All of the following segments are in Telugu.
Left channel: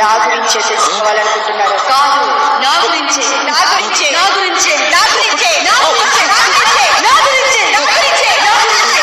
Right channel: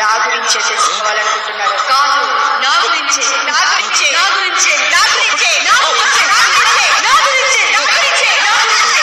నా గురించే తెలుసుకోవాలనుకుంటున్నారు కాదు? నా గురించే, నా గురించే, నా గురించే, నా గురించే, నా గురించే, నా గురించే, నా గురించే, నా గురించే, నా గురించే.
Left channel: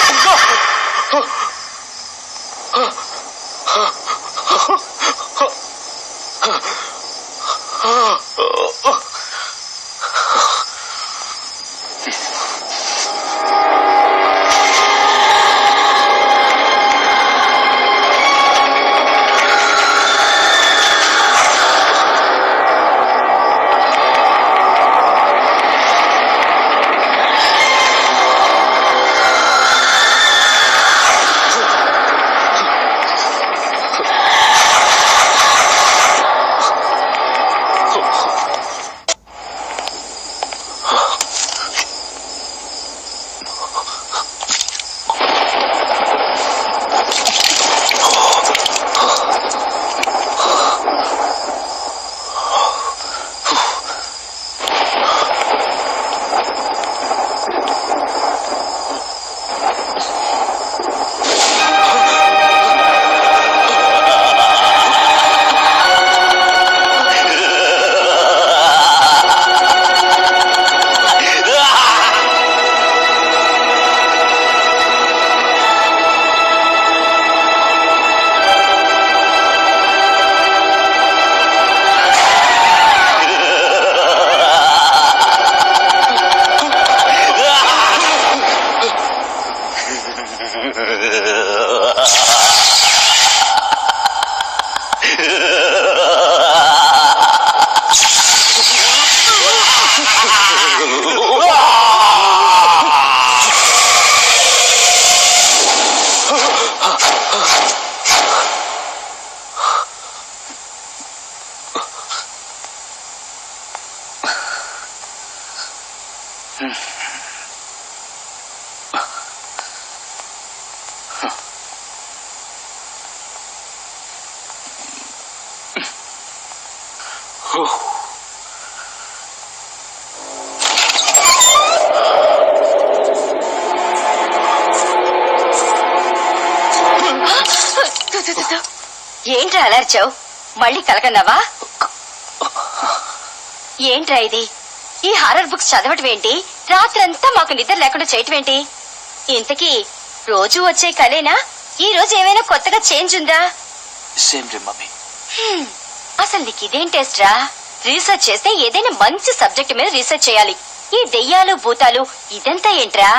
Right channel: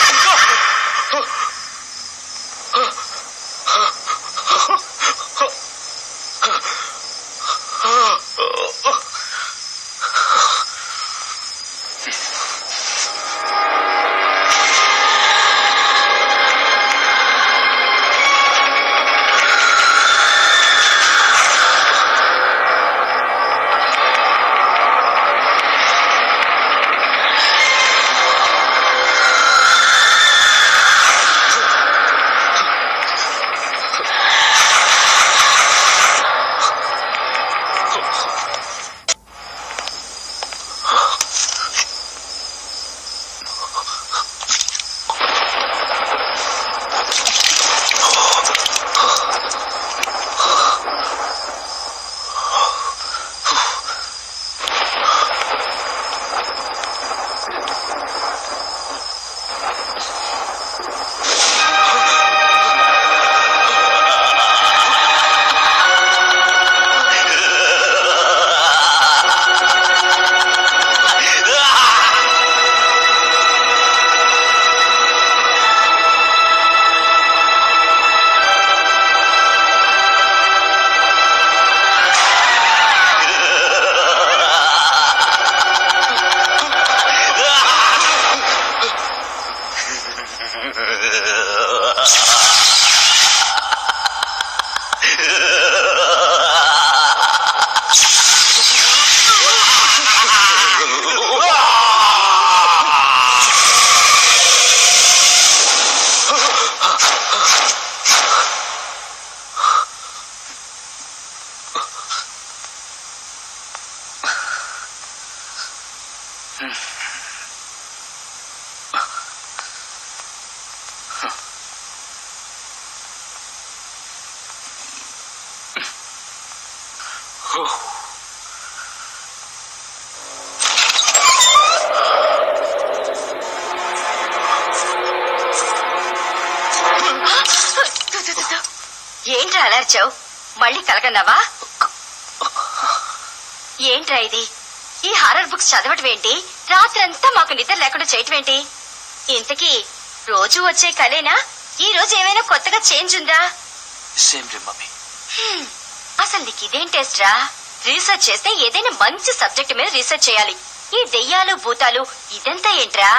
ఏంట్రా అలర్చావు? మళ్ళీ కలకన్నావా? ఏంట్రా ఇది? ఈ హారర్ బుక్స్ చదవటం ఏంటి? రాత్రంతా మాకు నిద్ర లేకుండా చేయటం ఏంటి? ఇంతకీ రోజు వచ్చే కలేనా? ఈ రోజు ఏమైనా కొత్తగా చేంజ్ ఉందా? అసలు నీకు ఇదేం టెస్ట్ రా? రీసెర్చ్ చేస్తే ఏదైనా మంచి సబ్జెక్ట్ మీద రీసెర్చ్ చేయాలి. ఈ దెయ్యాలు భూతాలు ఇదంతా ఏంట్రా?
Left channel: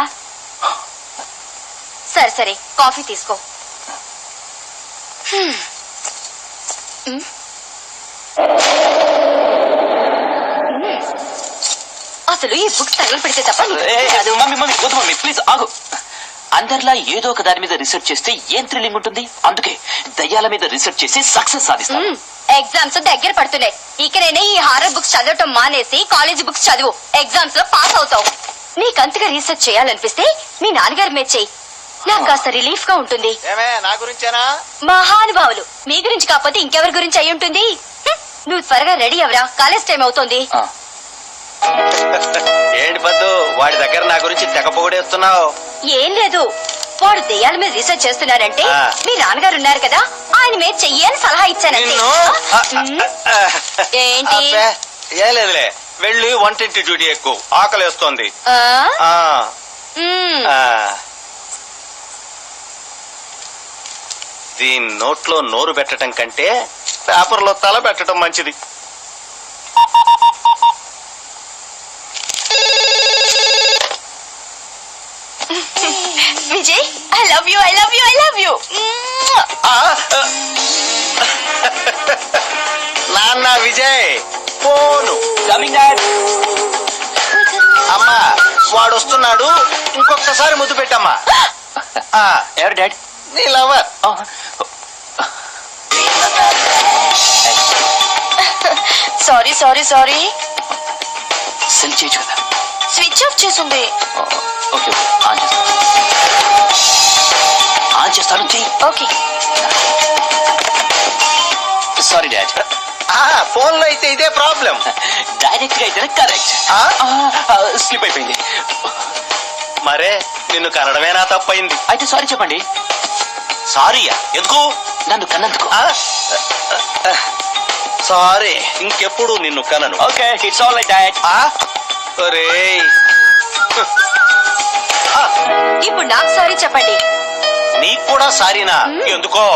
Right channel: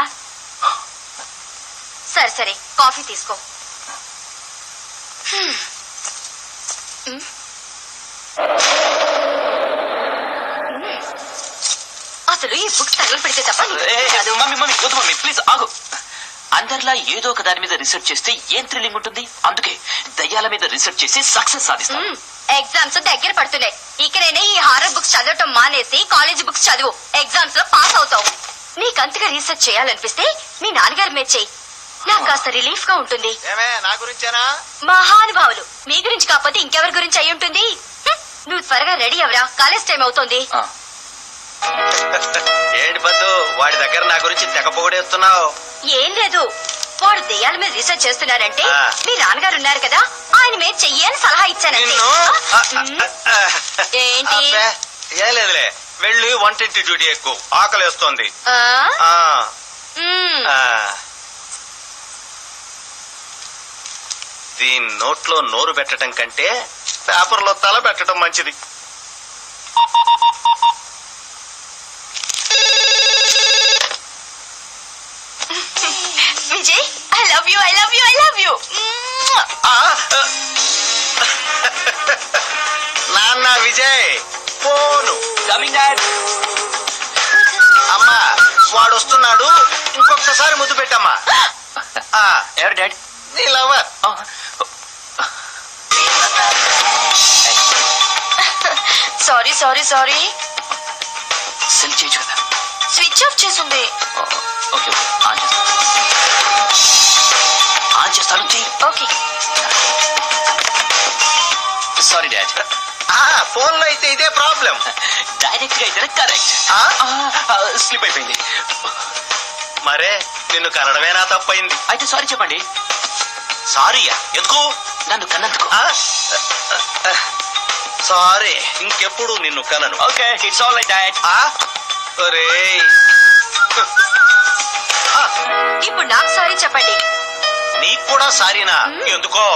సరే సరే, కాఫీ తీసుకో. అసలు ఈ బుక్స్ తగిలి పెడితే తప్ప ప్లీజ్ ఆగు. అందరిలా ఏదో ఒక దాని మీద రీసెర్చ్ చేస్తే ఏం థ్రిల్లింగ్ ఉంటుంది? అందుకే దయ్యాల మీద రీసెర్చ్ చేసి సక్సెస్ సాధిస్తాను. ఎగ్జామ్స్ దగ్గర పడుతున్నాయి. ఇకనైనా ఈ హారర్ బుక్స్ చదవటం మానేసి కాలేజీ బుక్స్ చదువు. ఎగ్జామ్స్ లో పాస్ అవుతావు. నీకంతగా రీసెర్చ్ చేయాలనిపిస్తే మీ నాన్నగారి మీద చెయ్యి. నాకు కాస్త రిలీఫ్ గా ఉంటుంది. మహానుభావులు, మీ గురించి కాకపోతే ఇంకెవరి గురించి అయి ఉంటుంది? నువ్వు త్వరగా రెడీ అవరా, కాలేజ్ టైం అవుతోంది. ఏంటి పద్దు, వాడి దగ్గర నా గురించి తెగ పొగిడేస్తున్నావు? ఏం లేదు, వాడు దెయ్యాల మీద రీసెర్చ్ చేస్తున్నారంటే మీ నాన్నగారు ఉన్నారు కదా, ఆయన మీద చెయ్యి అని సలహా ఇచ్చానండి. ఏంటి? ఏం లేదులే, వెళ్ళి వంటింటి డ్యూటీ ఎక్కువ, ఆకలేస్తోంది. దీని నోట్లో నోరు పెట్టడం కంటే పేపర్లో తల పెట్టడం మంచిది. Vijay, I love you, I love you, I love you. నాన్న విజయ్ ఫోను. అమ్మా వాడు వస్తున్నాడు, ఇంకొకసారి ముద్దు పెట్టమ్మా. ఎవరు డాడ్? నీ lover. Sorry sorry sorry. Cell చేయొచ్చు కదా? స్విచ్ ఆఫ్ చేసింది. ఓకే, ఆన్ చేస్తాను. ఓకే. Sorry dad. ఫోన్ లో అయితే ఇదే ప్రాబ్లం. డైరెక్ట్ గా అయితే కరెక్ట్. స్లిప్ అయిపోయింది. మరే నిన్ను కనడమే నా తప్పైంది. అయితే సారీ చెప్పండి. సారీయా? ఎందుకు? నన్ను కన్నందుకు. సారీ ఇంకెప్పుడు నిన్ను కనను. Okay it's all right dad. ఒరేయ్, ఇప్పుడు నాకు సారీ చెప్పండి. నీకు కూడా సారీనా? ఎందుకో?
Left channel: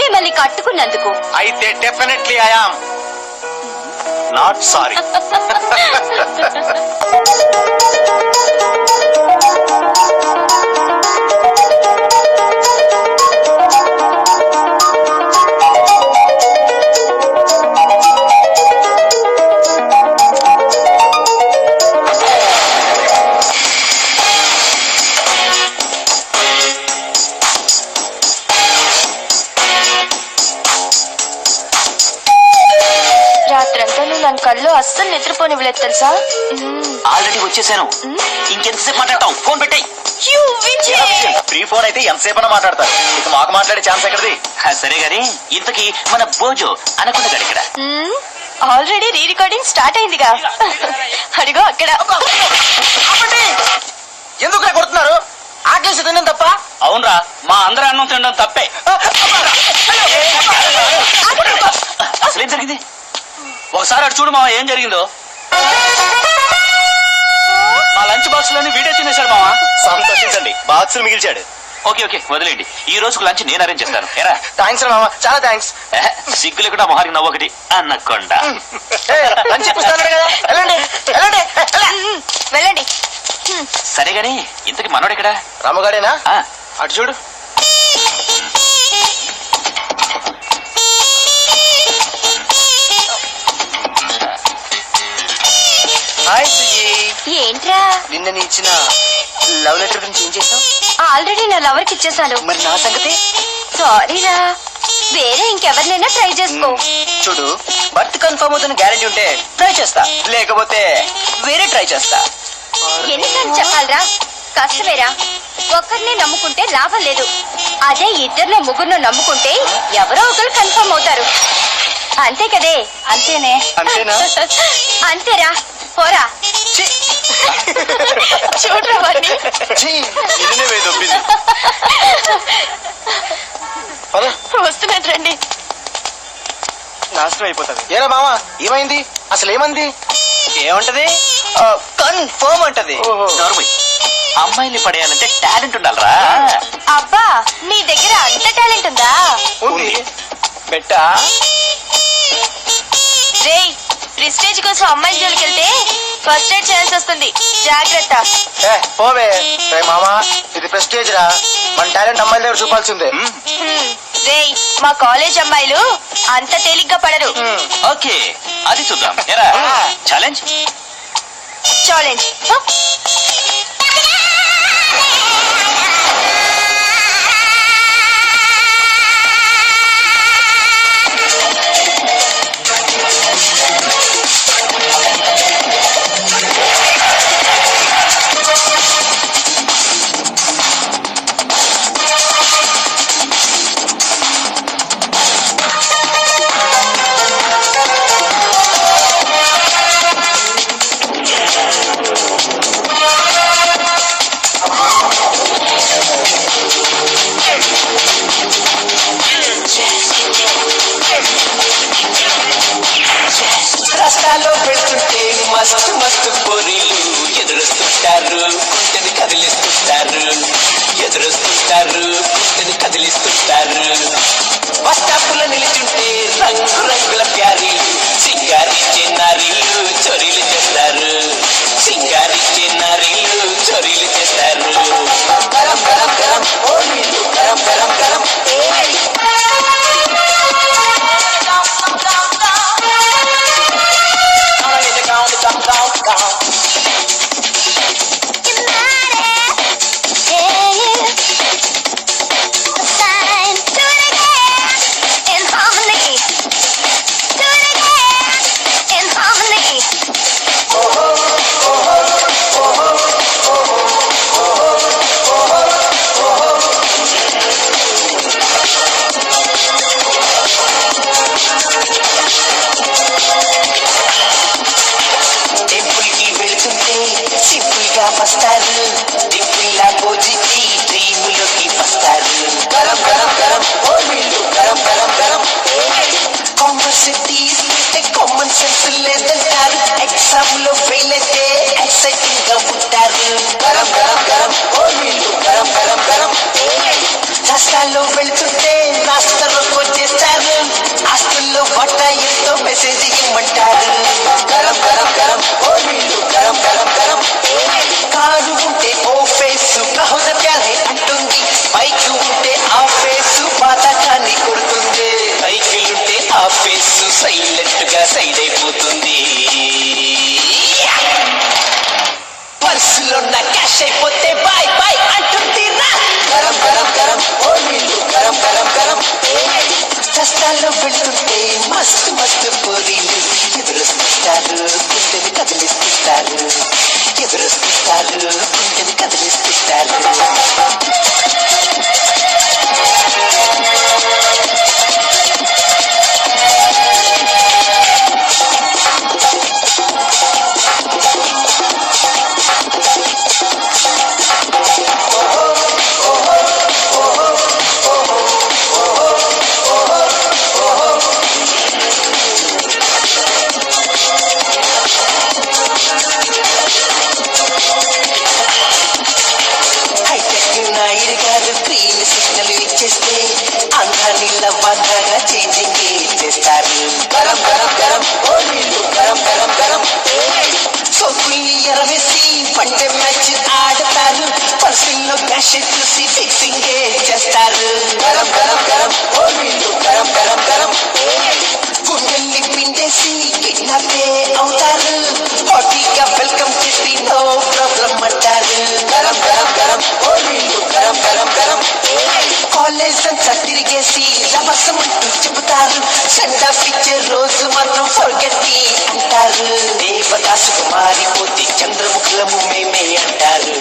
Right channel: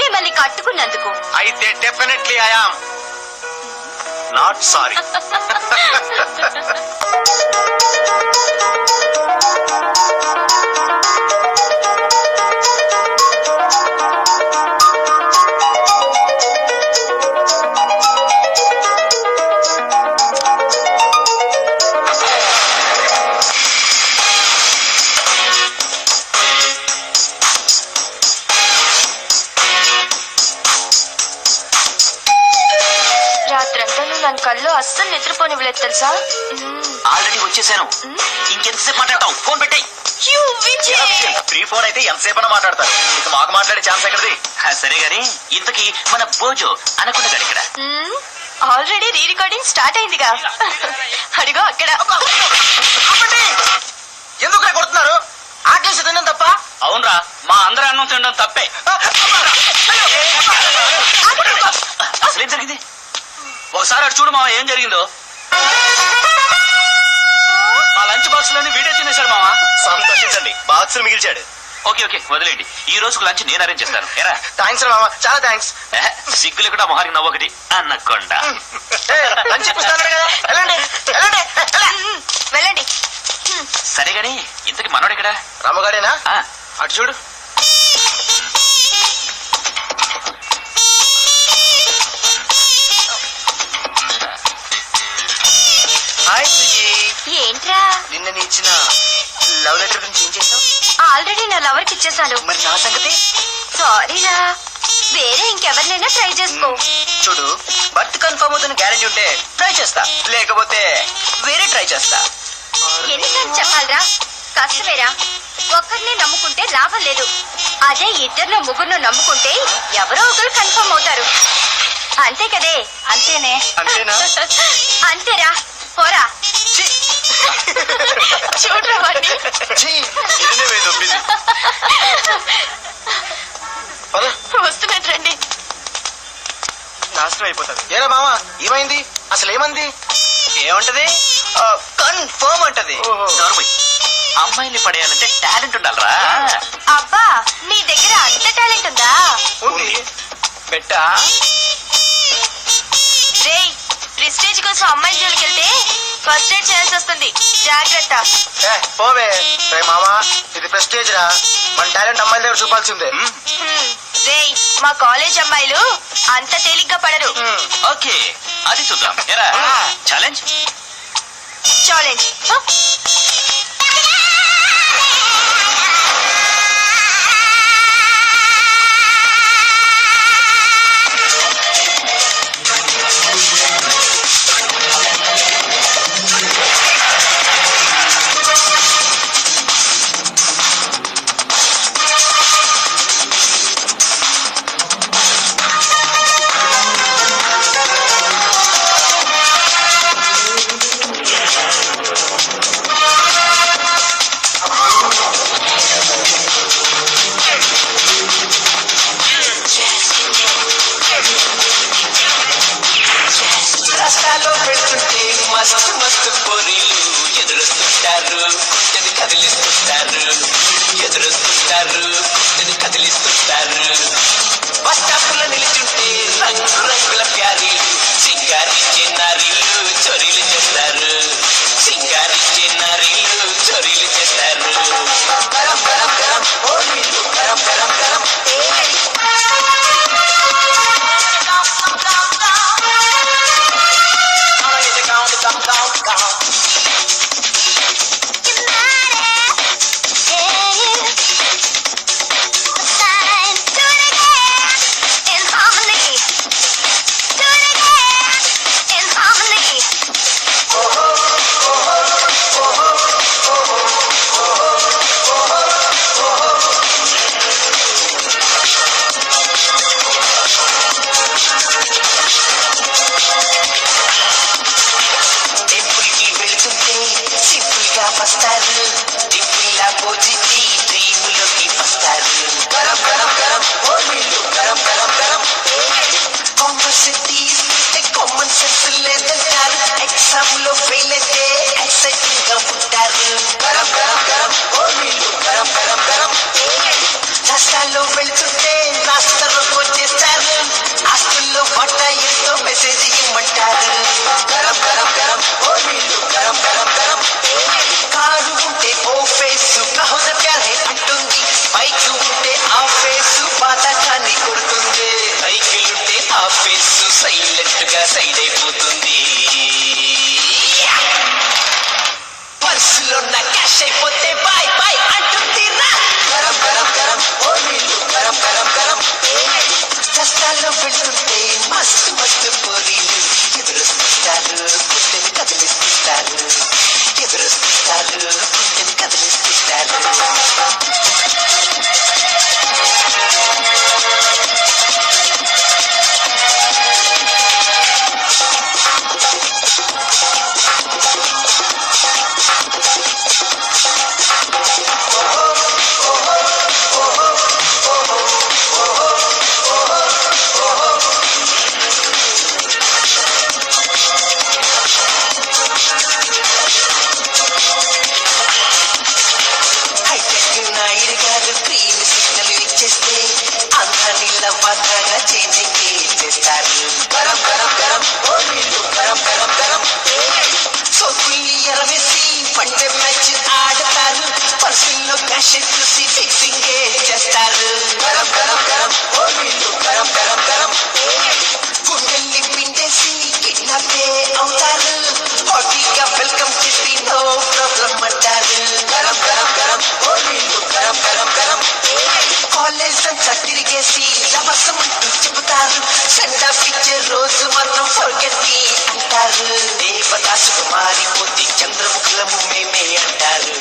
మిమ్మల్ని కట్టుకున్నందుకు. అయితే definitely I am not sorry. రాత్రంతా నువ్వు నన్ను కళ్ళు అస్సలు నిద్రపోనివ్వలేదు తెలుసా. ఆల్రెడీ వచ్చేసాను. ఇంకెంతసేపు మాట్లాడతావు? ఫోన్ పెట్టాయి. ఫ్రీ ఫోన్ అయితే ఎంతసేపు మాట్లాడతారు. ఇక మాకు మాట్లాడే ఛాన్స్ ఎక్కడిది? సరే గాని ఇంతకీ మన బోజో అనకుండా గారు ఇక్కడ. ఆల్రెడీ రీ రికార్డింగ్ స్టార్ట్ అయిందిగా. అడిగో అక్కడ. ఎందుకు కొడుతున్నారు? ఆకలేసి తినడం తప్ప? అవునరా, మా అందరూ అన్నం తినడం తప్పే. అసలేం జరిగింది? ఒకసారి అటు చూడు మావా, ఏం జరిగిందో. మా లంచ్ బాక్స్ లోని వీడియో తినేశాడు మావా. సంతోషించండి, బాక్స్ మిగిల్చాడు. ఓకే ఓకే వదిలేండి, ఈ రోజుకు లంచ్ నేను అరేంజ్ చేస్తాను. ఎరా థ్యాంక్స్ మామ, చాలా థ్యాంక్స్. సిగ్గు లేకుండా మొహారికి నవ్వొకటి అన్నకొండ. లంచ్ ఇప్పిస్తాను కదా, వెళ్ళండి వెళ్ళండి. వెళ్ళండి. సరే గాని ఇంతకి మనోడు ఇక్కడ? రామగాడేనా? ఆ, అటు చూడు. హాయ్ సుజీ. ఏంట్రా? నిన్న నీ ఇచ్చిన లవ్ లెటర్ గురించి ఏం చేసావు? ఆల్రెడీ నా లవర్ కి ఇచ్చేసాను. మరి నా సంగతి? సారీరా, వేరే ఇంకెవరినైనా ట్రై చేసుకో. చూడు, బర్త్ కన్ఫర్మ్ అవుతున్న గ్యారెంటీ ఉంటే ట్రై చేస్తా, లేకపోతే వేరే ట్రై చేస్తా. ఎన్నిసార్లు చెప్పాలరా? కష్టమేరా. ఒక్కరినే నమ్ముకుంటే లాభం లేదు. అదే ఇద్దరినో ముగ్గురునో నమ్ముకుంటే ఎవరో ఒకరు కన్ఫర్మ్ అవుతారు. అంతే కదే. అంతేనే. అంతేనా? అంతేరా. పోరా. చూడరా వాడిని. ఛీ, నిన్నే వేదొప్పింది. పద. వస్తున్నట్టు రండి. నాశనం అయిపోతుంది. ఏరా మావా, ఏమైంది? అసలు ఏమంది? ఏమంటది? కన్ఫర్మ్ అంటది. నోర్మై, అమ్మాయిని పడేయాలంటే టాలెంట్ ఉండాలరా. అబ్బా, మీ దగ్గర అంత టాలెంట్ ఉందా? ఉంది. బెట్టా? రేయ్, ప్రెస్టేజ్ కోసం అమ్మాయి జోలికి వెళ్తే ఫస్ట్ ఎయిడ్ ఛాన్స్ వస్తుంది. జాగ్రత్త. పోవే. రే మామా, ఇది ప్రెస్టేజ్ రా. మన టాలెంట్ అమ్మాయిల దగ్గర చూపాల్సిందే. రేయ్, మా కాలేజ్ అమ్మాయిలు అంత తేలిగ్గా పడరు. ఓకే, అది చూద్దాం. ఎరా ఛాలెంజ్. ఛాలెంజ్. సైలెంట్ గా సైడ్ అయిపోతుంది. పర్సులో నా క్యాష్ అయిపోతే బాయ్ బాయ్ అంటుంది రా. గరం గరం గరం ఓ నీళ్ళు గరం గరం గరం. కష్టాల్లో పెడుతుంటే మస్తు మస్తు పోరీలు ఎదురొస్తుంటారు, గుండెని కదిలిస్తుంటారు. ఎదురొస్తుంటారు, గుండెని కదిలిస్తుంటారు. చూసి ఫిక్సింగ్ చేస్తారు. గరం గరం గరం ఓ నీళ్ళు గరం గరం గరం. గుండెల్ని పిండేసి కిడ్నాపే అవుతారు. హాటీగా వెల్కమ్ చెప్పి నో ప్రాబ్లం అంటారు. గరం గరం గరం ఓ నీళ్ళు గరం గరం గరం. కాలేజ్ అంతా తిరిగేసి అవసరం చెబుతారు. సెండ్ ఆఫ్ ఇచ్చే రోజు మనం ఫర్గెట్టి అంటారు. దేవదాసుకు మారిపోతే చంద్రముఖులము మేమే అంటారు.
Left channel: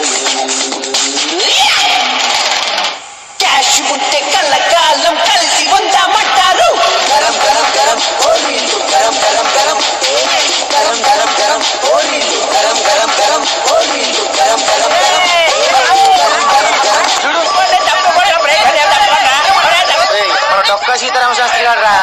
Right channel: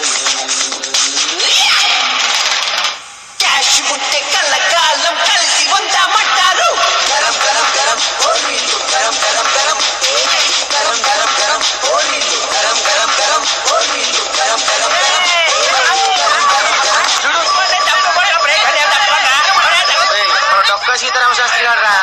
క్యాష్ ఉంటే కళ్ళకాలం కలిసి ఉందామంటారు. గరం గరం గరం ఓ నీళ్ళు గరం గరం గరం. గరం గరం గరం ఓ నీళ్ళు గరం గరం గరం. ఓ నీళ్ళు గరం గరం గరం. మన డొక్క సీతారామ శాస్త్రి గారు రా.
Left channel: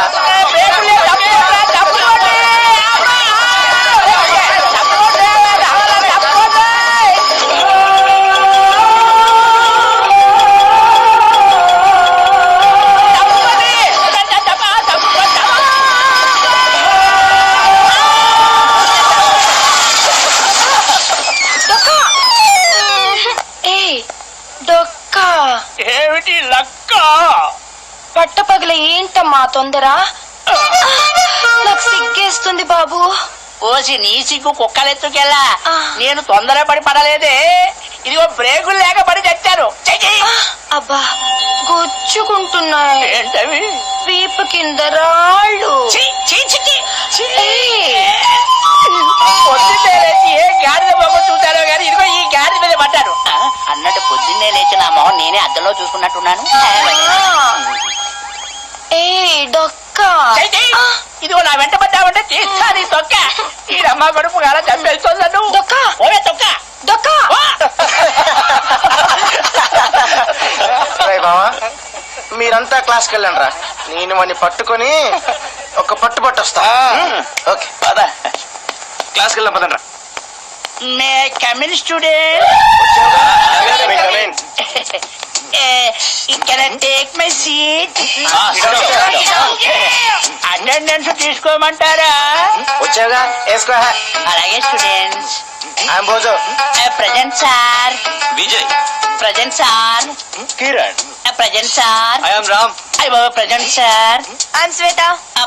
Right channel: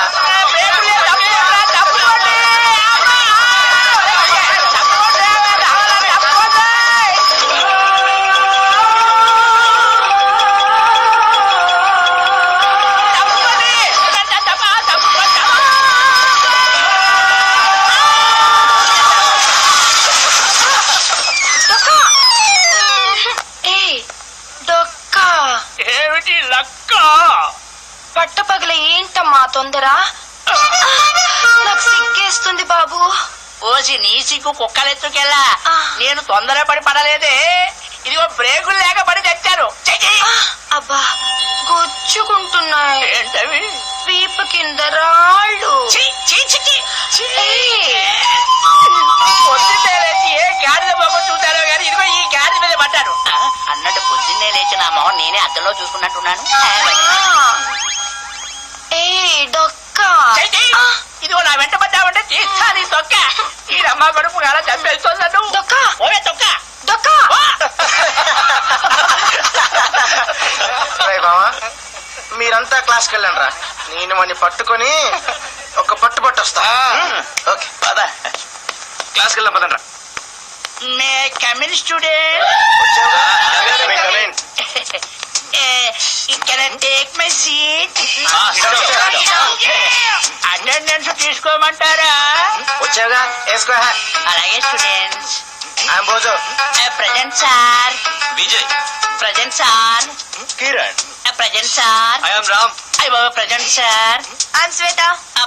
ఏమిటి లక్క? పట్టపగల ఏంటమ్మా తొందర? నాకు సిగ్గేస్తుంది బాబు. ఓసి నీ సిగ్గు కుక్కలెత్తుకెళ్ళా. నేను తొందరపడి పడలేదే, ఇదిగో బ్రేకులు లేక పడి తెచ్చాను. అబ్బా గుచ్చుకుంటున్నాయి. ఏంటవి? వీపు కింద రాళ్ళు. పొద్దున్నే లేచి ఏ గాడిద మొక్క చూశారో గాని ఇదిగో ఈ గాడిద మీద పడ్డాను. అన్నట్టు పొద్దున్నే లేచి నా మొహం నేనే అద్దంలో చూసుకున్నట్టున్నాను. డొక్క ఇదిగో నా వెంట పడ్డావంటే తీస్తా నీ తొక్క. ఈ రమ్మ కడుపు కాల చంపేస్తుందను. డొక్క ఓవే తొక్క డొక్క. బావా మీరంతా క్లాస్కి వెళ్ళండి రా. నేను వాడిని పట్టుకొని ఒక పట్టు పట్టొస్తా. ఓకే పదా క్లాస్కి వెళ్దాం పదండ్రా. May come in student. Can I take my seat? Attendance తీసుకోమంటారా? వచ్చావుగా వేసుకో. అలాగే students. Bhojo present sir. Vijay present sir. Kiran present sir. I am Ram. అయ్య బాబా present sir. I'm Shweta.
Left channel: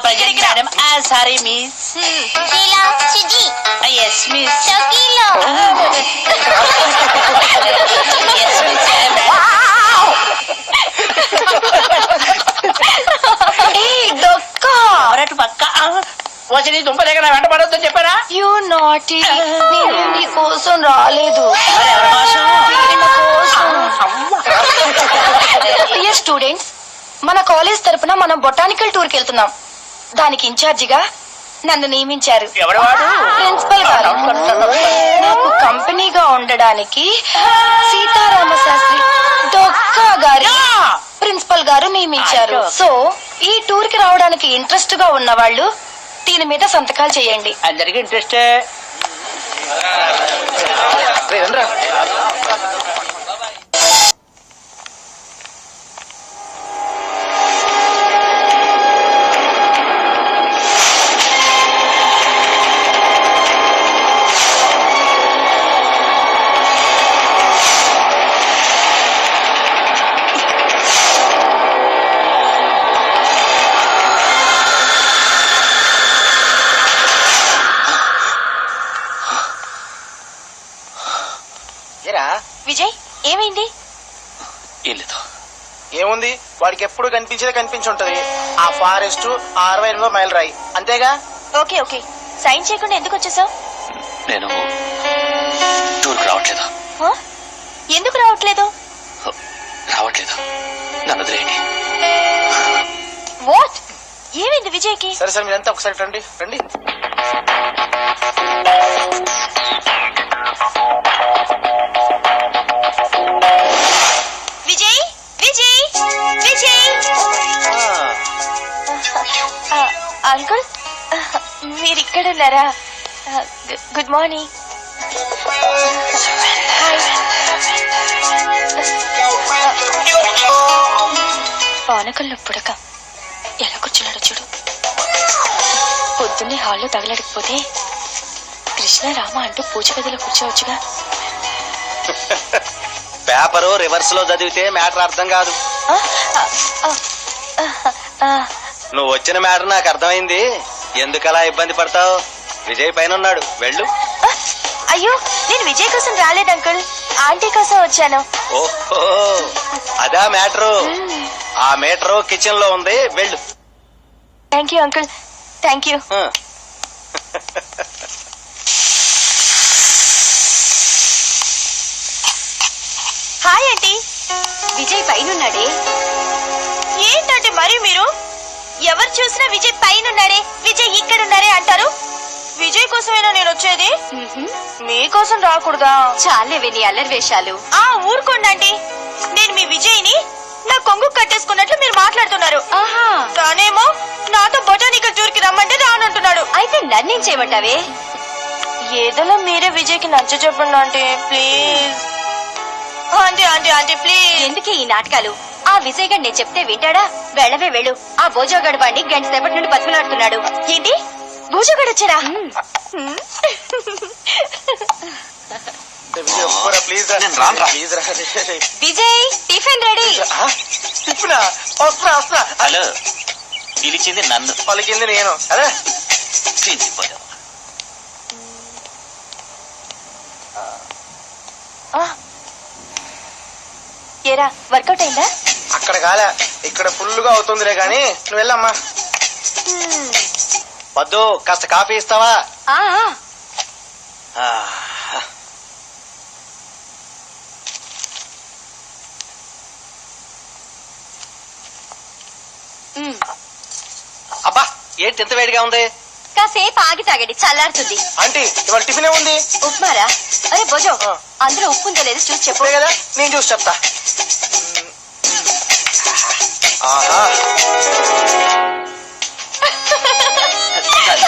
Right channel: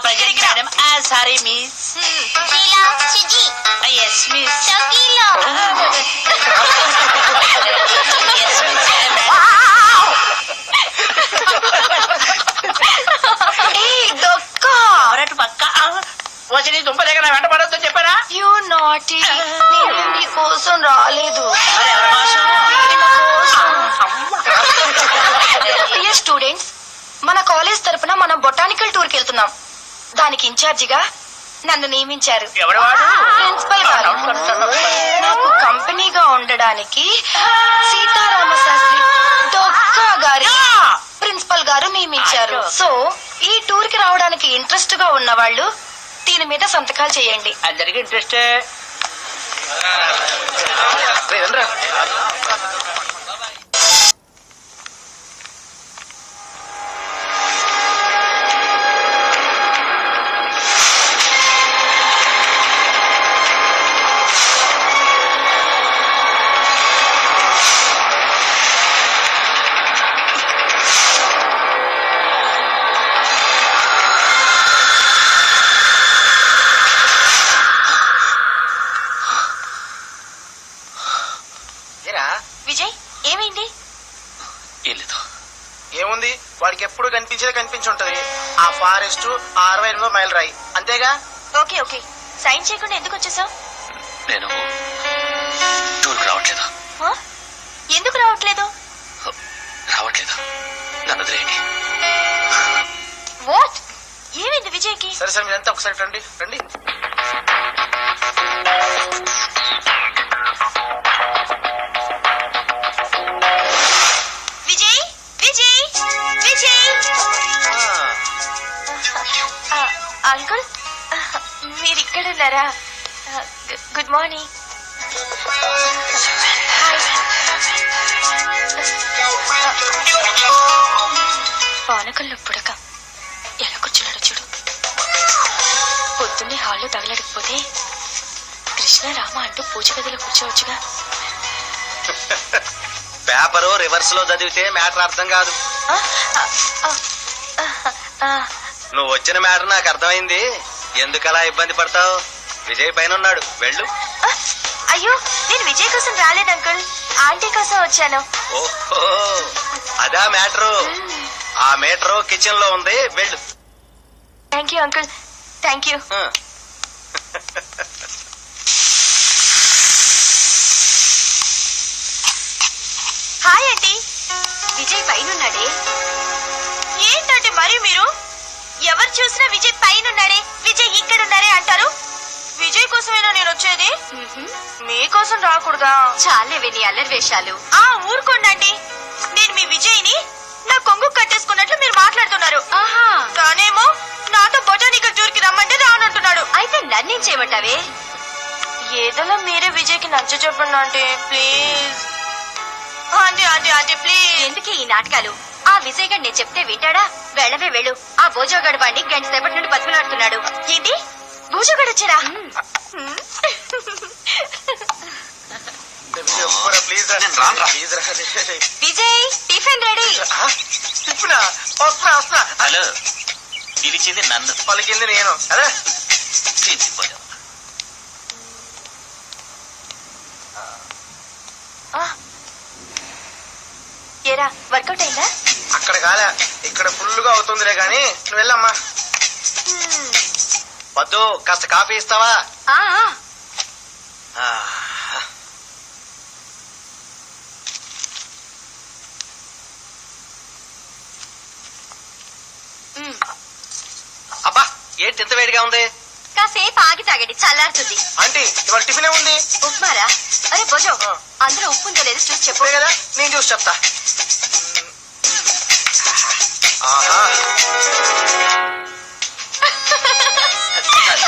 Present madam. Sorry miss. Sheela సిజి. Yes miss. Shakeela. Yes miss madam. డొక్క ఎవరటు పక్క వచ్చి నీ దుంప దగ్గర వెంట పడొద్దని చెప్పారా? You naughty. నేను నీ కోసం రాలేదు. డియర్ స్టూడెంట్స్, మన కాలేజ్ తరపున మనం బొటానికల్ టూర్ కి వెళ్తున్నాం. దానికి ఇన్ఛార్జిగా నన్ను నియమించారు ఎవరు వాడు? ప్రిన్సిపల్ గారు. నాకు కంపెనీగా ఉండడానికి సీతారామ శాస్త్రి డొక్కా గారి ప్రిన్సిపల్ గారు నియమించారు. సో ఈ టూర్ కి రావడానికి ఇంట్రెస్ట్ గా ఉన్న వాళ్ళు దీని మీద సంతకాలు చేయండి. అందరికి ఇంట్రెస్టే. వాడికి ఎప్పుడు కనిపించేదే కనిపించుంటది. ఆ ఫారెస్ట్ 68 మైల్ రాయి అంతేగా. ఓకే ఓకే, సైన్ చేయకుండా ఎందుకు వచ్చేసావు? నేను టూర్కి రావట్లేదు. ఎందుకు రావట్లేదు? రావట్లేదు, నన్ను వదిలేయండి. వాట్? ఏమైంది విజయ్కి? సరే సరే మీరంతా ఒకసారి రండి రండి. విజయ్ విజయ్ విజయ్! అంకుల్, మీరు ఇక్కడ ఉన్నారా? Good morning. పానకల్లో పుడక ఎలా కూర్చున్నాడో చూడు. పొద్దున్నే హాల్లో తగలడకపోతే కృష్ణ రామ అంటూ పూజ గదిలో కూర్చోవచ్చుగా. పేపరు రివర్స్ లో చదివితే మ్యాటర్ అర్థం కాదు. నువ్వు వచ్చిన మ్యాటర్ నాకు అర్థమైంది. ఎందుకలా ఇబ్బంది పడతావు? విజయ్ పైన ఉన్నాడు, వెళ్ళు. అయ్యో, నేను విజయ్ కోసం రాలేదు అంకుల్, ఆంటీ కోసం వచ్చాను. ఓహో, అదా మ్యాటరు. ఆ మీటరు కిచెన్ లో ఉంది, వెళ్ళు. Thank you uncle, thank you. Hi aunty. Vijay పైనున్నాడే. ఏంటంటే మరి మీరు ఎవరు చూసినా విజయ్ పైనున్నాడే, విజయ్ ఇక్కడున్నారే అంటారు. విజయ్ కోసమేనా నేను వచ్చేది? మీకోసం రాకూడదా? చాలేవే నీ అల్లరి వేషాలు. ఊరుకోండి. నేను మీ విజయ్ని నా కొంగు కట్టేసుకున్నట్లు మీరు మాట్లాడుతున్నారు. తానేమో నాతో బొటానికల్ టూర్ కి రమ్మంటే రానంటున్నాడు. అయితే నన్నేం చేయమంటావే? ఏదోలా మీరే విజయ్ కి నచ్చ చెప్పండి aunty, please. Aunty aunty aunty please. ఎందుకే ఈ నాటకాలు? ఆ విజయ్ గడ్ నేను చెప్తే వింటాడా? వెళ్ళవే వెళ్ళు. ఆ భోజోగడ్ వాడిని గంట సేపటి నుండి బతుకులాడుతున్నాడు. ఏంటి, భోజోగడ్ వచ్చాడా? Vijay, tiffin ready. హలో, పిలిచింది నన్ను, పలికింది నేను. అదే తీసిపోయా. ఏరా, వర్కౌట్ అయిందా? అక్కడ కాలే, ఇక్కడ ఫుల్ గా అవుతుందిలే గాని నువ్వు వెళ్ళమ్మా. వద్దు, కాస్త కాఫీ ఇస్తావా? అబ్బా, ఏంటి ఎంత వేడిగా ఉంది? కాసేపు ఆగి తాగండి, చల్లారుతుంది. ఆంటీ, ఇవాళ టిఫిన్ ఏముంది? ఉప్మారా? అరే భోజో, అందులో ఉప్పు ఉందో లేదో చూసి చెప్పు. చెప్పే కదా, నేను చూసి చెప్తా. ఆహా,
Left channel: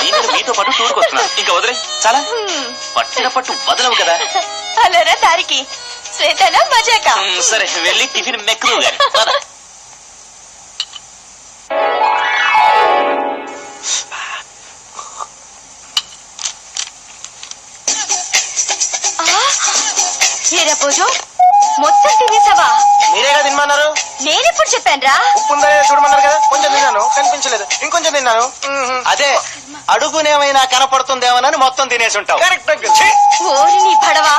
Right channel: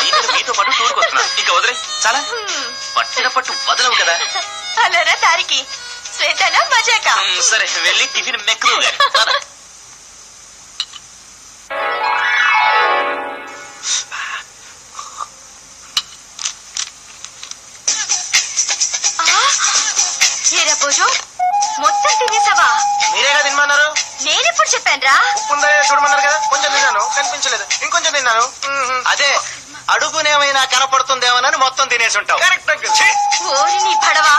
నేను మీతో పాటు టూర్కి వస్తున్నాను, ఇంకా వదిలే. చాలా పట్టిన పట్టు వదలవు కదా. హలోరా దారికి శ్వేతనా మజాకా? సరే, వెళ్ళి టిఫిన్ మెక్కుదు గాని. ఏరా భోజో, మొత్తం తినేసావా? మీరేగా తినమన్నారు. నేనెప్పుడు చెప్పానురా? ఉప్పు ఉందా లేదా చూడమన్నారు కదా. కొంచెం తిన్నాను, కనిపించలేదు. ఇంకొంచెం తిన్నాను. అదే అడుగునేమైనా కనపడుతుందేమోనని మొత్తం తినేసి ఉంటావు. ఓరి నీ పడవా.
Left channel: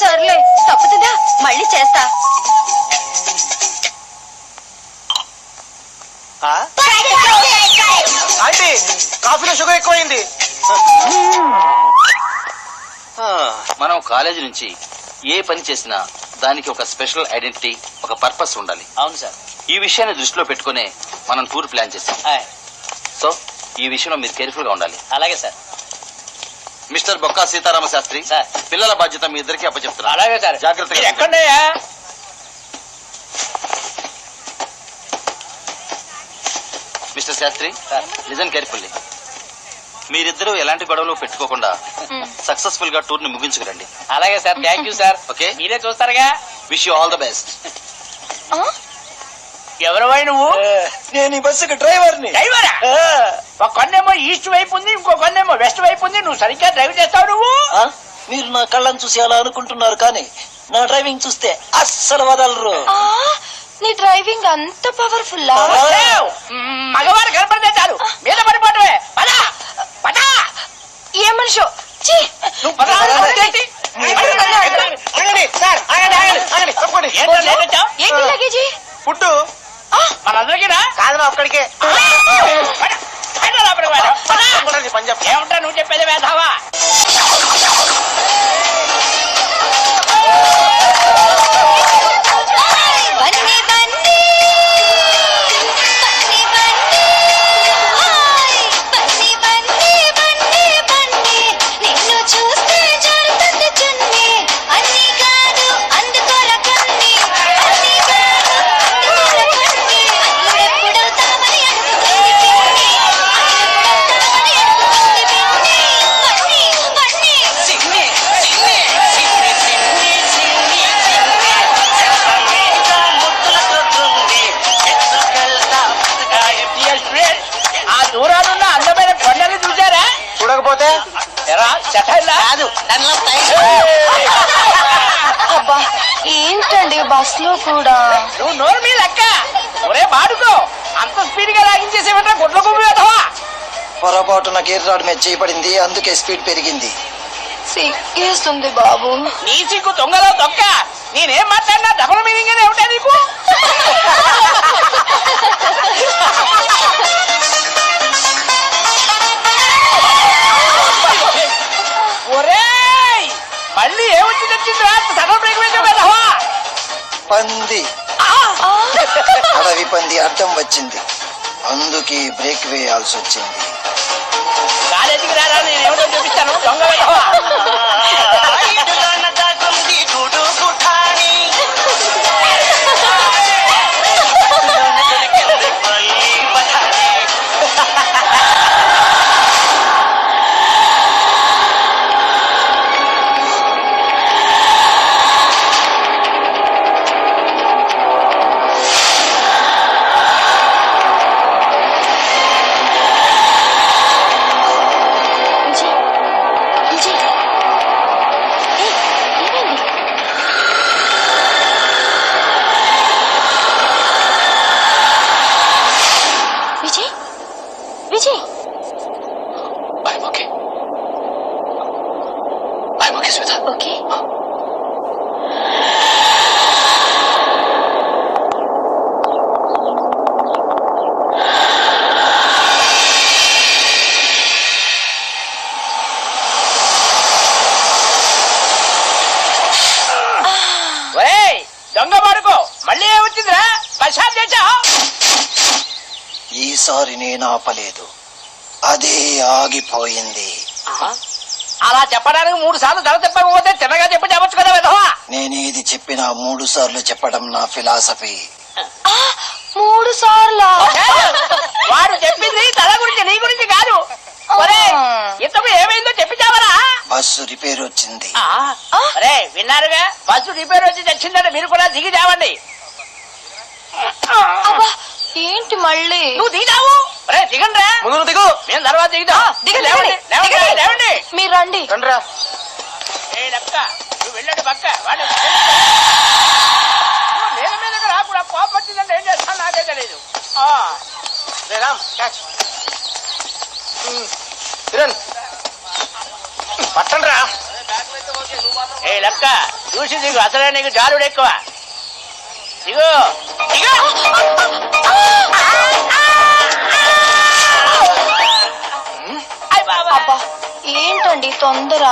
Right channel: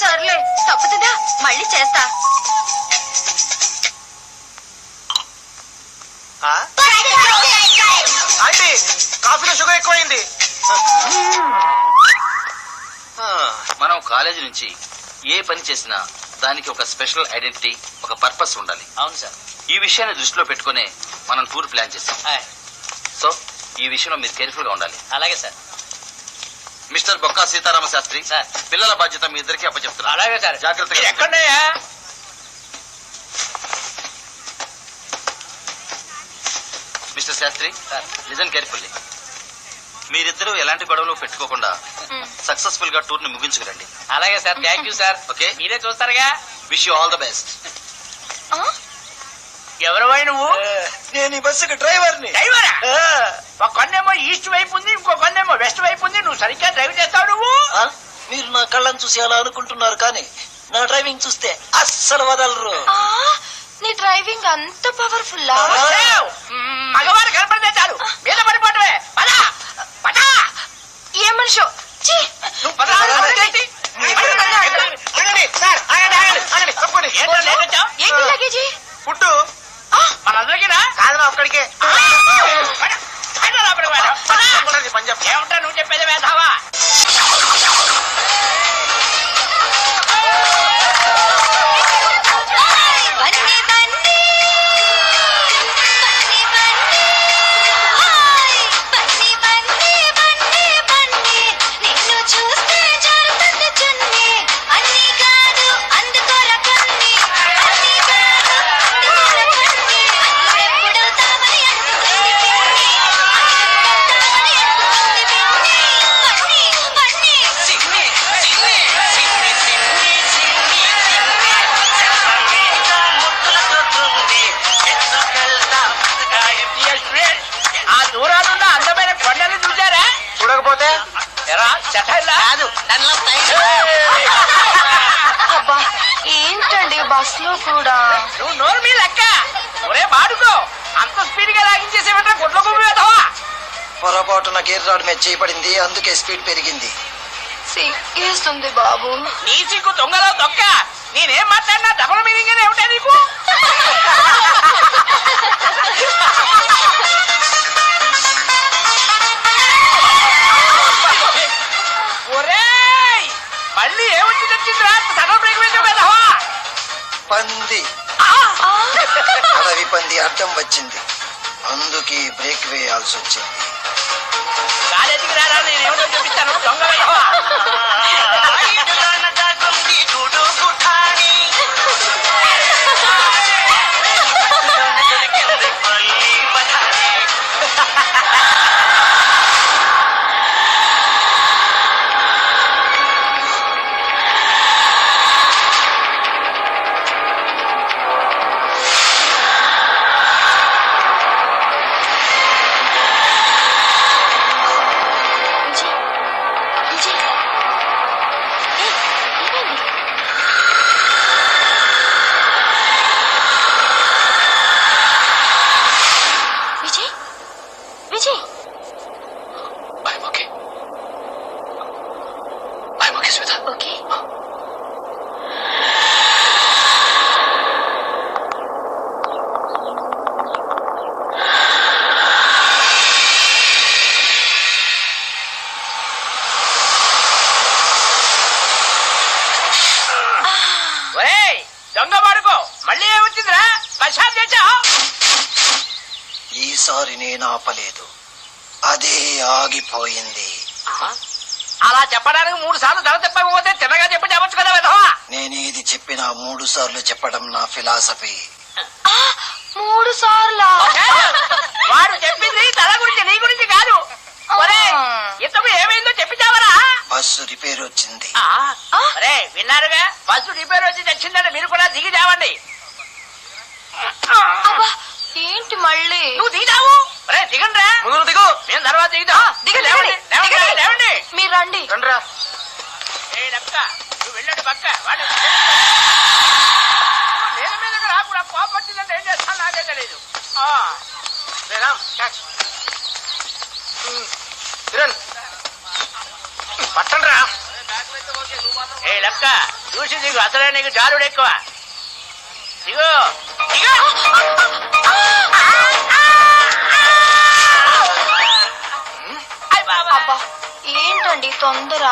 సర్లే, తప్పుతుందా? మళ్ళీ చేస్తా. ఆంటీ, కాఫీలో షుగర్ ఎక్కువైంది. మనం కాలేజీ నుంచి ఏ పని చేసినా దానికి ఒక స్పెషల్ ఐడెంటిటీ, ఒక పర్పస్ ఉండాలి. అవును సార్. ఈ విషయాన్ని దృష్టిలో పెట్టుకునే మనం టూర్ ప్లాన్ చేస్తాం. సో ఈ విషయంలో మీరు కేర్ఫుల్ గా ఉండాలి. అలాగే sir. Mister Bokka Seetharama Sastry sir, పిల్లల బాధ్యత మీ ఇద్దరికి అప్పచెప్తున్నా. అలాగే సార్. జాగ్రత్తగా ఎక్కడయ్యా? Mister Sastry, listen carefully. మీరిద్దరూ ఎలాంటి గొడవలు పెట్టుకోకుండా సక్సెస్ఫుల్ గా టూర్ ని ముగించుకురండి. అలాగే sir, thank you sir. Okay, మీరే చూస్తారుగా. Wish you all the best. ఎవరివై నువ్వు? నేను ఈ బస్సుకి డ్రైవర్ని. డ్రైవరా? ఒక కొన్నేమో ఈస్ట్ వైపు ఉంది, ఇంకో కొన్నేమో వెస్ట్ వైపు ఉంది. నువ్వు సరిగ్గా డ్రైవ్ చేస్తావు నువ్వు? మీరు నా కళ్ళని చూసి అలా అనుకుంటున్నారు, కానీ నా డ్రైవింగ్ చూస్తే అస్సలు వదలరు. నీ డ్రైవింగ్ అంత పవర్ఫుల్? మగవాడు కనపడితే చాలు మీద పడిపోవటమే. పదా పదా. ఏ మనిషో, నువ్వు పదా. ఆగండి సార్, ఆగండి ఆగండి ఆగండి, తప్పండి. ఏంటి లగేజీ? ఫుడ్ నా ఒక్కడికే పని చెప్ప ఏమిటా నువ్వు చెప్పేది వేధావా? బన్నీ బన్నీ బన్నీ బన్నీ హాయ్ బన్నీ బన్నీ బన్నీ బన్నీ నిన్ను చూస్తే జరుగుతుంది చున్నీ అన్ని కాదు అందుకోర కన్ని అన్ని కాదు అందుకోర కన్ని ఎప్పుడవుతామని అడుగుతుంది పిన్ని ఎప్పుడవుతామని అడుగుతుంది పిన్ని బన్నీ బన్నీ ఆ దూరాలున్న అందమైన కొండలు చూసారా? చూడకపోతే ఎరా చెట్టల్లా? కాదు అబ్బా ఏంటండి బస్ లో కూడా నువ్వు నోరు మీ లెక్క. ఒరే బాడుకో, అంత స్పీడ్ గా లాగించేసేమంటే గుడ్ల గుమ్మి వేధవా. పొరపాటున గేర్ రాడ్ మీద చేయబడింది, అందుకే స్పీడ్ పెరిగింది. సిగ్గేస్తుంది బాబు. నీ సిగ్గు దొంగలో దొక్క. నేనేం మాట్లాడినా డబుల్ మీనింగ్ అని ఏమిటా నీకు? ఒరేయ్, మళ్ళీ ఏమొచ్చి తెచ్చిందిరా? సడన్ బ్రేక్ వేసావు కదవా? పంది, అడవి పంది అడ్డం వచ్చింది, అందుకే బ్రేక్ వేయాల్సి వచ్చింది. కాలేజీకి రారా, నేను ఏమిటో చూపిస్తాను. దొంగ వేధవా. విజయ్ ఏమైంది? Vijay Vijay I'm okay. I'm okay, Sweta. Okay ఒరేయ్, దొంగ బాడుకో, మళ్ళీ ఏమొచ్చిందిరా? బస్సాప్ చేశావు? ఈసారి నేను ఆపలేదు, అదే ఆగిపోయింది. అలా చెప్పడానికి 3 సార్లు తల చెప్పకపోతే తిన్నగా చెప్పి చెప్పచ్చు కదా విధవా. నేనేది చెప్పినా 3 సార్లు చెప్పడం నా ఫిలాసఫీ. 3 సార్లా? వాడు చెప్పింది తల గురించి, నీ గురించి కాదు. ఒరేయ్, ఇంతకు ఏమైందో చెప్పిచావరా? బస్సు రిపేర్ వచ్చింది. అరే విన్నారుగా, బస్సు రిపేర్ వచ్చి తెచ్చిందంటే మీరు కూడా దిగి చావండి. అబ్బా ఏంటి మళ్ళీ? నువ్వు దిగావు. అరే దిగండి రా. ముందు దిగు మేము తర్వాత దిగుతాం. దిగండి, లేవండి, లేవండి, దిగండి. లేవండి. మీరు రండి. రండ్రా ఏయ్ లక్క, నువ్వు వెళ్ళండి పక్క. వాడు నేను మీదకి రాకుండా కోపం వచ్చిందంటే ఏం చేస్తాను నాకే తెలియదు. రామ్ క్యాచ్ కిరణ్ పట్టండి రా ఏ లక్క, చూసి దిగు. అసలే నీకు జారుడు ఎక్కువ. దిగు దిగు. అబ్బా ఏంటండి తొందర?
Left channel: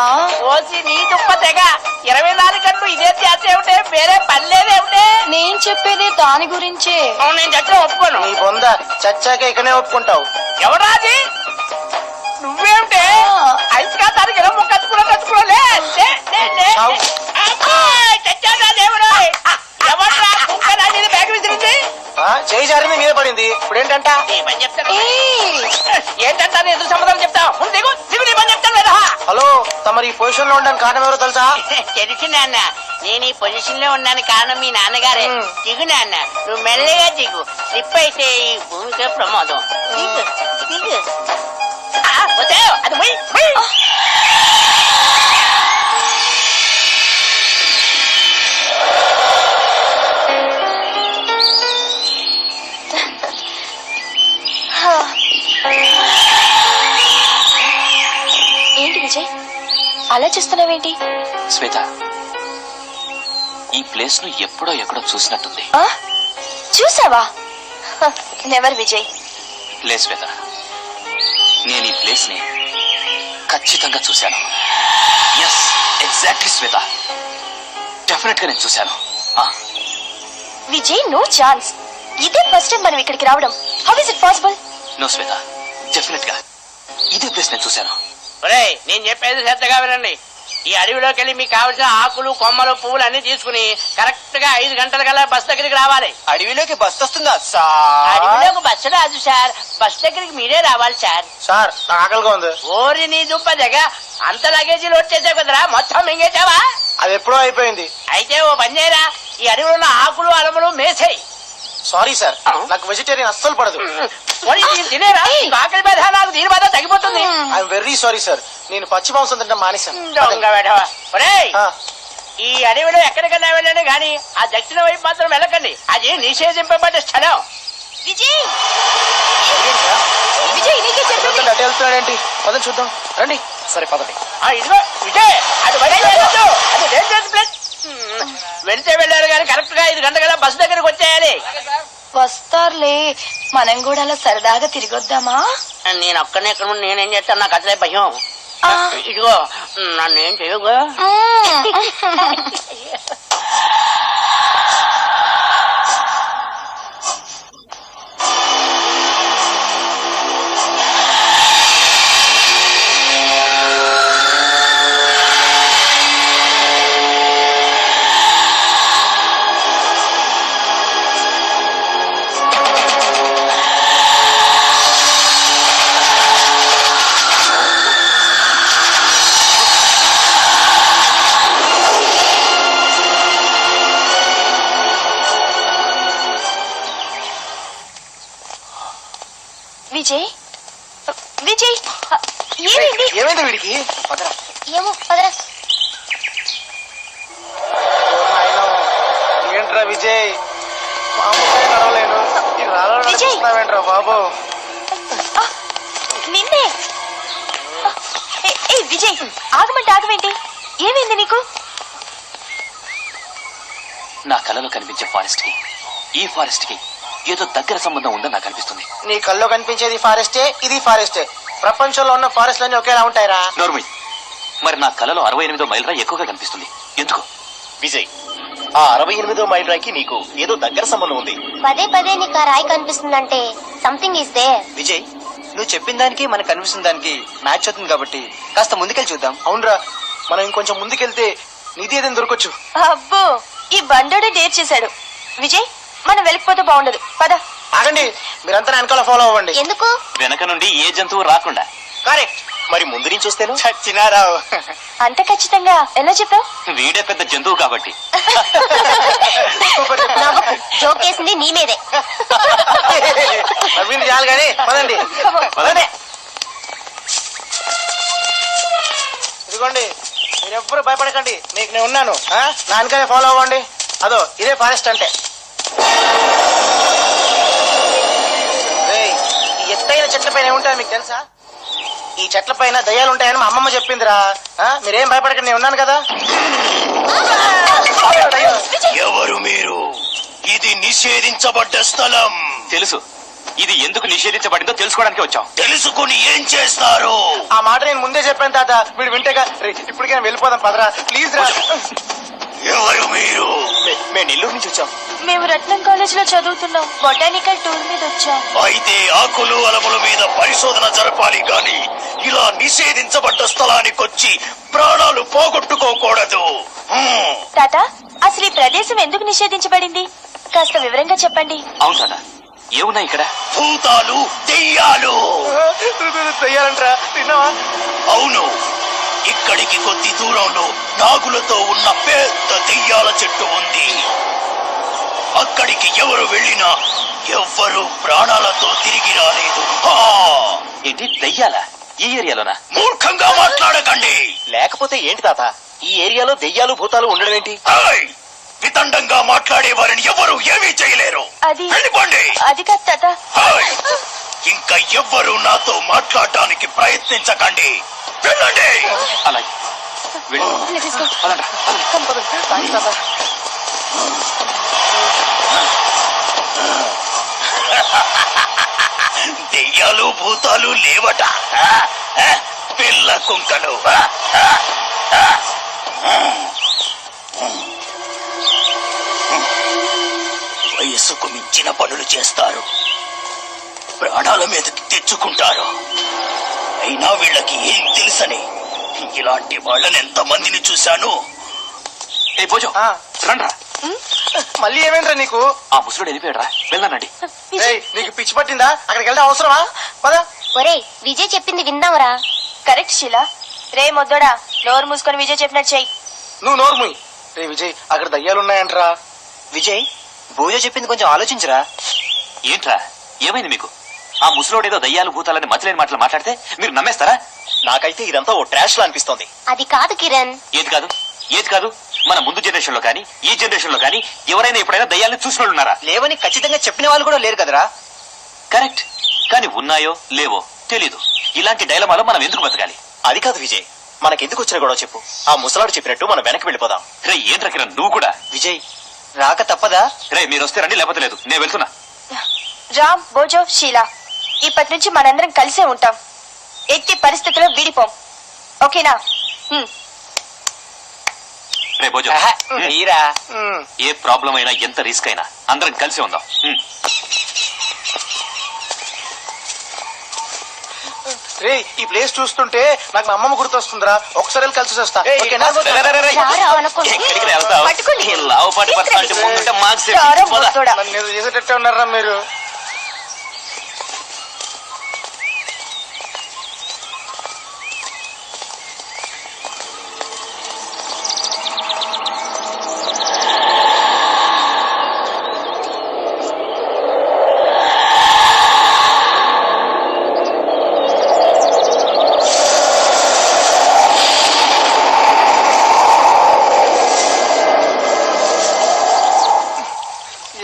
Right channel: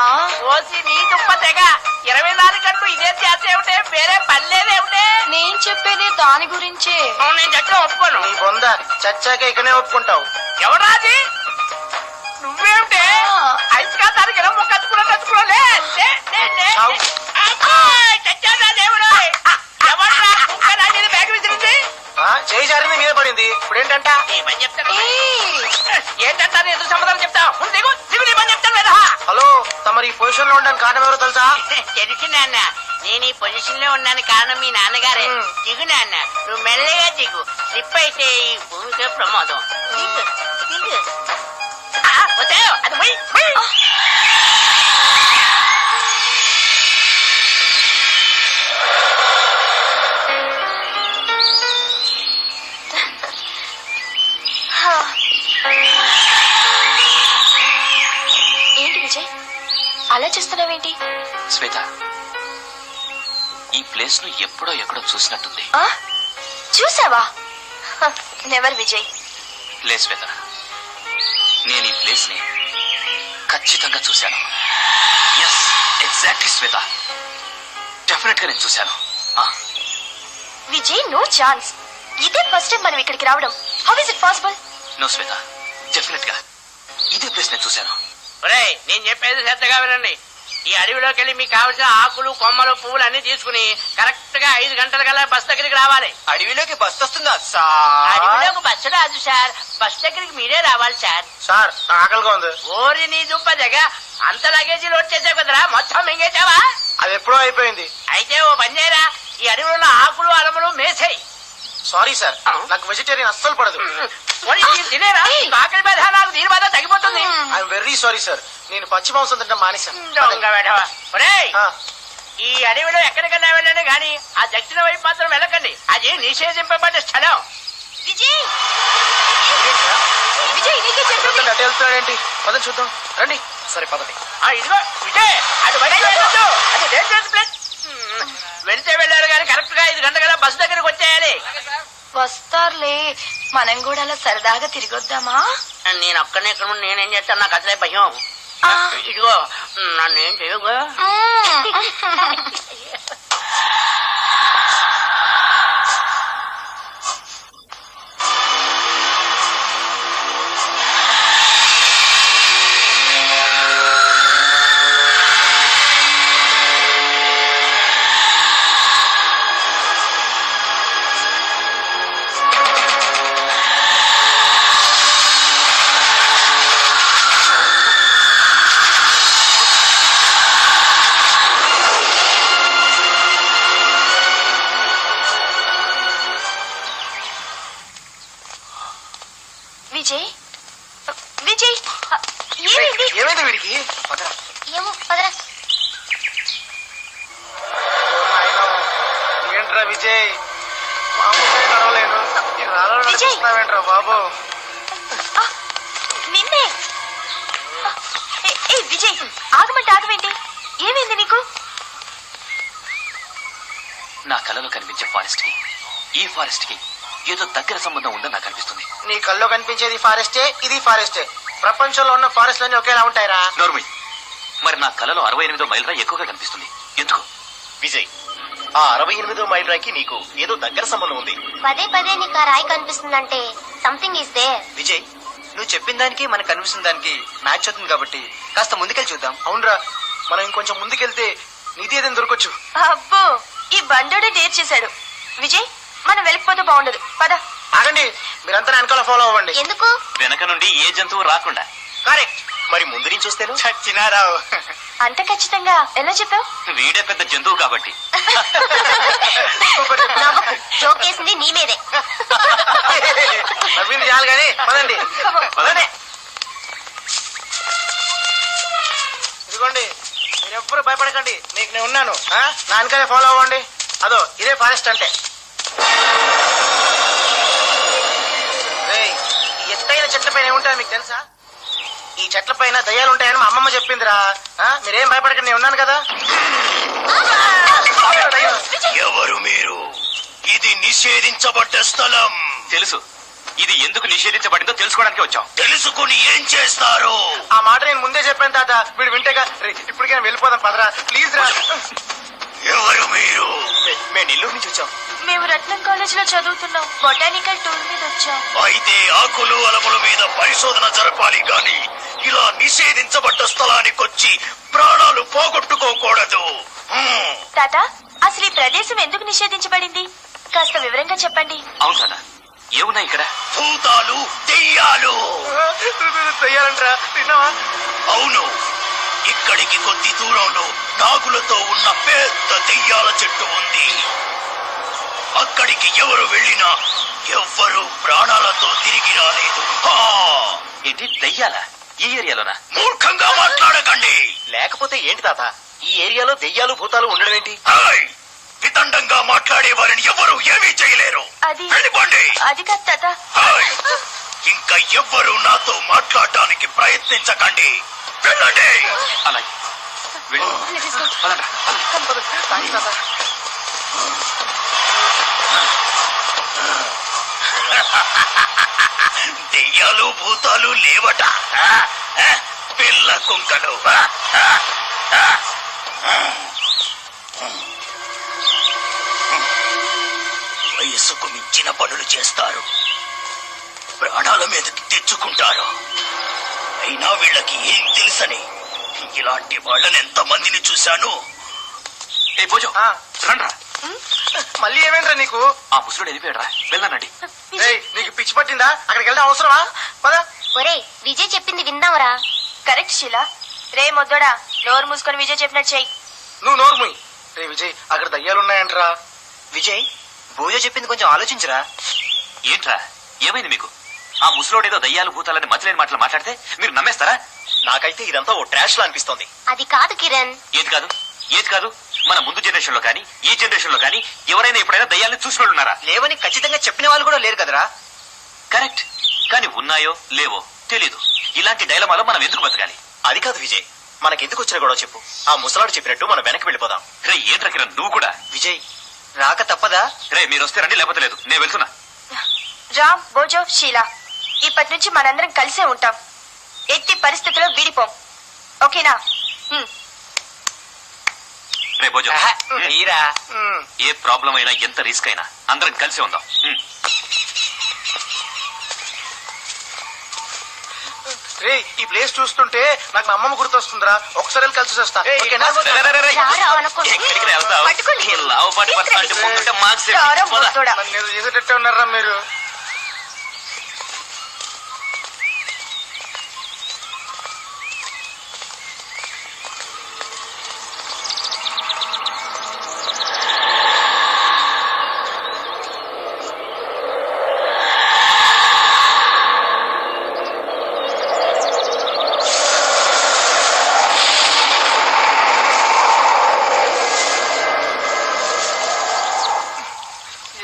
ఓసి నీ దుప్ప తెగ. 24 గంటలు ఇదే చేస్తే ఏమిటే, వేరే పని లేదేమిటే? నేను చెప్పేది దాని గురించే. నేను చెట్లు ఒప్పుకోను. నీ బొంద చచ్చాక ఇకనే ఒప్పుకుంటావు. ఎవరాది? నువ్వేమిటే? ఐస్కా తారీఖు ఎలా కట్టుకున్నా చచ్చాడా దేవుడు? ఎవరా కుక్క నా మీద బ్యాగ్ విసిరింది? చేయి జారింది మీద పడింది. ఇప్పుడు ఏంటంట? నీ పని చెప్తాను. ఏంటంటే ఎదురు సమాధానం చెప్తా. ముందు దిగు దిగు, నీ పని చెప్తాను కదా. హలో, తమరు ఈ పొజిషన్ లో ఉండడానికి కారణం ఎవరో తెలుసా? తెలుసు నాన్న, నేను ఈ పొజిషన్ లో ఉన్నాను కారణం మీ నాన్నగారే. దిగు నాన్న, నువ్వు మెల్లగా దిగు. స్లిప్ అయితే ఈ భూమితో ప్రమాదం. దిగు దిగు. వచ్చావు అది మొయ్ మొయ్. ఏంటి విజయ్ అలా చేస్తున్నావేంటి? శ్వేత, ఈ ప్లేస్ ను ఎప్పుడో ఎక్కడో చూసినట్టుంది. చూసావా? నెవర్ విజయ్. లే శ్వేత, నేను ఈ ప్లేస్ ని ఖచ్చితంగా చూశాను. ఎస్, ఎగ్జాక్ట్లీ శ్వేత, డెఫినెట్ గా నేను చూశాను. Vijay, no chance. ఇదే ఫస్ట్ టైం మనం ఇక్కడికి రావడం. How is it possible? No Shweta, definite గా ఇదే ప్లేస్ నేను చూశాను. ఒరేయ్, నేను చెప్పేది శ్రద్ధగా వినండి. ఈ అడవిలోకి వెళ్ళి మీకు కావలసిన ఆకులు, కొమ్మలు, పువ్వులు అన్ని తీసుకుని కరెక్ట్ గా 5 గంటల కల్లా బస్ దగ్గరికి రావాలి. అడవిలోకి బస్ వస్తుందా అడవిలోకి బస్సు రాదు సార్, బస్ దగ్గరికి మీరే రావాలి సార్. సార్ నాకు ఆకలిగా ఉంది. ఓరి నీ దుప్ప దగ్గ, అంత లగేజీ లోడ్ చేసావు కదరా, మొత్తం మింగేసావా? అది ఎప్పుడో అయిపోయింది. అయితే ఓ పని చేయరా, ఈ అడవిలో ఉన్న ఆకులు, అలములు మేసేయి. సారీ సార్, నాకు వెజిటేరియన్ అస్సలు పడదు. పోనీ దీన్ని తినేరా, నీకు ఆకలి బాధ నాకు దీని బాధ తగ్గిపోతుంది. ఐఎమ్ వెరీ సారీ సార్, నేను పచ్చి మాంసం తింటే మానేశాను. దొంగ వెధవ. ఒరేయ్, ఆ, ఈ అడవిలో ఎక్కడికైనా వెళ్ళండి కానీ ఆ దక్షిణ వైపు మాత్రం వెళ్ళకండి, అది నిషేధింపబడ్డ స్థలం. విజయ్, విజయ్, నీకే చెప్పండి. అటు వెళ్తున్నాడేంటి? పదండి చూద్దాం, రండి. సరే పదండి. ఇదిగో విజయ్, అటు వెళ్ళదు, అది డేంజరస్ ప్లేస్. వెళ్తే వెళ్ళారు కానీ కరెక్ట్ గా 5 గంటల బస్సు దగ్గరకు వచ్చేయాలి. వస్తారులే, మనం కూడా అలా సరదాగా తిరిగొద్దామా? నేను ఒక్కనే ఇక్కడ ఉండి నేనేం చేస్తాను, నాకు అసలే భయం. ఇదిగో నన్నేం చేయగా. విజయ్, విజయ్, ఏమైంది? ఏమైంది వీడికి? పదరా. ఏమో, పదరా. ఏంట్రా విజయ్, మామూలుగా నడవలేను. ఈ రాళ్ళలో విజయ్. నడుస్తున్నావేంట్రా బాబు? నిన్నే. ఏ విజయ్, ఆగమంటే ఆగమేంటి? ఏమైంది నీకు? నా కలలో కనిపించే ఫారెస్ట్ కి ఈ ఫారెస్ట్ కి ఏదో దగ్గర సంబంధం ఉందని నాకు అనిపిస్తుంది. నీ కల్లో కనిపించేది ఫారెస్టే, ఇది ఫారెస్టే. ప్రపంచంలో ఉన్న ఫారెస్ట్లన్నీ ఒకేలా ఉంటాయిరా. నోర్మి, మరి నా కలలో 68వ మైల్ రాయి ఎక్కువగా కనిపిస్తుంది. ఎందుకు? విజయ్, ఆ 68వ మైల్ రాయికి నీకు ఏదో దగ్గర సంబంధం ఉంది. పదే పదే నీకు ఆ రాయి కనిపిస్తుందంటే సంథింగ్ ఈస్ దేర్. విజయ్, నువ్వు చెప్పిన దానికి మనకు కనిపిస్తున్న దానికి మ్యాచ్ అవుతుంది కాబట్టి కాస్త ముందుకెళ్ళి చూద్దాం. అవునరా, మనం ఇంకొంచెం ముందుకెళ్తే నిధి ఏదైనా దొరకొచ్చు. అబ్బో, ఈ బండోడే డేర్ చేశాడు. విజయ్, మనం వెళ్ళిపోతే బాగుండదు. పద. ఆగండి, మీరంతా వెనకాల ఫాలో అవ్వండి. ఎందుకు? వెనక నుండి ఏ జంతువు రాకుండా. కరెక్ట్. మరి ముందు నుంచి వస్తేను చచ్చినారావు. అంత ఖచ్చితంగా ఎలా చెప్పావు? వీడే పెద్ద జంతువు కాబట్టి. జోకేసింది నీ మీదే. నవ్వింది చాలు కానీ పదండి. పదండి. ఇదిగోండి, మీరెవ్వరూ భయపడకండి, మీకు నేను ఉన్నాను. నా వెనకాలే ఫాలో అవ్వండి. అదో ఇదే ఫారెస్ట్ అంటే. ఈ ఎత్తైన చెట్ల పైన ఏముంటాయో మీకు తెలుసా? ఈ చెట్ల పైన దయ్యాలు ఉంటాయని మా అమ్మమ్మ చెప్పిందిరా. మీరేం భయపడకండి, నేను ఉన్నాను కదా. ఎవరు మీరు? ఇది నిషేధించబడ్డ స్థలం. తెలుసు, ఇది ఎందుకు నిషేధించబడిందో తెలుసుకోవడానికి వచ్చాం. తెలుసుకుని ఏం చేస్తారు? ఆ మాట నేను ముందే చెప్పాను తాత, వీడు వింటేగా. ఇప్పటికైనా వెళ్ళిపోదాం పదరా, ప్లీజ్ రా. ఎవరు మీరు? మేము నెల్లూరు నుంచి వచ్చాం. మేము రత్నం కాలేజ్ లో చదువుతున్నాం. బొటానికల్ టూర్ మీద వచ్చాం. అయితే ఆకులు అలముల మీద పరిశోధన జరపాలి గాని ఇలా నిషేధించబడ్డ స్థలానికి వచ్చి ప్రాణాలు పోగొట్టుకోకూడదు. తాత, అసలు ఈ ప్రదేశం ఎందుకు నిషేధించబడింది? కాస్త వివరంగా చెప్పండి. అవును కదా, ఏమున్నాయి ఇక్కడ? భూతాలు, దెయ్యాలు. దయ్యాలంటరా, విన్నావా? అవును, ఇక్కడికి కొద్ది దూరంలో నాగులతో ఉన్న పెద్ద దెయ్యాల చెట్టు ఉంది. అక్కడికి ఎవరు వెళ్ళినా ఎవ్వరూ ప్రాణాలతో తిరిగి రాలేదు. ఏంటి, దయ్యాలా? ఈ ఏరియాలోనా? మూర్ఖంగా మాట్లాడకండి. లేకపోతే ఏంటి తాత, ఈ ఏరియాలో దెయ్యాలు భూతాలు ఉండడం ఏంటి? వితండంగా మాట్లాడే వారిని ఎవరు ఏమీ చేయలేరు. అది వెళ్ళిపోండి. అది కాదు తాత. ఇంకా ఎవ్వరూ నాతో మాట్లాడడానికి ప్రయత్నించకండి. వెళ్ళండి. అలాగే వెళ్ళు. పదండ్రా, పదండి. దెయ్యాలు భూతాలు లేవట. పిల్ల కుంకలు. వయస్సుకు మించిన పనులు చేస్తారు, ప్రాణాల మీదకి తెచ్చుకుంటారు. అయినా వీళ్ళకి ఏం తెలుసని ఇలాంటి వాళ్ళని ఎంతమందిని చూశాను. ఏ భోజం ఆ, రండ్రా. మళ్ళీ ఏమేంట్రా నీకు? ఆ ముసలుడు వెళ్ళిపోయాడ్రా, వెళ్దానండి. రేయ్, నీకు పిచ్చి పట్టిందా? అక్కడికి వెళ్ళడం అవసరమా? పదా. ఒరే విజయ్ చెప్పింది విందాంరా. కరెక్ట్ శీలా. రే మొద్దోడా, నోరు మూసుకొని విజయ్ చెప్పినట్టు చెయ్యి. నువ్వు నోరు మూయి. రే విజయ్, అక్కడ దయ్యాలున్నాయంట్రా. విజయ్ భోజ చెప్పింది కొంచెం ఆలోచించరా. ఏంట్రా ఏమైంది మీకు? ఆ ముసలోడు ఏదో దయ్యాలు భూతాలని మతిలేని మాటలు మాట్లాడితే మీరు నమ్మేస్తారా? నాకైతే ఇదంతా ఓ ట్రాష్ లా అనిపిస్తోంది. అది కాదు కిరణ్. ఏది కాదు ఏది కాదు? మన ముందు జనరేషన్ లో కానీ ఈ జనరేషన్ లో కానీ ఎవరైనా ఎప్పుడైనా దయ్యాలను చూసిన వాళ్ళు ఉన్నారా? లేవని ఖచ్చితంగా చెప్పిన వాళ్ళు కూడా లేరు కదరా. కరెక్ట్, కానీ ఉన్నాయో లేవో తెలీదు. ఇలాంటి డైలమాలో మనం ఎందుకు బతకాలి? అది కాదు విజయ్, మనకెందుకు వచ్చిన గొడవ చెప్పు. ఆ ముసలాడు చెప్పినట్టు మనం వెనక్కి వెళ్ళిపోదాం. రే ఏంట్రా కిరణ్, నువ్వు కూడా? విజయ్ రాక తప్పదా? రే మీరు వస్తే రండి, లేకపోతే లేదు, నేను వెళ్తున్నా. రామ్, భోజో, షీలా, ఇప్పటి నుంచి మనందరం కలిసే ఉంటాం. ఎట్టి పరిస్థితుల్లో విడిపోం. ఓకేనా? రే భోజం, మీరా ఏ ప్రాబ్లం అయినా ఎంత రిస్క్ అయినా అందరం కలిసి ఉందాం. రే, ఈ ప్లేస్ చూస్తుంటే నాకు మా అమ్మమ్మ గుర్తొస్తుందిరా. ఒకసారి వెళ్ళి కలిసి వస్తా. ఓకేనా? ఎక్కడికి వెళ్తావు? ఈ లావుపాటి పర్సన్ అంటే ముందుంటే మార్క్స్ నన్ను ఏదో చేసేటట్టే ఉన్నారా మీరు?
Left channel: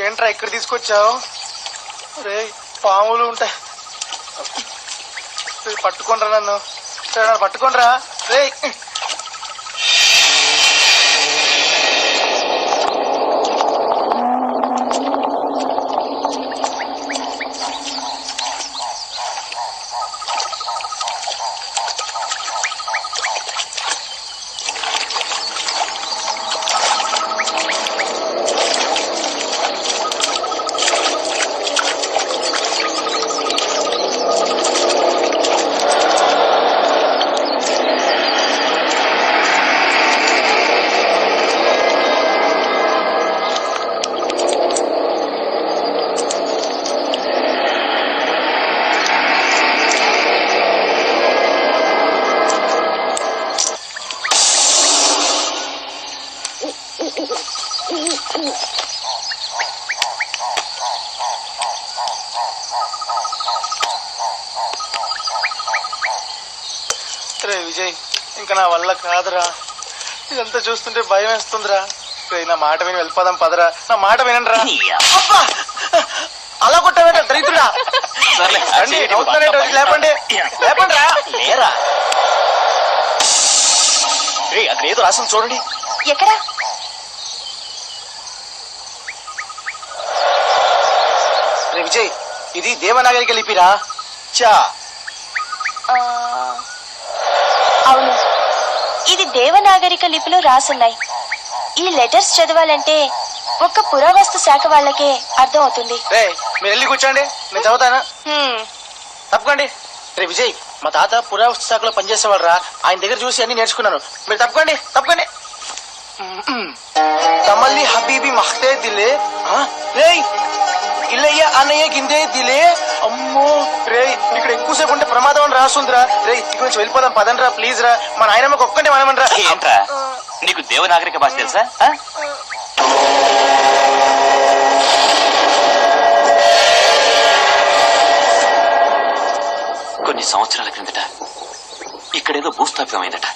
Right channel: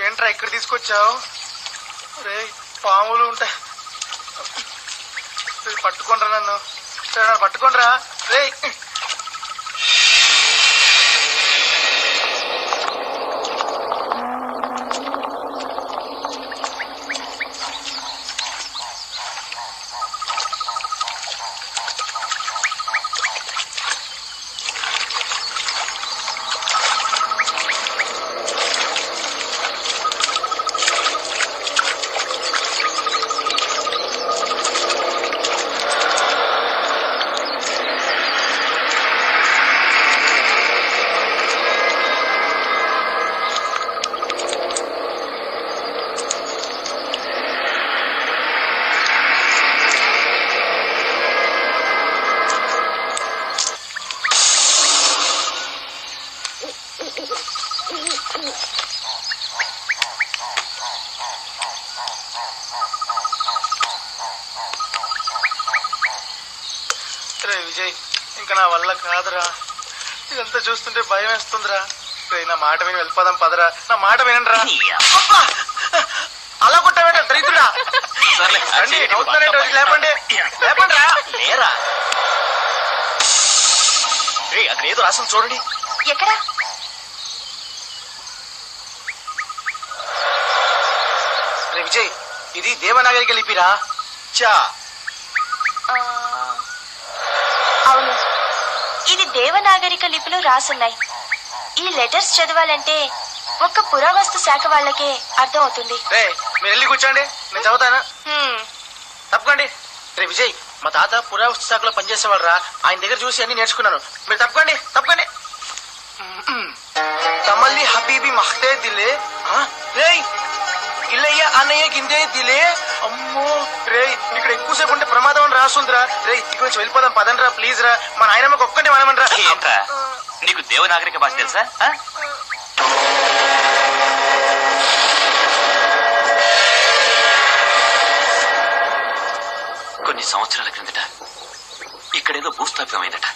ఏంట్రా ఇక్కడ తీసుకొచ్చావు? రే, పాములు ఉంటాయి. పట్టుకోండ్రా నన్ను. పట్టుకోండ్రా రే. రే విజయ్, ఇంకా నా వల్ల కాదురా. ఇదంతా చూస్తుంటే భయం వేస్తుందిరా. రే, నా మాట విని వెళ్ళిపోదాం పదరా. నా మాట వినండిరా. అబ్బా, అలా కొట్టావేట దరిద్రుడా. రండి, అవుతున్నారేంటి? లేపండి, లేపండి రా. లేరా రే, అక్కడ ఏదో రాసం చూడండి. ఎక్కడా? రే విజయ్, ఇది దేవనాగరిక లిపిరా. చా, అవును, ఇది దేవనాగరిక లిపిలో రాసున్నాయి. ఈ లెటర్స్ చదవాలంటే ఒక్క పురావస్తు శాఖ వాళ్ళకే అర్థం అవుతుంది. రే మీరు వెళ్ళి కూర్చోండి, నేను చదువుతాను. తప్పకండి. రే విజయ్, మా తాత పురావస్తు శాఖలో పనిచేసేవాడు రా. ఆయన దగ్గర చూసి అన్ని నేర్చుకున్నాను. మీరు తప్పకండి, తప్పకండి. తమల్లి హబీబీ మహ్తే దిలే. రేయ్, ఇల్లయ్య అన్నయ్య గిందే దిలే. అమ్మో రే, ఇక్కడ ఎక్కువసేపు ఉంటే ప్రమాదం అని రాసుందిరా. రే, ఇక్కడ నుంచి వెళ్ళిపోదాం పదండి రా, ప్లీజ్ రా. మా నాయనమ్మకి ఒక్కటే మనమని రా. ఏంట్రా నీకు దేవనాగరిక భాష తెలుసా? కొన్ని సంవత్సరాల క్రిందట ఇక్కడేదో భూస్థాపితం అయిందట.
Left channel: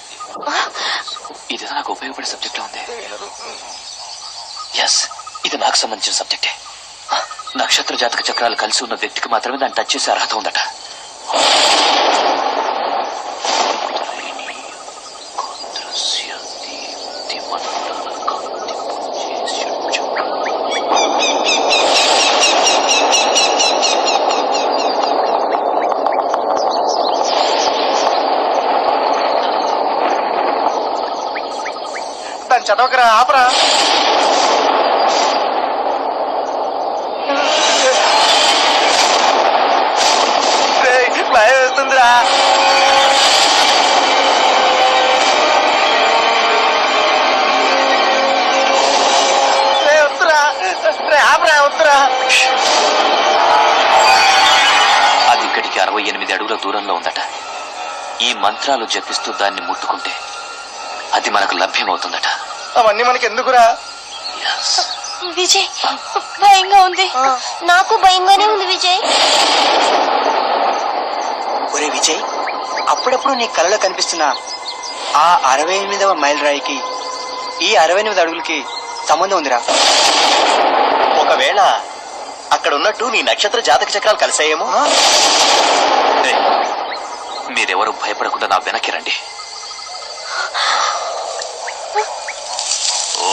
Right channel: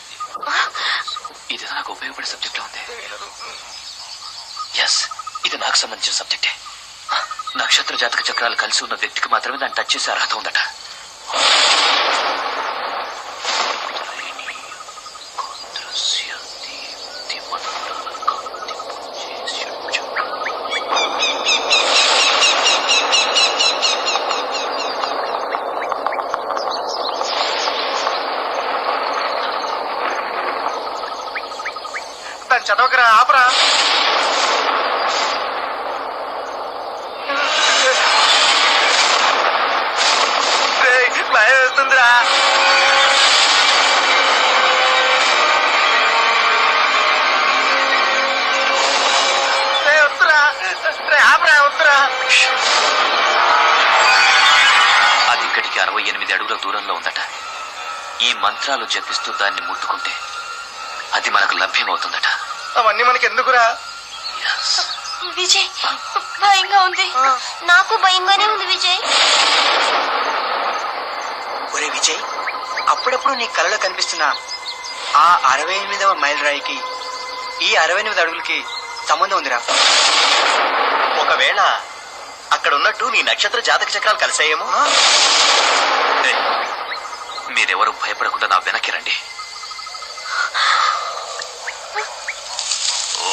ఇదేదో నాకు ఉపయోగపడే సబ్జెక్ట్ ఉంది. ఎస్, ఇది నాకు సంబంధించిన సబ్జెక్టే. నక్షత్ర జాతక చక్రాలు కలిసి ఉన్న వ్యక్తికి మాత్రమే దాన్ని టచ్ చేసే అర్హత ఉందట. చదవకరా, ఆపరా. భయం అవుతుందిరా. వద్దురా, ఆపరా, వద్దురా. అది ఇక్కడికి 68 అడుగుల దూరంలో ఉందట. ఈ మంత్రాలు జపిస్తూ దాన్ని ముట్టుకుంటే అది మనకు లభ్యమవుతుందట. అవన్నీ మనకి ఎందుకురా? విజయ్, భయంగా ఉంది. నాకు భయంగానే ఉంది విజయ్. ఒరే విజయ్, అప్పుడప్పుడు నీ కలలో కనిపిస్తున్న ఆ 68వ మైల్ రాయికి ఈ 68 అడుగులకి సంబంధం ఉందిరా. ఒకవేళ అక్కడ ఉన్నట్టు నీ నక్షత్ర జాతక చక్రాలు కలిసాయేమో. ఏయ్, మీరెవరు భయపడకుండా నా వెనక్కి రండి. ఓ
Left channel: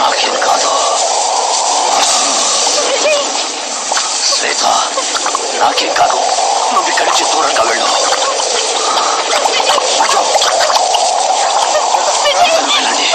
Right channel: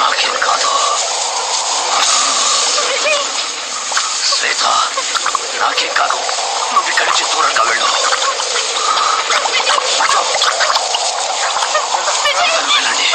నాకేం కాదు. శ్వేత, నాకేం కాదు. నువ్వు ఇక్కడి నుంచి దూరంగా వెళ్ళు. వెళ్ళండి.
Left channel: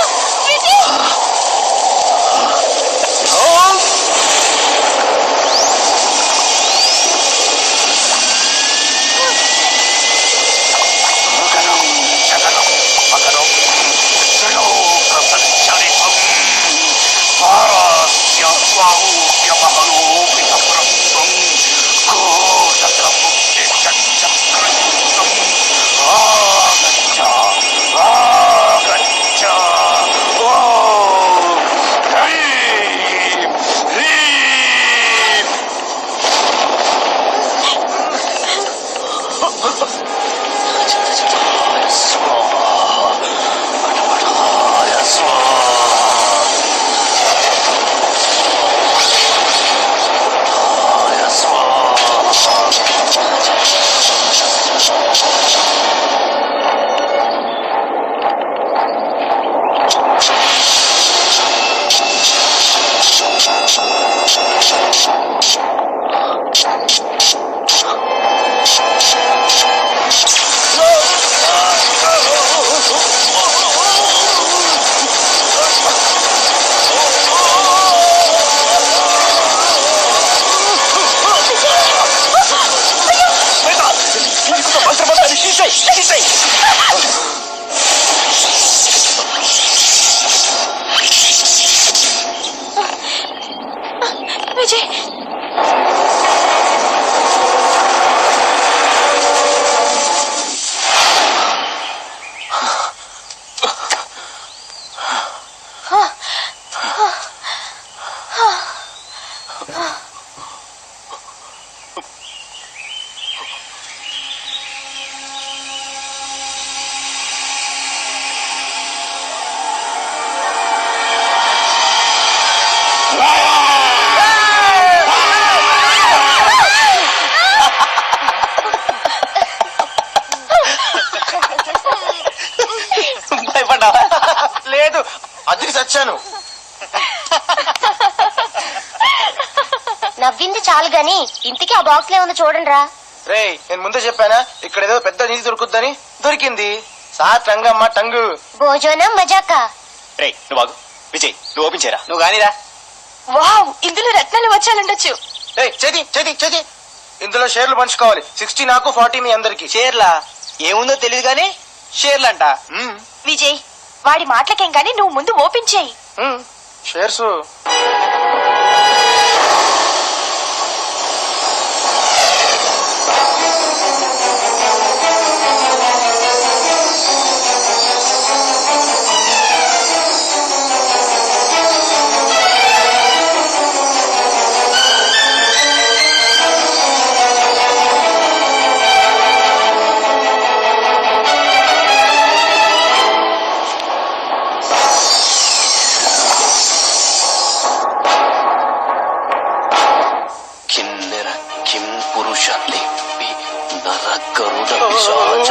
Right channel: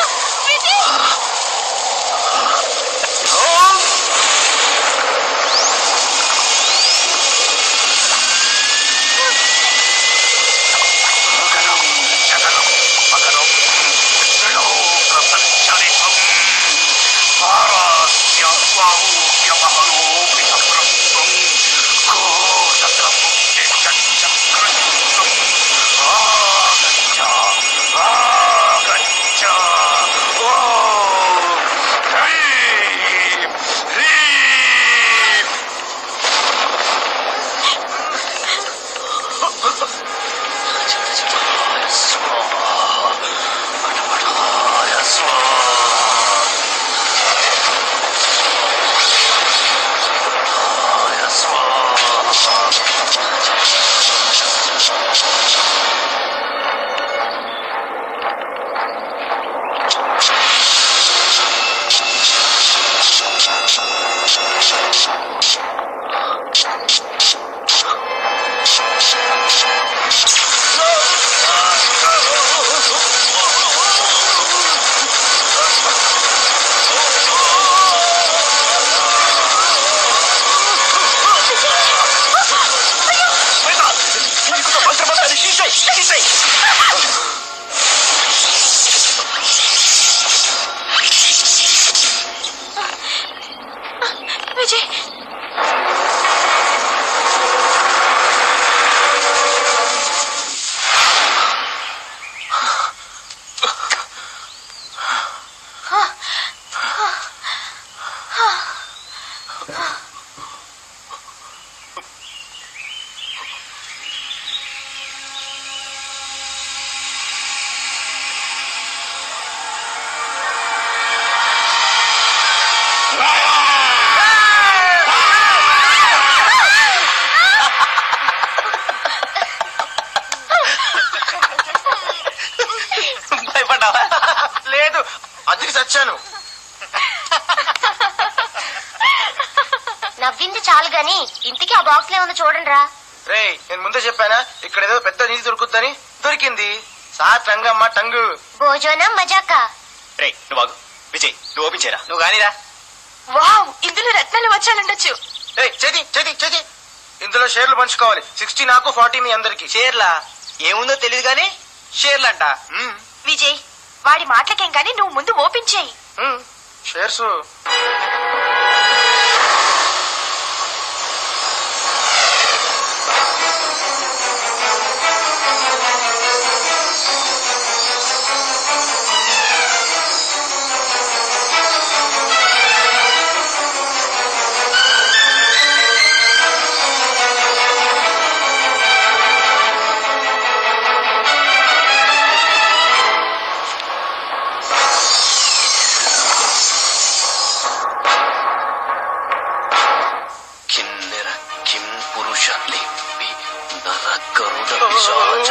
విజయ్, లేదు, అదికి చచ్చాను. నవ్వింది చాలు గాని ఇంతకీ ఆ బాక్స్ లో ఏమన్నా చూడండి రా. రేయ్ నేను ముందే చెప్పానా ఇక్కడ ఏదో పెద్ద నిధి దొరుకుద్దని. దొరికింది. సాట్ రంగమ్మ టంగు. భోజనం మజాకా. రే నువ్వు ఆగు. విజయ్ నువ్వు ఓపెన్ చేయరా. నువ్వు కానీరా. వావ్, ఇందులో రత్నాలు వచ్చాలండొచ్చు. రేయ్ చేతి చేతి చేతి. ఇందులో షేర్లు పంచుకోవాలి. 60 నాకు 40 మీ అందరికి. షేర్లా ఏముందో తెలియదు కానీ షేర్లంట. విజయ్, వాడి మాటలకేం గాని నువ్వు ముందు ఓపెన్ చేయి. షేర్స్. కిన్నెర కిం పురుష లిపి నర గరుడ పిశాచ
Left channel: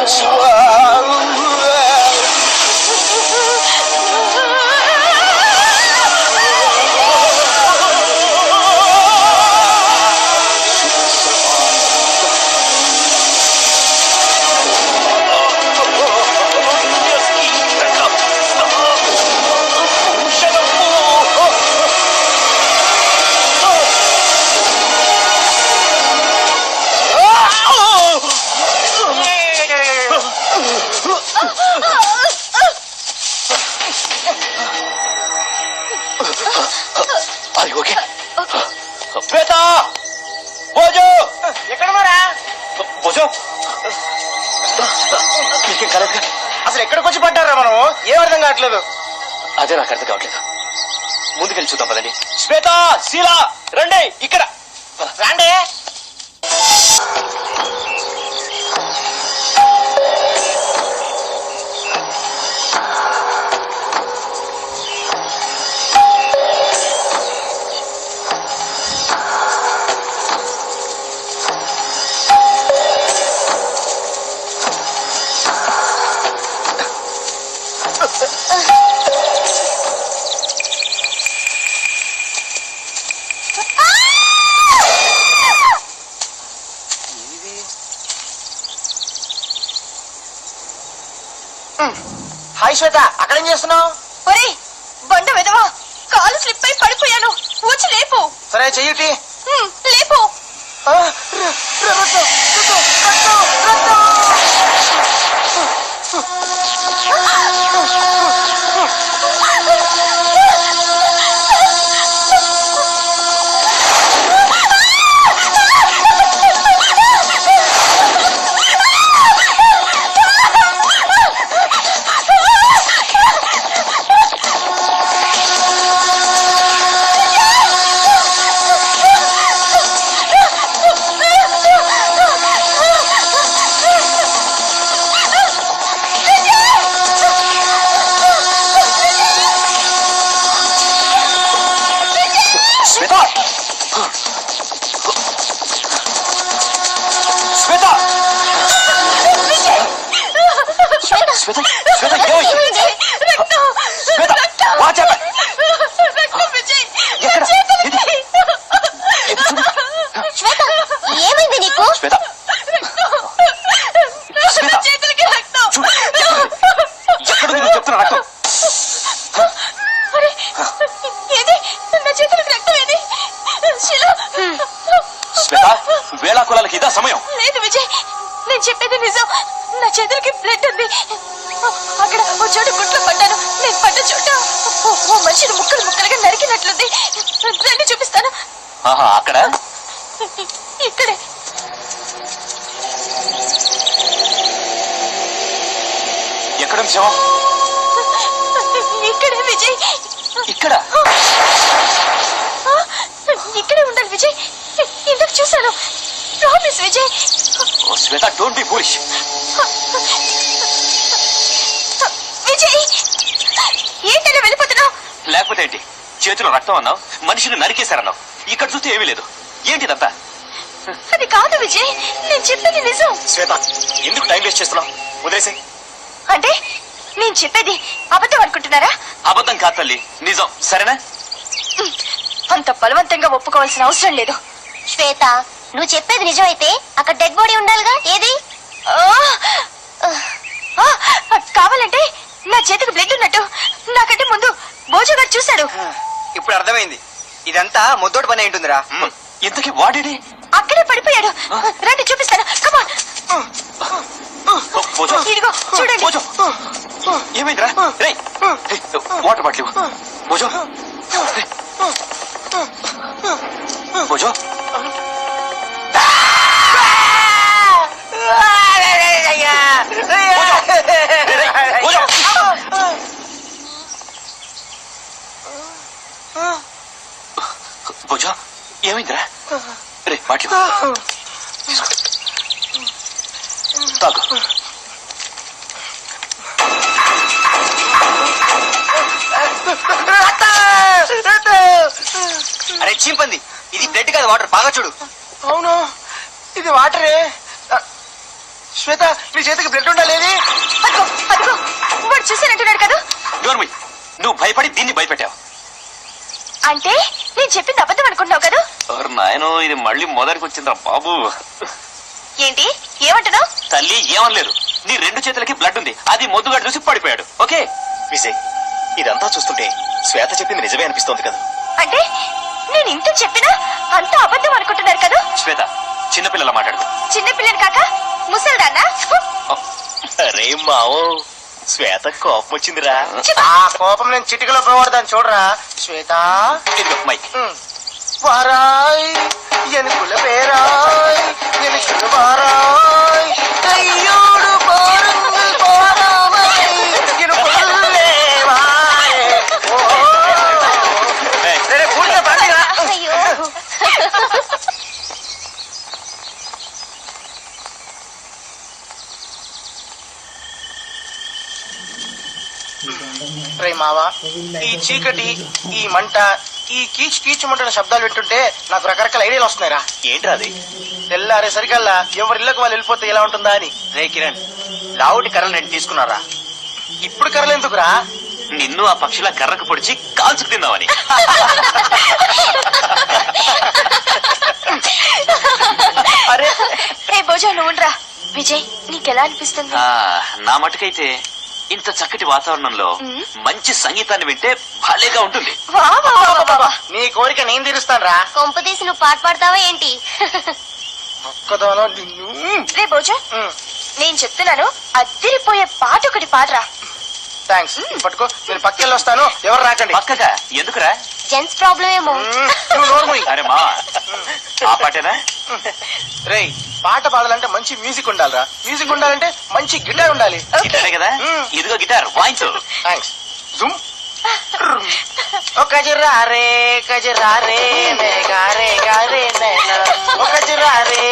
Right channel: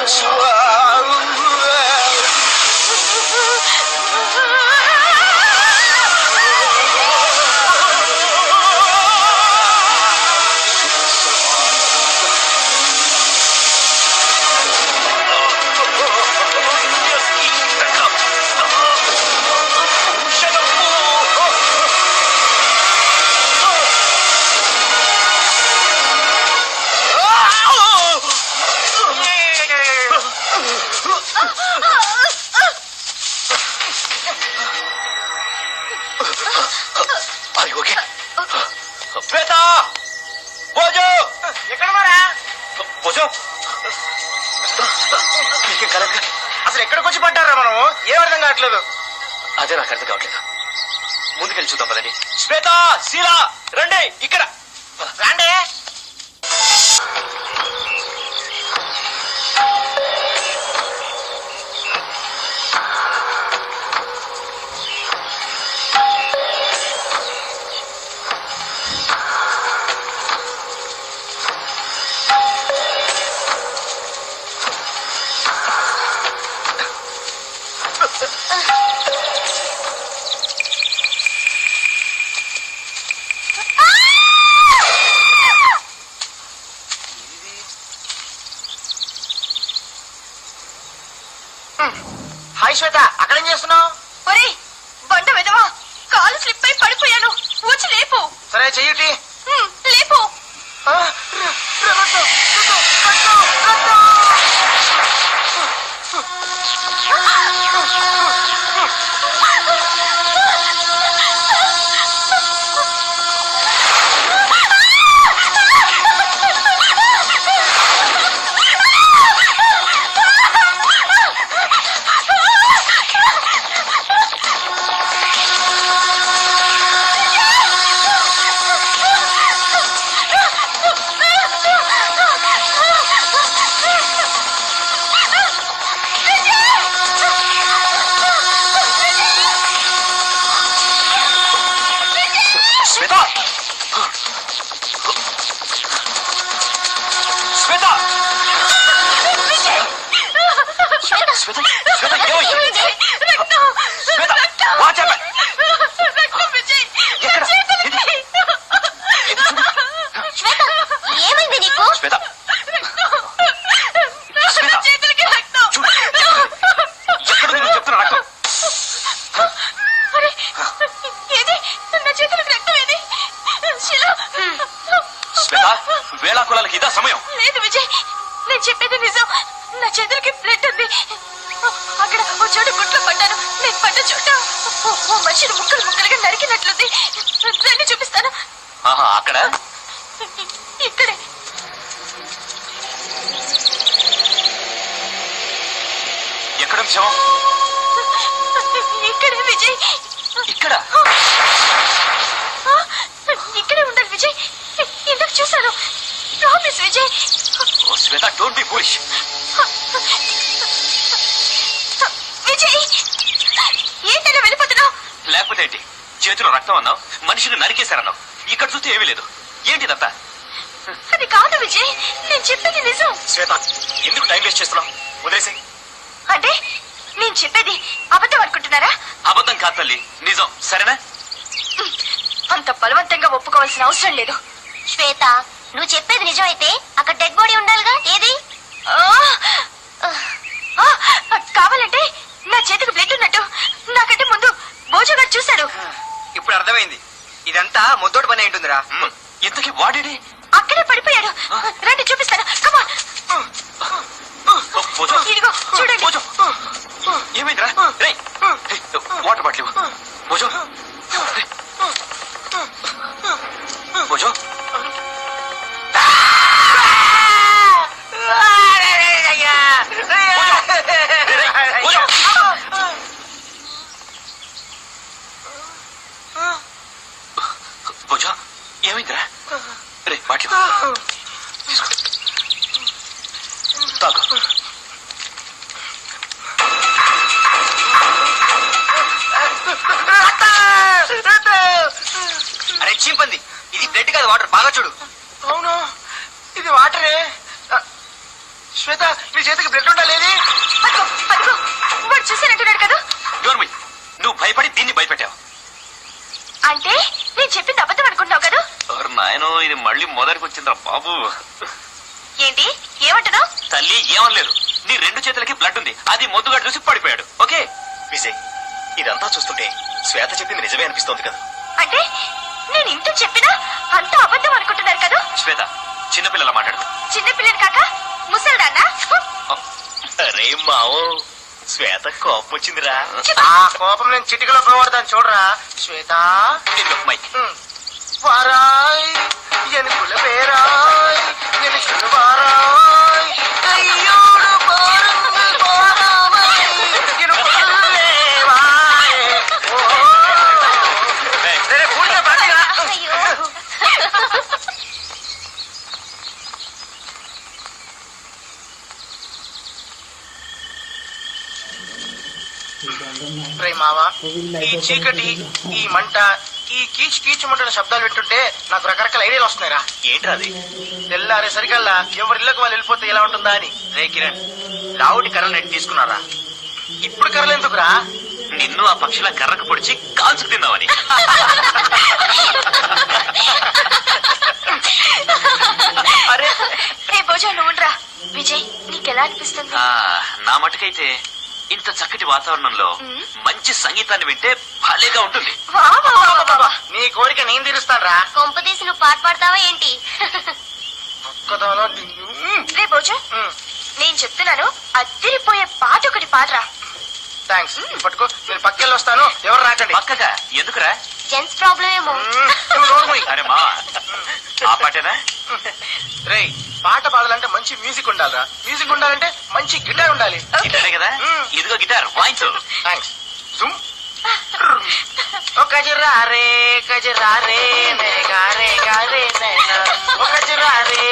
శ్వేత భోజో ఎక్కడ మారా? భోజో నీకేం కలగ. అసలు ఎక్కడికి వచ్చి పడ్డారా మనం? ఏం అర్థం కావట్లేదు. అదే నాకు అర్థం కావట్లేదు. ముందుకెళ్ళి చూద్దాం పదండి. శ్వేత శీలా రండి ఇక్కడ రాండే. హాయ్ శ్వేత, అక్కడేం చేస్తున్నావు? ఒరే బండ వెదవా, కాలు స్లిప్ అయి పడిపోయాను. వచ్చి లేపు. సరే చెయ్యిటి. లేపు. శ్వేత శ్వేత శ్వేత శ్వేత ఏమైంది? శ్వేత వాచ్ అవుట్. ఎక్కడ? శ్వేత, ఏమైంది నీకు? శ్వేత శ్వేత చూడు ఎక్కడ నువ్వు చెప్తున్నా రక్తం. ఏది నా చేతులకు రక్తం ఏది? శిలా. శ్వేత వేళాకులాలకి ఇదా సమయం. లేదు విజయ్, నేను చెప్పేది నిజం. నా చేతులకి బ్లడ్ ఉంది. అక్కడ ఓ చోటు గుట్లో పడ్డాను. నేను పడ్డ చోట ఓ మనిషిని ముక్కలు ముక్కలుగా నరికినట్లుంది. రండి చూపిస్తాను. ఆహా అక్కడ ఇక్కడే. ఎక్కడ శవం? ఇక్కడే విజయ్. ఇక్కడ ఇక్కడే ఉండాలి విజయ్. ఇందుకు చూశాను. ప్రామిస్ విజయ్. ఓ Shweta don't be foolish. Vijay, ఏంటనే వెళ్ళిపోతున్నా? లేకపోతే ఏంటి? చేతిలో రక్తం అన్నావు, మనిషిని నరికేశారన్నావు. ఇక్కడ చూస్తే ఏమీ లేదు. ఏంటిదంతా? అది కాదు విజయ్, నేను చెప్పేది నిజం. శ్వేత ఎందుకు టైం వేస్ట్ చేస్తున్నావు? వదిలేసి. అంటే నేను చెప్పేది అబద్ధం అనుకుంటున్నారా? అబద్ధం కాదు తల్లి, నిజం. సరేనా? అంత బలవంతంగా ఒప్పుకోవాల్సిన అవసరం లేదు. శ్వేత, నువ్వు చెప్పేది నిజమైతే అక్కడ డెడ్ బాడీ ఉండాలిగా, ఏది? కావాలంటే నా చేతికి బ్లడ్ ఉన్నట్టు నాకంటే ముందు భోజు గారు చూశాడు. ఇప్పుడు అర్థమైంది, ఇదంతా ముద్దోటి పని ఉంటుందిరా. ఇంతకీ వాడేడి? అక్కడే పడిపోయాడు. రండి చూపిస్తాను. Come on. భోజు, ఇదిగో చూడండి. భోజు, ఏమైందిరా? రేయ్, వాటర్ బాటిల్ ఇవ్వు. భోజు, భోజు, భోజు, ఏమైందిరా? రే బాటిల్ తాగు. అరే చీంపంది, ఇది బ్లడ్ కాదు వాటర్, బాగా చూడు. అవును, ఇది వాటరే. శ్వేత, నీ చేతికి బ్లడ్ ఉండాలి. అదిగో అదిగో, వాడు చూసానంటున్నాడు కదా. డోర్మి, నువ్వు భయపడి దీన్ని భయపెట్టావు. అంటే నేను చెప్పింది అబద్ధం అనుకుంటున్నావు కదా. నాయనో, ఇది మళ్ళీ మొదటికి వచ్చిందా బాబు? ఏంటి ఏమంటున్నావు? తల్లి ఏమనలేదు, నీ రెండు చేతులకి బ్లడ్ ఉంది, అది మొద్దుగాడు చూసి పడిపోయాడు. ఓకే విజయ్, ఇదంతా చూస్తుంటే శ్వేత చెప్పింది నిజమే అనిపిస్తోంది కదా. అంటే నేను ఇంత చెప్పినా అంత అబద్ధం అనుకుంటున్నారు కదా. శ్వేత, చిన్నపిల్లల మాట్లాడు. చిన్నపిల్లని కాక ముసల్దాన్నా? అరే మావో, శ్వేత కోపం వచ్చిందిరా. ఆ కోపం నేను చిటికలో పోవాడదాన్ని చూడరా. శ్వేత, ఇదిగో మైక్. వారాయ్ ఎనుకుల పేరాయ్ ఎనుకుల వారాయ్ అయ్యోడు పారంగి పారామై ఎనుకులే వాయ్. ఓ సరే పూర్తిగా పడిరా. అయ్యో రే మావా, ఈ చీకటి, ఈ మంట, ఈ కీచు కీచు మంటల శబ్దాలు వింటుంటే నాకు రకరకాల ఐడియాలు వస్తున్నాయిరా. ఏంట్రా అది? తెల్లారే సరికల్లా ఎవరి ఇళ్ళకి వాళ్ళు వెళ్ళిపోతే ఎలా ఉంటుందా అని. రే కిరణ్, రావుడి కర్రలు నేను తీసుకున్నారా? ఇప్పుడు కర్రలు ఎందుకురా? నిన్ను ఆ పక్షిలా కర్రకు పొడిచి కాల్చి తిన్నావని. అరే ఏ భోజా నువ్వురా. విజయ్, నీకెలా అనిపిస్తుంది? నా మటుకైతే ఇంత చక్కటి వాతావరణంలో మంచి సంగీతాన్ని వింటే భలేగా ఉంటుంది. నీ కోరిక నేను తీరుస్తాను రా. కొంపదీసి నువ్వు పాట పాడతావా ఏంటి? ఒక్కదానో నిన్ను. రే భోజా, నేను చెప్తున్నాను, అద్దరిపోయే పాట ఒకటి పాడరా. థ్యాంక్స్, పట్టుకో. నేను పక్కకెళ్ళి వస్తాను, ఎవరు రాకండి. పక్కగా ఎందుకురా? జెంట్స్ ప్రాబ్లం ఏమో. నువ్వు నోరు మూయి. అరే మా, ఆ పాటేనా? రేయ్, పాట పాడాలంటే మంచి మ్యూజిక్ ఉండాలిరా. మ్యూజిక్ ఉండాలంటే మంచి గిటార్ ఉండాలి. గిటారే కదా, ఇదిగో గిటార్ వాయించు. థ్యాంక్స్. జుమ్. ఒక కజరారే కజరారే మే గారే గారే నైనా. ఒక కజరారే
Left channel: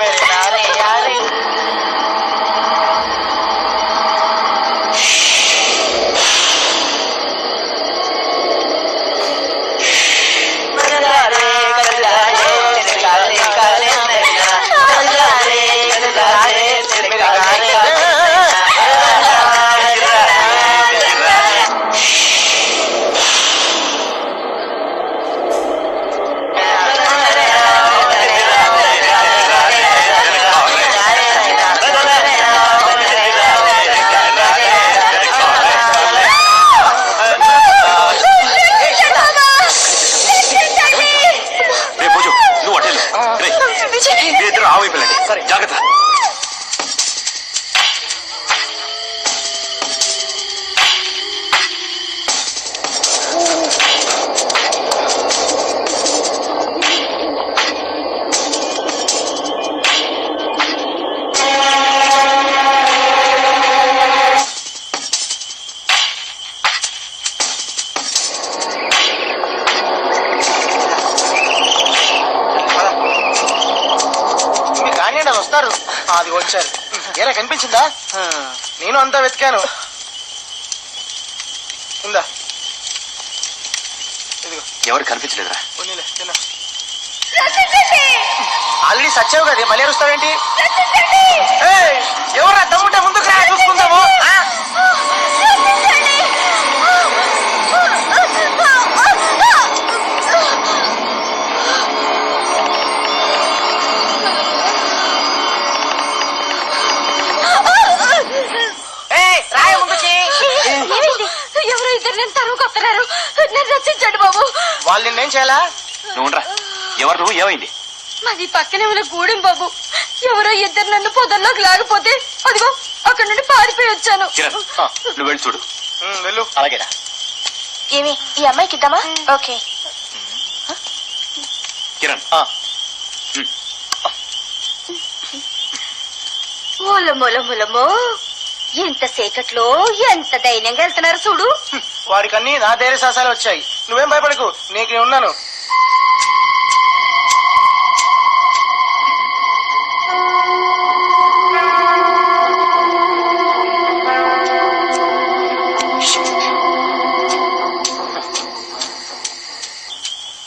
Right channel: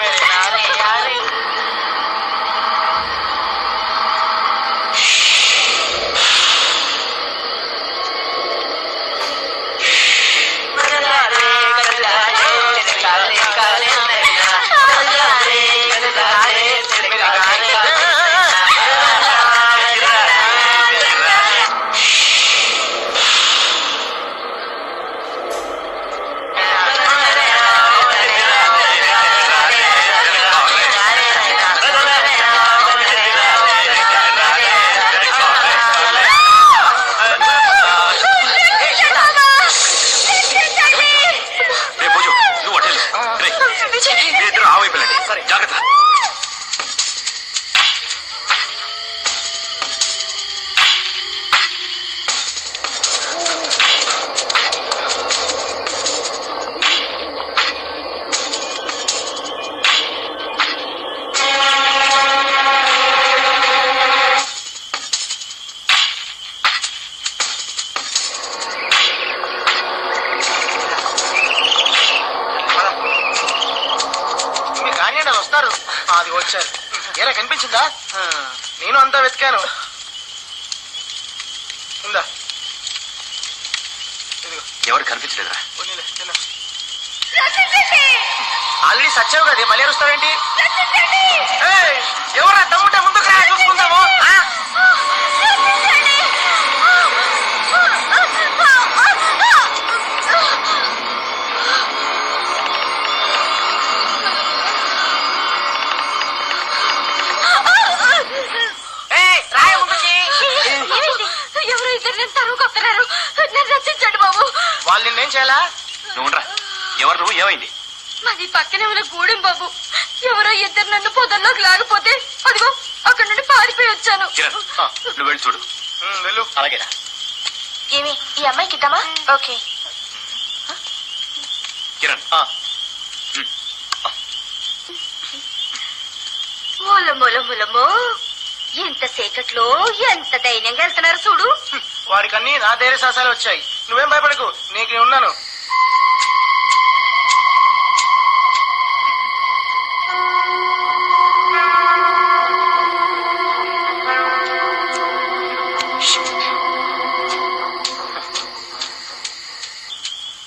మే గారే గారే. జాగ్రత్త. అది వచ్చారు. ఎలా కనిపించిందా? నేను అంతా వెతికాను. ఇందా, ఎవరు కనిపించలేదురా? ఆల్రెడీ సచ్చావు కదా, మళ్ళీ వస్తావేంటి? ఎవరా దమ్ముంటే ముందుకు రా, చూసుకుందాము. ఇద్దరు నేను తరువుకొస్తున్నారు. నన్ను రక్షించండి బాబు. వాళ్ళు నిన్నేం చేయాలా? నువ్వురా, ఎవరు నువ్వు, ఏమైంది? మాది పక్కనే ఉన్న గూడెం బాబు. ఎవరో ఇద్దరు నన్ను పొదల్లోకి లాగిపోతే అదిగో అక్కడ నుండి పారిపోయి వచ్చాను. కిరణ్, నువ్వు వెళ్ళి చూడు. వెళ్ళు. అలాగేనా? ఏమి ఈ అమ్మాయికి ఇద్దామా? ఓకే. కిరణ్, మూలమూలమూలమో ఎంత సేకట్లో ఎంత ధైర్యంగా వెళ్తున్నారు చూడు. వాడికన్నీ నా ధైర్య సాహసాలు వచ్చాయి. నువ్వేం భయపడకు, నీకు నేను ఉన్నాను.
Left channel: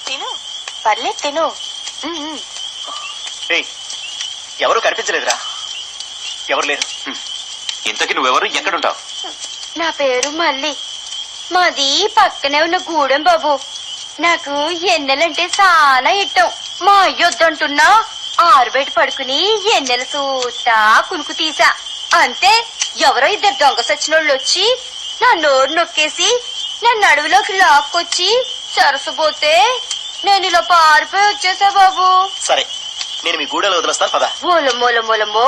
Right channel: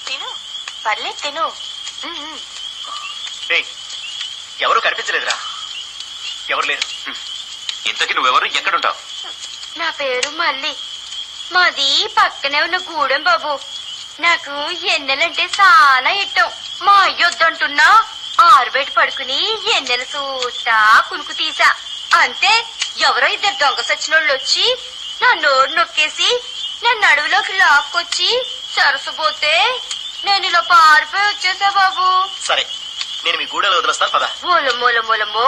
తిను, పర్లేదు తిను. ఎవరు కనిపించలేదురా? ఎవరు లేరు. ఇంతకీ నువ్వెవరు, ఎక్కడుంటావు? నా పేరు మల్లి. మాది పక్కనే ఉన్న గూడెం బాబు. నాకు ఎన్నెలంటే చాలా ఇష్టం. మా అయ్యొద్దంటున్నా ఆరుబయట పడుకుని ఎన్నెలు చూస్తా కునుకు తీసా. అంతే ఎవరో ఇద్దరు దొంగ సచ్చినోళ్ళు వచ్చి నా నోరు నొక్కేసి నన్ను అడవిలోకి లాక్కొచ్చి సరసపోతే నేను ఇలా పారిపోయి వచ్చేసా బాబు. సరే, నేను మీ గూడెలో వదిలేస్తాను పదా. మూలమూలమూలమో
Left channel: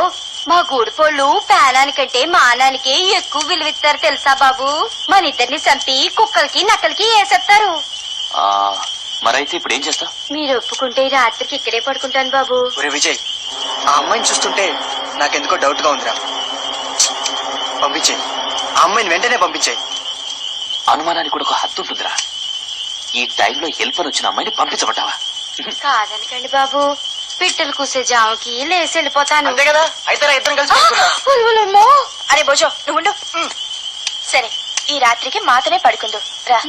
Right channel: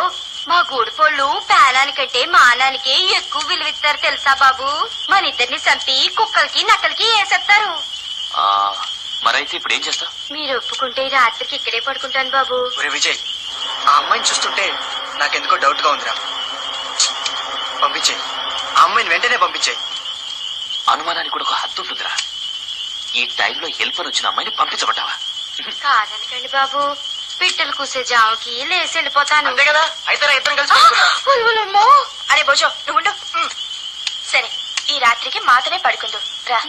మా గూడిపోళ్ళు పేలానికంటే మానానికి ఎక్కువ విలువిస్తారు తెలుసా బాబు. మన ఇద్దరిని చంపి కుక్కలకి నక్కలకి వేసేస్తారు. మరైతే ఇప్పుడు ఏం చేస్తావు? మీరు ఒప్పుకుంటే రాత్రికి ఇక్కడే పడుకుంటాను బాబు. ఒరే విజయ్, ఆ అమ్మాయిని చూస్తుంటే నాకెందుకో డౌట్ గా ఉందిరా. పంపించేయి, ఆ అమ్మాయిని వెంటనే పంపించేయి. అనుమానానికి కూడా ఒక హద్దు ఉంటుందిరా. ఈ టైంలో హెల్ప్ అని వచ్చిన అమ్మాయిని పంపించబట్టావా? కాదనకండి బాబు, పిట్టలు కూసే జాముకి లేసి వెళ్ళిపోతాను. అంతే కదా, అయితే రా, ఇద్దరం కలిసి పడుకుందాం. ఉరువులమ్మో. అరే బోజో నువ్వు ఉండు. సరే, ఈ రాత్రికి మాతనే పడుకుందు రా.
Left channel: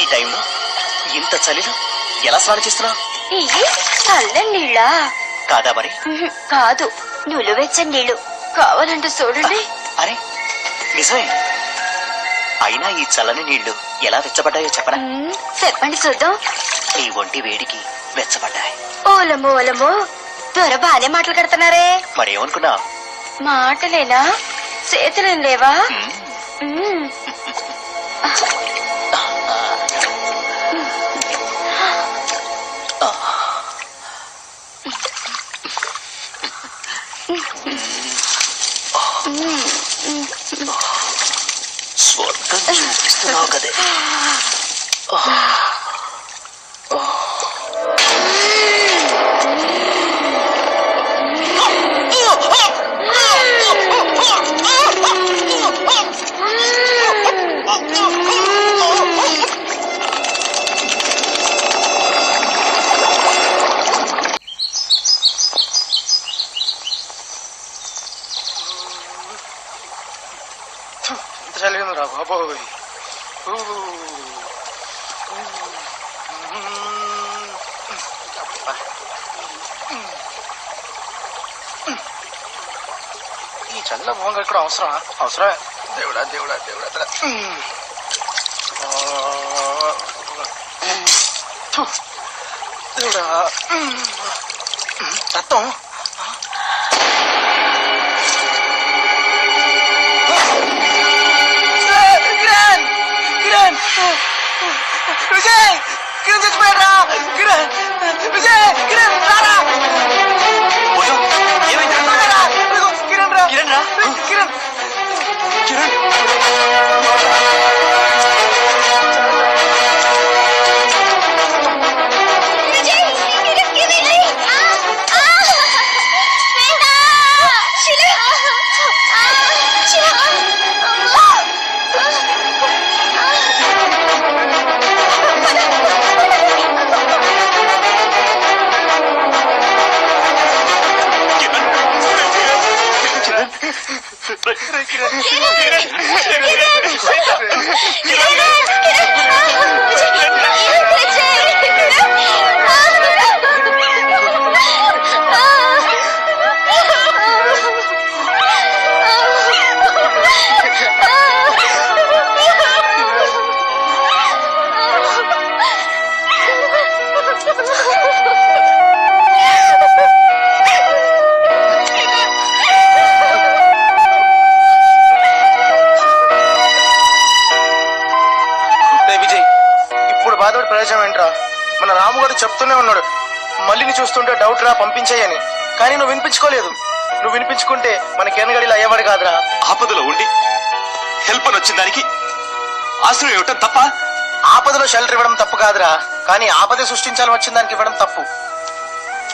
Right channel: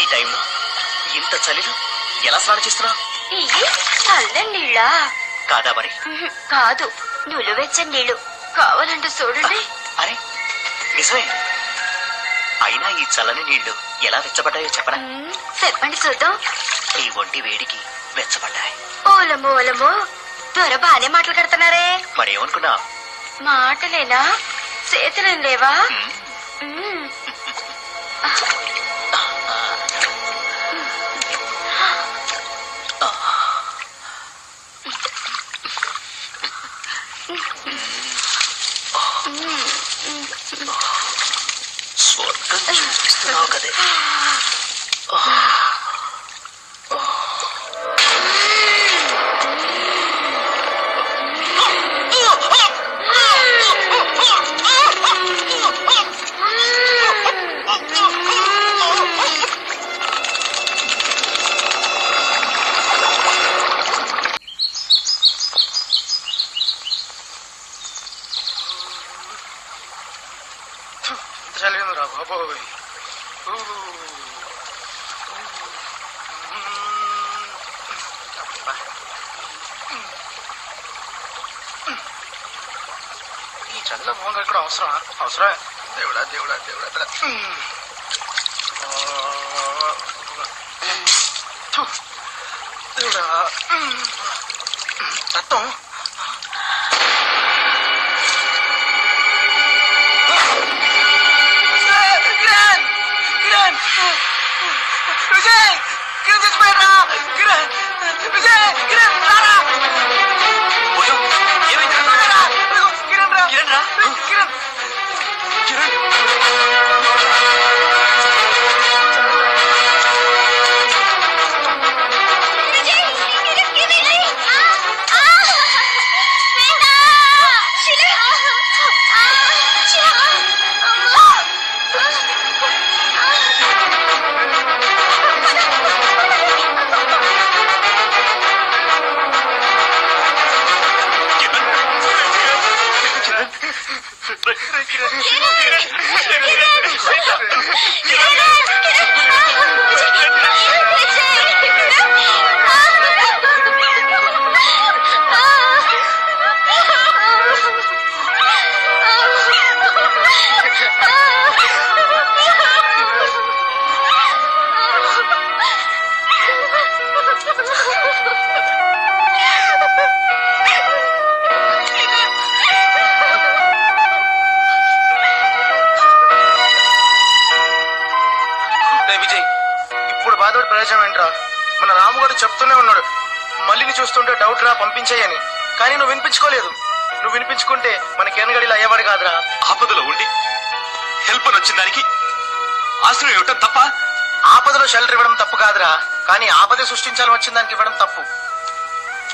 ఈ టైంలో ఇంత చలిలో ఎలా స్నానం చేస్తున్నావు? ఇవి చల్లని నీళ్ళా? కాదా మరి? కాదు, నులువెచ్చని నీళ్లు. కావాలంటే చూడండి. అరే నిజమే. అయినా ఈ చల్లని నీళ్లు ఎలా వెచ్చబడ్డాయో చెప్పరా? చెప్పండి చూద్దాం. నీ ఒంటి వేడికి వెచ్చబడ్డాయి. ఓలమో ఓలమో, దొర బానే మాటలు కడుతున్నారే. మరేమనుకున్నా? మాటలేనా, చేతులేం లేవా? స్వర్గం చూపిస్తున్నావు కదే. చలిగా రా బాబోయ్. ఈ చల్ల మొహంగా ఇక్కడ అవసరమా? అవసరమే. దేవుడా దేవుడా దేవుడా. దేవుడా రక్తం విజయ్ కిరణ్ చచ్చిపోయారా కిరణ్ విజయ్ కిరణ్ రారా కిరణ్ రా కిరణ్ రా కిరణ్ బాధపడి ప్రయోజనం ఏంట్రా? మన రాము గారు చెప్తూనే ఉన్నాడు మళ్ళీని చూస్తుంటే డౌట్ రా పంపించేయని. కానీ నువ్వు వినిపించుకోలేదు. నువ్వు వినిపించుకుంటే మన కేనగడిలో అయ్యేవాడు కాదురా. ఆపదలో ఉండి హెల్ప్ అని వచ్చిన దానికి ఆశ్రయం ఇవ్వటం తప్ప? ఆపదలో షెల్టర్ ఇవ్వడం తప్పు కాదురా, కానీ ఆపద సృష్టించాలని వచ్చిన దానికి ఇవ్వడం తప్పు.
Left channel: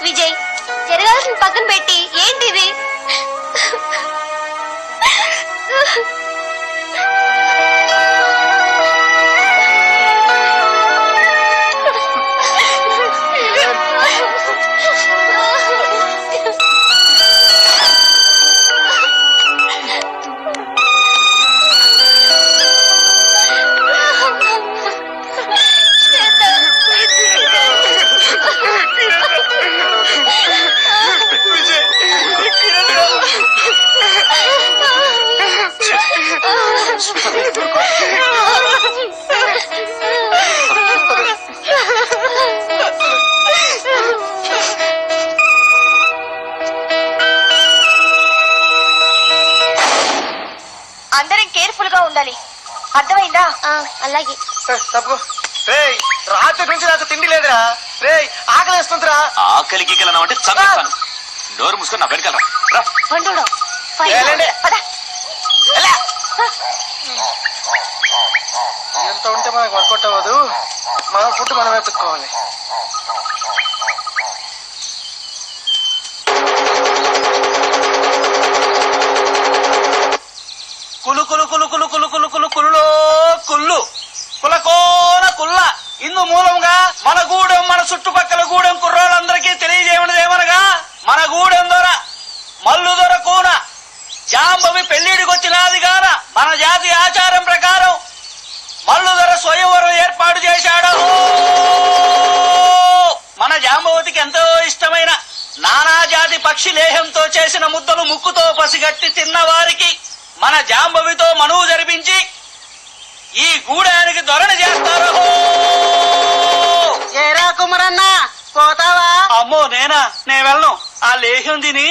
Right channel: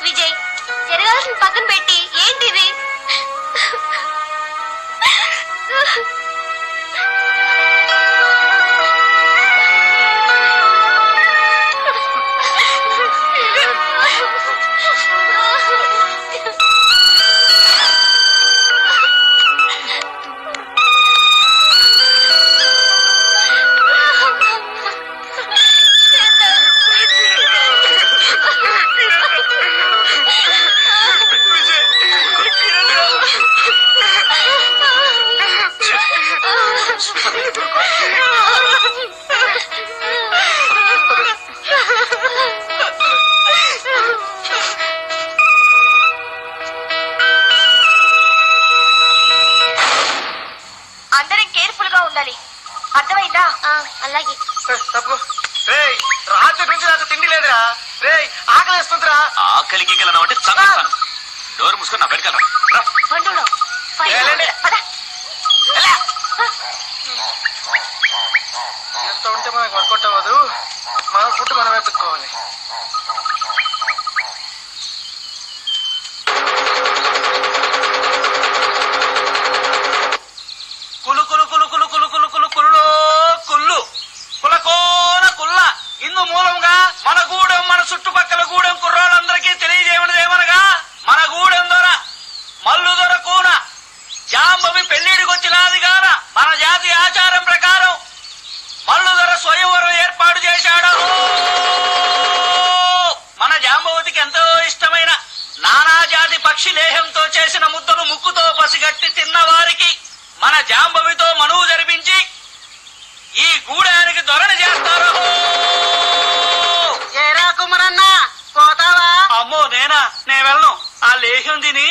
విజయ్ జరగాల్సిన పక్కన పెట్టి ఏంటిది? అందరం కేర్ఫుల్ గా ఉండాలి, అర్థమైందా? అలాగే. తప్పు రాత్రి నుంచి నాకు తిండి లేదురా. రే ఆకలి వేస్తుందిరా. ఆకలి గీకలన్నా అంటే చంపేస్తాను. నోరు మూసుకొని నా వెనకాల రా. ఎంత ఉంటే మనకు వర్కౌట్ అవ్వదు. మన ఫుడ్ మనం వెతుక్కోవాలి. కులు కులు కులు కులు కులు కులు కులు కుల్లో కుళ్ళు కులకోన కుల్ల ఇందు మూలంగా మన గూడెం మన చుట్టుపక్కల గూడెం కుర్రాళ్ళందరికీ తెలియజేయమనగా మన గూడెం దొర మల్లు దొర కూన జాంబవి పెళ్లిడికొచ్చినాది గాన మన జాతి ఆచారం ప్రకారం మల్లు దొర స్వయంవరం ఏర్పాటు చేశాడు. మన జాంబవతికి ఎంతో ఇష్టమైన నానా జాతి పక్షి లేహంతో చేసిన ముద్దలు ముక్కుతో పసిగట్టి తిన్న వారికి మన జాంబవితో మనువు జరిపించి ఈ గూడానికి దొరణ చేస్తారు. ఏరా కుమరన్న పోతావా? అమ్మో నేనా? నేను వెళ్ళను. ఆ లేహ్యం తిని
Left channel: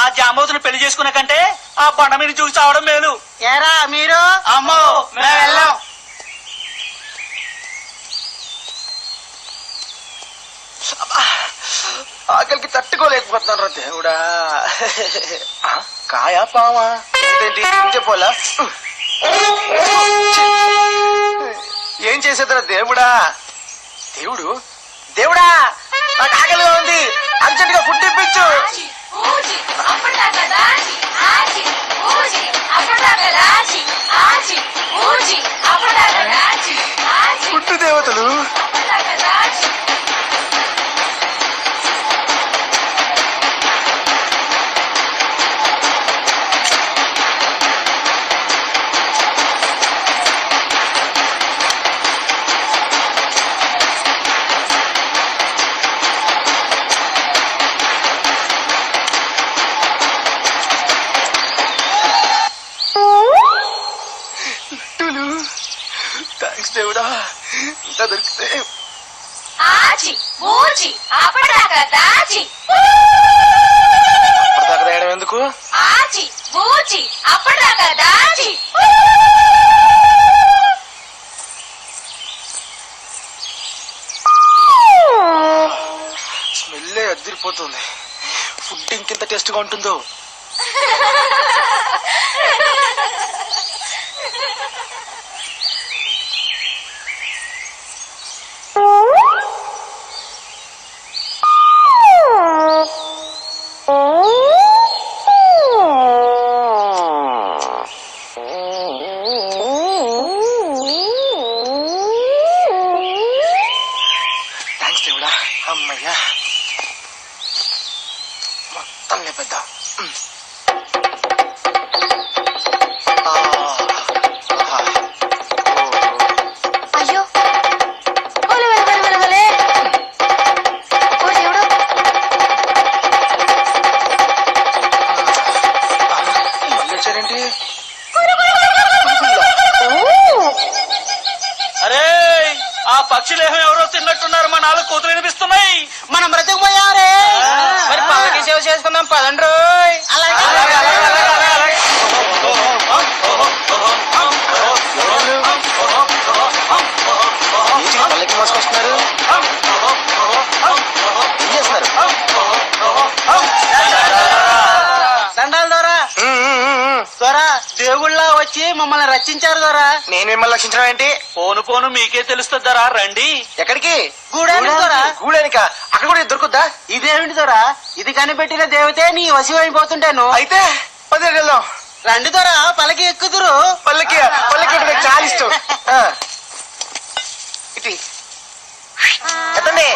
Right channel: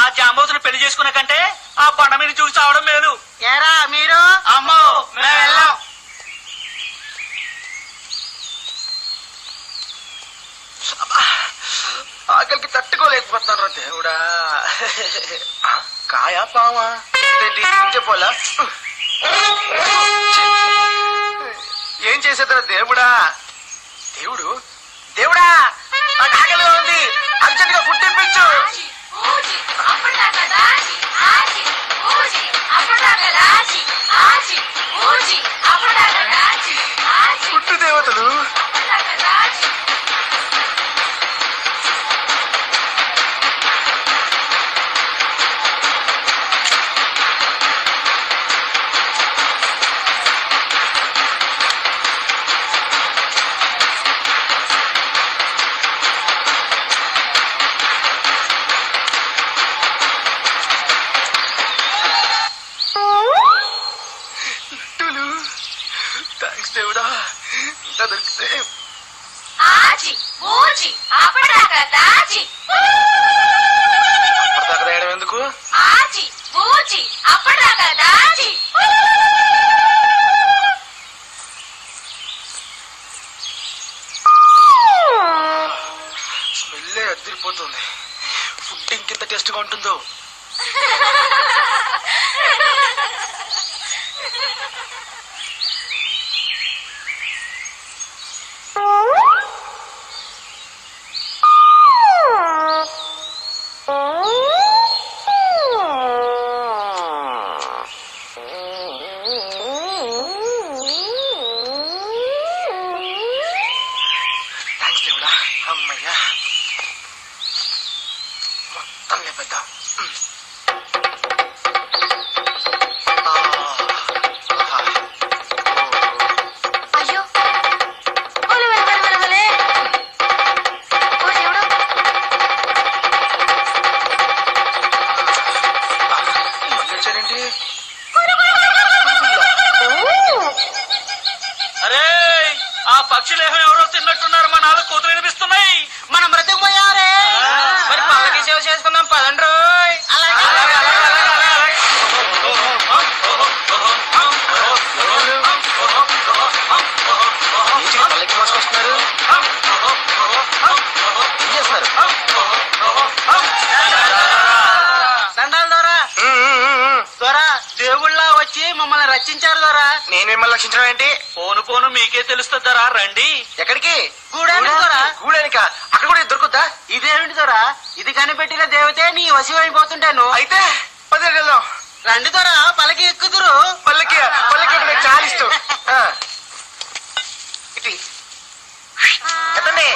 ఆ జాంబవతిని పెళ్లి చేసుకున్న కంటే ఆ బండ మీద చూసి చావడం మేలు. ఏరా మీరు? అమ్మో మేము వెళ్ళాం. ఆకలికి తట్టుకోలేకపోతున్నాను రా దేవుడా. కాయా పావా ఏంటి చెప్పోలా? ఏం చేసేదిరా దేవుడా? దేవుడు దేవుడా నాకు ఆకలిగా ఉంది, అర్జెంట్ గా ఫుడ్ ఇప్పించు. ఫుడ్ దేవతలు దేవుడా ఇంకా దొరికితే ఆచి బూచి అప్పటిదాకా దాచి అప్పటిదాకా వేయడం ఎందుకు? ఆచి బూచి అప్పటిదాకా దాచి స్మెల్లే అదిరిపోతుంది. ఫుడ్ ఇంకెంత టేస్ట్ గా ఉంటుందో. థ్యాంక్స్ దేవుడా. అమ్మయ్యా, మొత్తం లేపేద్దాం. అయ్యో ఒలే ఒలే ఒలే ఒలే ఓ దేవుడా మళ్ళీ వచ్చారేంటి? అరే ఆ పక్షులేహం ఎవరో తిన్నట్టున్నారు. మా నాలుగు కూతురు వినిపిస్తున్నాయి. మనం బ్రతికిపోయారే. మరి పల్లకి సేవ చేసుకుందాం పదండి రోయ్. మళ్ళీ మోసుకొస్తున్నారు. ఏం చేస్తున్నారు? దండాలు దొరా దొరా దేవుళ్ళ వచ్చి మమ్మల్ని రచించారు దొరా. నేను మిమ్మల్ని రక్షించడం ఏంటి? పోను పోను మీకే తెలుస్తుందరా. రండి. ఎక్కడికి? గూడానికి దొరా. గూడానిక? అక్కడ కూడా దొరుకుద్దా? ఇదేమిటి దొరా, ఇది కనిపెట్టిన దేవతే నీ వశం అయిపోతుంటాను. అయితే పదికి వెళ్దాం. రండి దొరా, పలకి ఎక్కుదురు. పల్లకి పల్లకి అంటే నాకు చాలా ఇష్టం. ఇటు ఎత్తండి.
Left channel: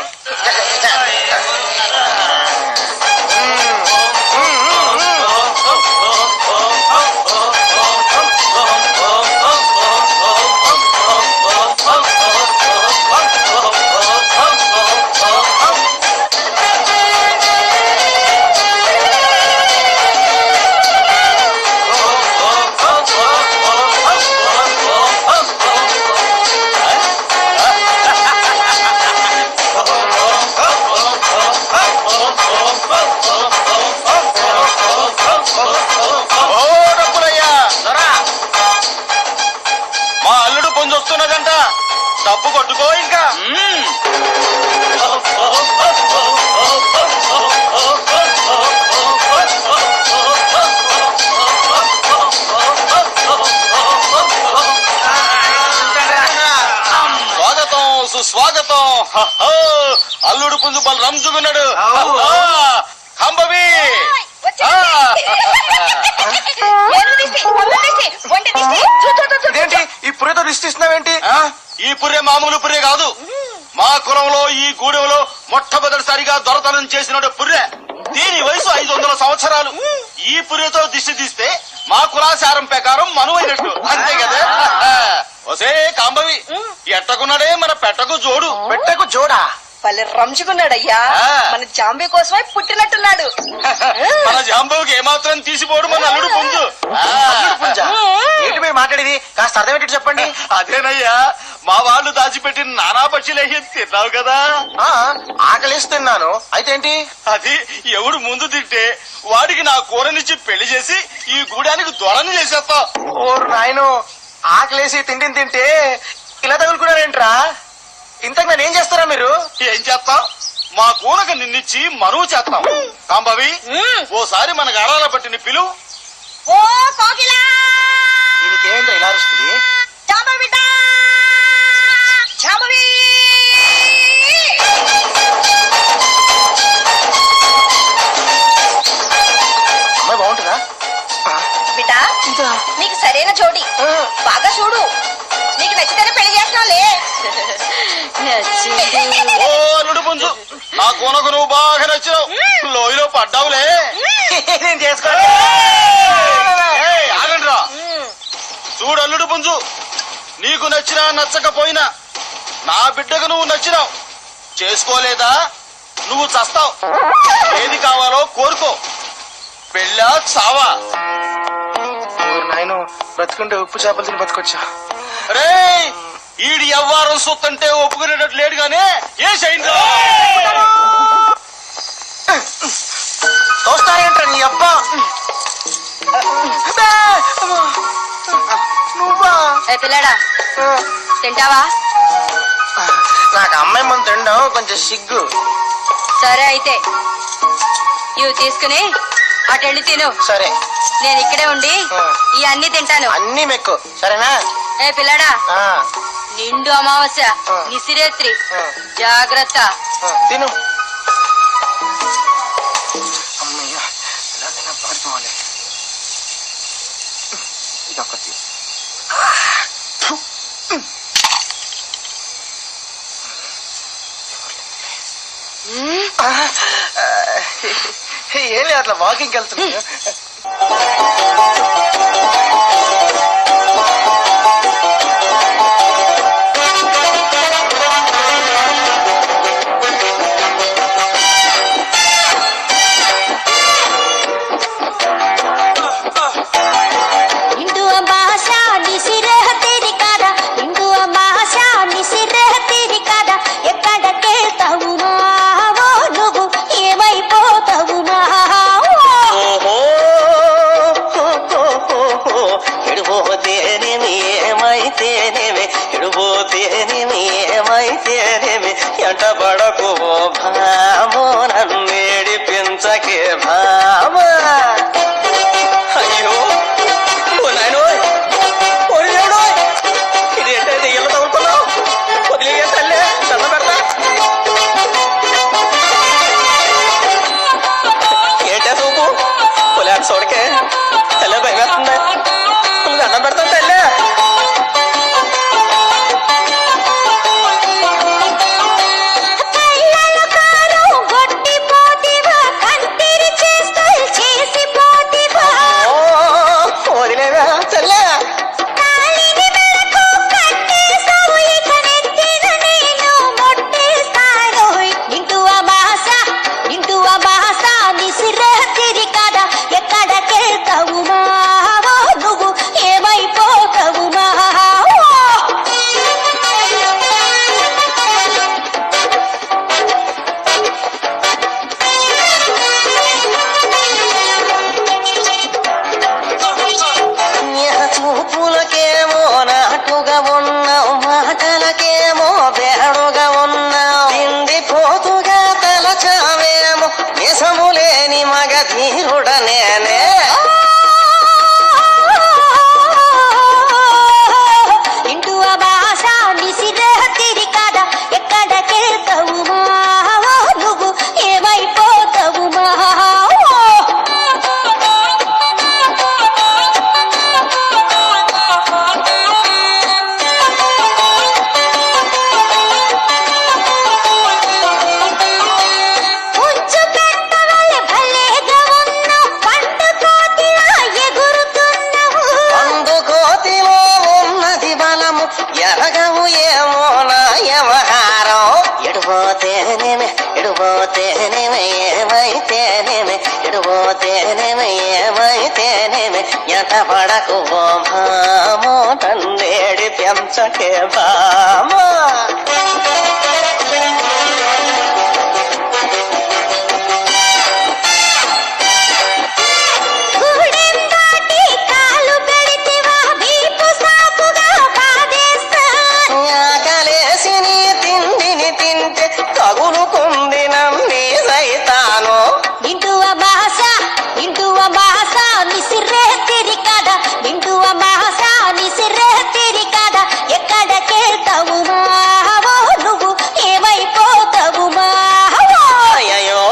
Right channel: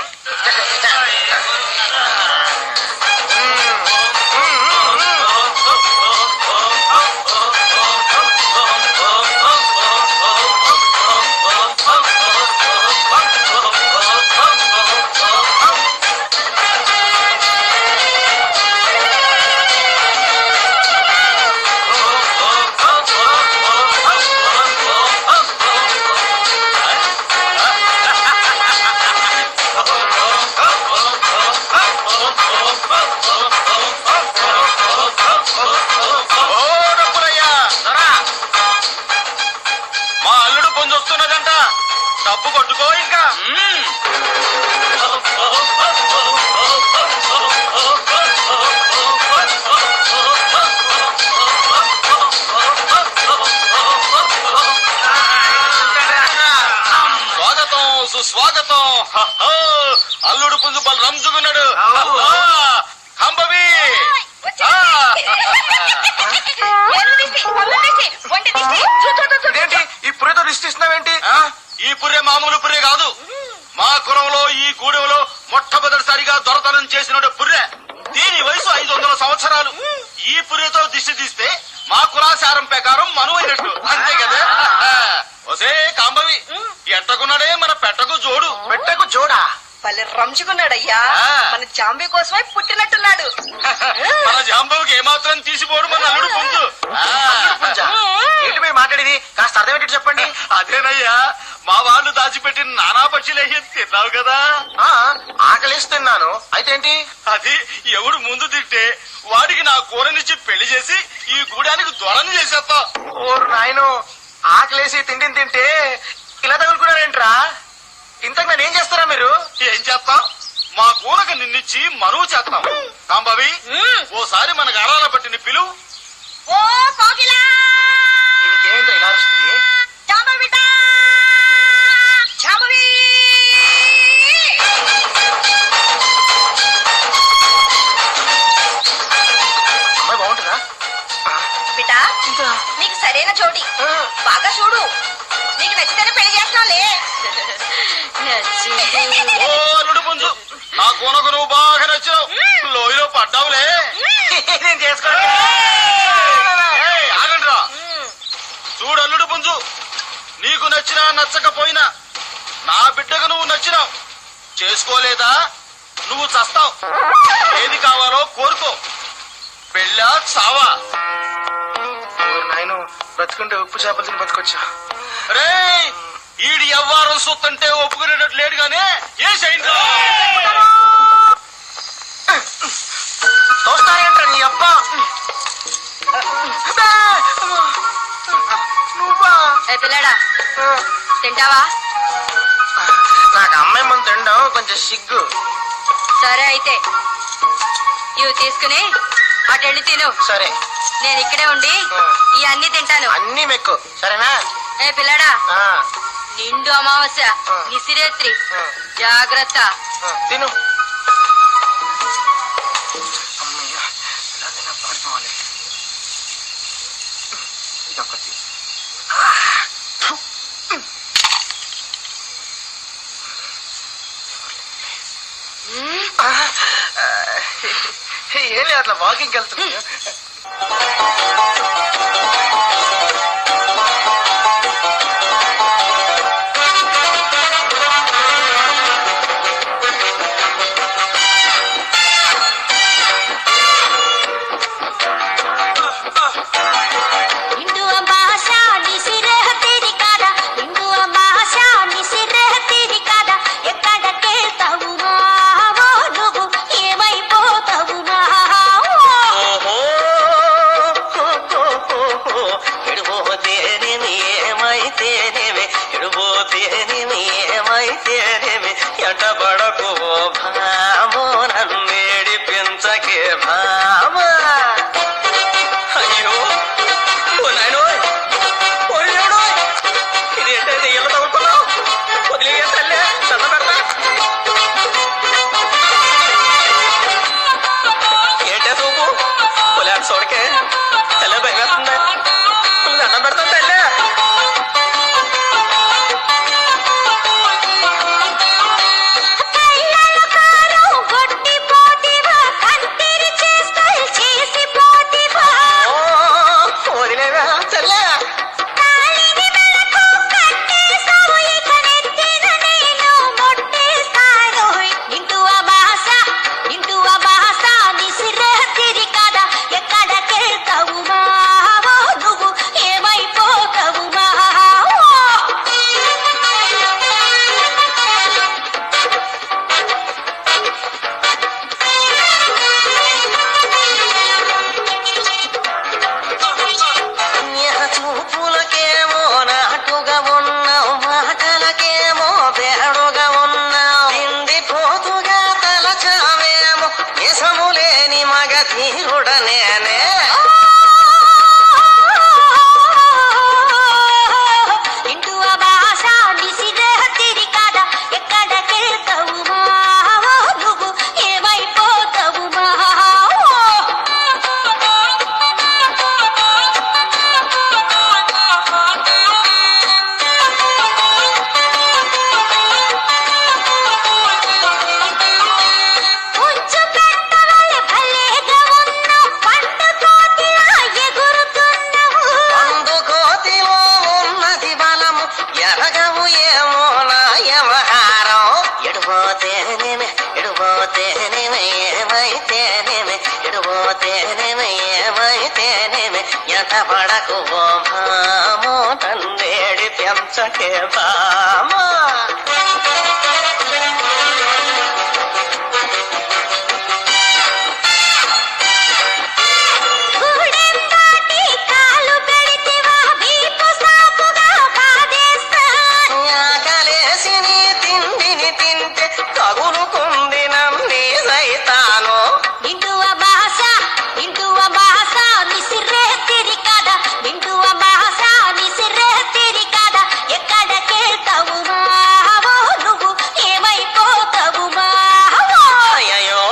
మా అల్లుడు పొందొస్తున్నదంట. డబ్బు కొట్టుకో ఇంకా. స్వాగతం సుస్వాగతం. అల్లుడు పుంజు బల్ రంజుకున్నాడు. అంబవి ఇదేంటి ఈ పుర్రెతో రిష్టిస్తున్నావేంటి? ఈ పుర్రె మామూలు పుర్రె కాదు. మా కులంలో ఈ గూడెంలో మొట్టమొదటిసారిగా దొరతనం చేసిన పుర్రె. దీని వయసు 500 సంవత్సరాలు. ఈ పుర్రెతో దిష్టి తీస్తే మా కులాచారం ప్రకారం మనువైనట్టు. అంతే కదా. ఒసే కాంబవి, ఎట్టకున్నాడే మన పెట్టకు జోడు. పెట్టకు జోడా? పల్లె రంజుకున్నాడయ్యా. మన జాంబీ కోసమే పుట్టినట్టున్నాడు. మన జాంబవుకి ఏమాత్రం తీసిపోడు మన అల్లుడు పుంజు. అల్లుడు పుంజా? ఏంటి మీరు మాట్లాడేది? కాస్త అర్థం ఏంటి చెప్పండి. అదేనయ్యా, మా వాళ్ళు దాచిపెట్టిన నానా పక్షులయ్యి తిన్నావు కదా. ఆకలేసి తిన్నాను. అయితే ఏంటి? అది ఎవడు ముందు తింటే వాడికి నా కూరనిచ్చి పెళ్లి చేసి ఈ గూడానికి దొరని చేసేస్తా. ఓరు నాయను, ఆకలేసి తిండిని తింటే ఇలా తగులుకున్నారేంట్రా? ఇంతకు నేను ఏం చేస్తారా మీరు? ఏం చేస్తాం? మా కూరకు నిన్నిచ్చి మరువు చేస్తాం. కాంబవి, ఓసారి మన గారాల పట్టిన పిలువు. ఓ కోకిలా, దీనికి ఏంటో ఇలా అరుస్తుంది? జాంబవిట, జాంబవి. అమ్మాయి బాగుంటుందా? బిడ్డా, నీకు సరైన జోడి. బాగా చూడు, నీకు నచ్చితేనే పెళ్లి చేస్తానులే. ఓ అల్లుడు పుంజు, నా కూనకు నువ్వు బాగా నచ్చావు. లోయలో పడ్డావులే. నేను చేసుకో. ఆగండ్రా. చూడు అల్లుడు పుంజు, నీకు నచ్చినా నచ్చకపోయినా నా బిడ్డకు నువ్వు నచ్చినావు. చేసుకోలేదా నువ్వు చస్తావు. ఏది కావాలో కోరుకో. పెళ్ళా చావా? నాయను, బ్రతుకుంటే ఉప్పు చేపలు తిని బతకొచ్చా. రే, ఈడి ఎవ్వారం సొత్తంటే ఒప్పుకునేటట్టు లేడు గానే ఏ సైన్లో చూస్తారేంట్రా నీ అబ్బా నువ్వా ఏ పిల్లడా తింటావా? నాకు అమ్మాయి ముందు తినడం కొంచెం సిగ్గు. సరే అయితే ఇవి తీసుకుని అటు వెళ్ళి తిను. సరే నేను ఇక్కడే ఉండి ఈ అన్ని తింటాను. అన్ని మెక్కు సరేనా? ఏ పిల్లడా ఆ, నిండు అమావాస్య నిసిరేత్రి ఆ, జాగ్రత్త. ఆ, తిను. అమ్మయ్య ఎలా పడుకోవాలి. ఇదొకటి. ఏమి అట్లా వాకింగ్కి వెళ్తున్నాను. నిండు అమావాస్య నిసిరేత్రి కాదా, నిండు అమావాస్య నిసిరేత్రి కాదా, ఎక్కడికెళ్తావు మావో నువ్వు, ఏమైపోతావు మావో. ఎడిపోతేనేమి ఏమైతేనేమి, ఎడిపోతేనేమి ఏమైతేనేమి, ఎంట పడకు భామో నన్నేడి పెంచకే భామా. అయ్యో ఇదేంటే ఇళ్ళ తగ్గుతున్నావు, వదిలే తల్లే చల్ల పెడతా. ఏంటే చూపు పొలాడు చూడకే తల్ల భయమేస్తుందా, దండం పెడతాం తల్లే. వదిలేవా తల్లే. ఎక్కడికెళ్తావు మావో నువ్వు, ఏమైపోతావు మావో. చూపులకేమో నాటుగా ఉన్నావు, మాటలకేమో బేడుగా ఉన్నావు, తిండి పోతుగా తలచావేమో, నిజములేని మగ ధీరుడనేనే. నిండు అమావాస్య నిసిరేత్రి కాదా, ఎక్కడికెళ్తావు మావో నువ్వు, ఏమైపోతావు మావో. ఉంచు పెట్టవలె భలేగా ఉన్నావు, పండు కోతిలా ఎగురుతున్నావు. అందుకోతిలో ఉన్నది బలము, ఎరగవు ఏమో నా వ్యవహారం. ఎడిపోతేనేమి ఎడిపోతేనేమి ఏమైతేనేమి, ఎడిపోతేనేమి ఏమైతేనేమి, ఎట పడకు ఓ భామో నన్నేడి పెంచకే భామా. గూడెం దాటి కాలు పెడితివా, వీపు సాపుగా బాధేస్తా. ఆకలేసి నీ తిండిని తింటే తగులుకుంది నమ్మి సైతాను. నిండు అమావాస్య నిసిరేత్రి కాదా, నిండు అమావాస్య నిసిరేత్రి కాదా, ఎక్కడికెళ్తావు మావో నువ్వు, ఏమైపోతావు మావో. అయ్యో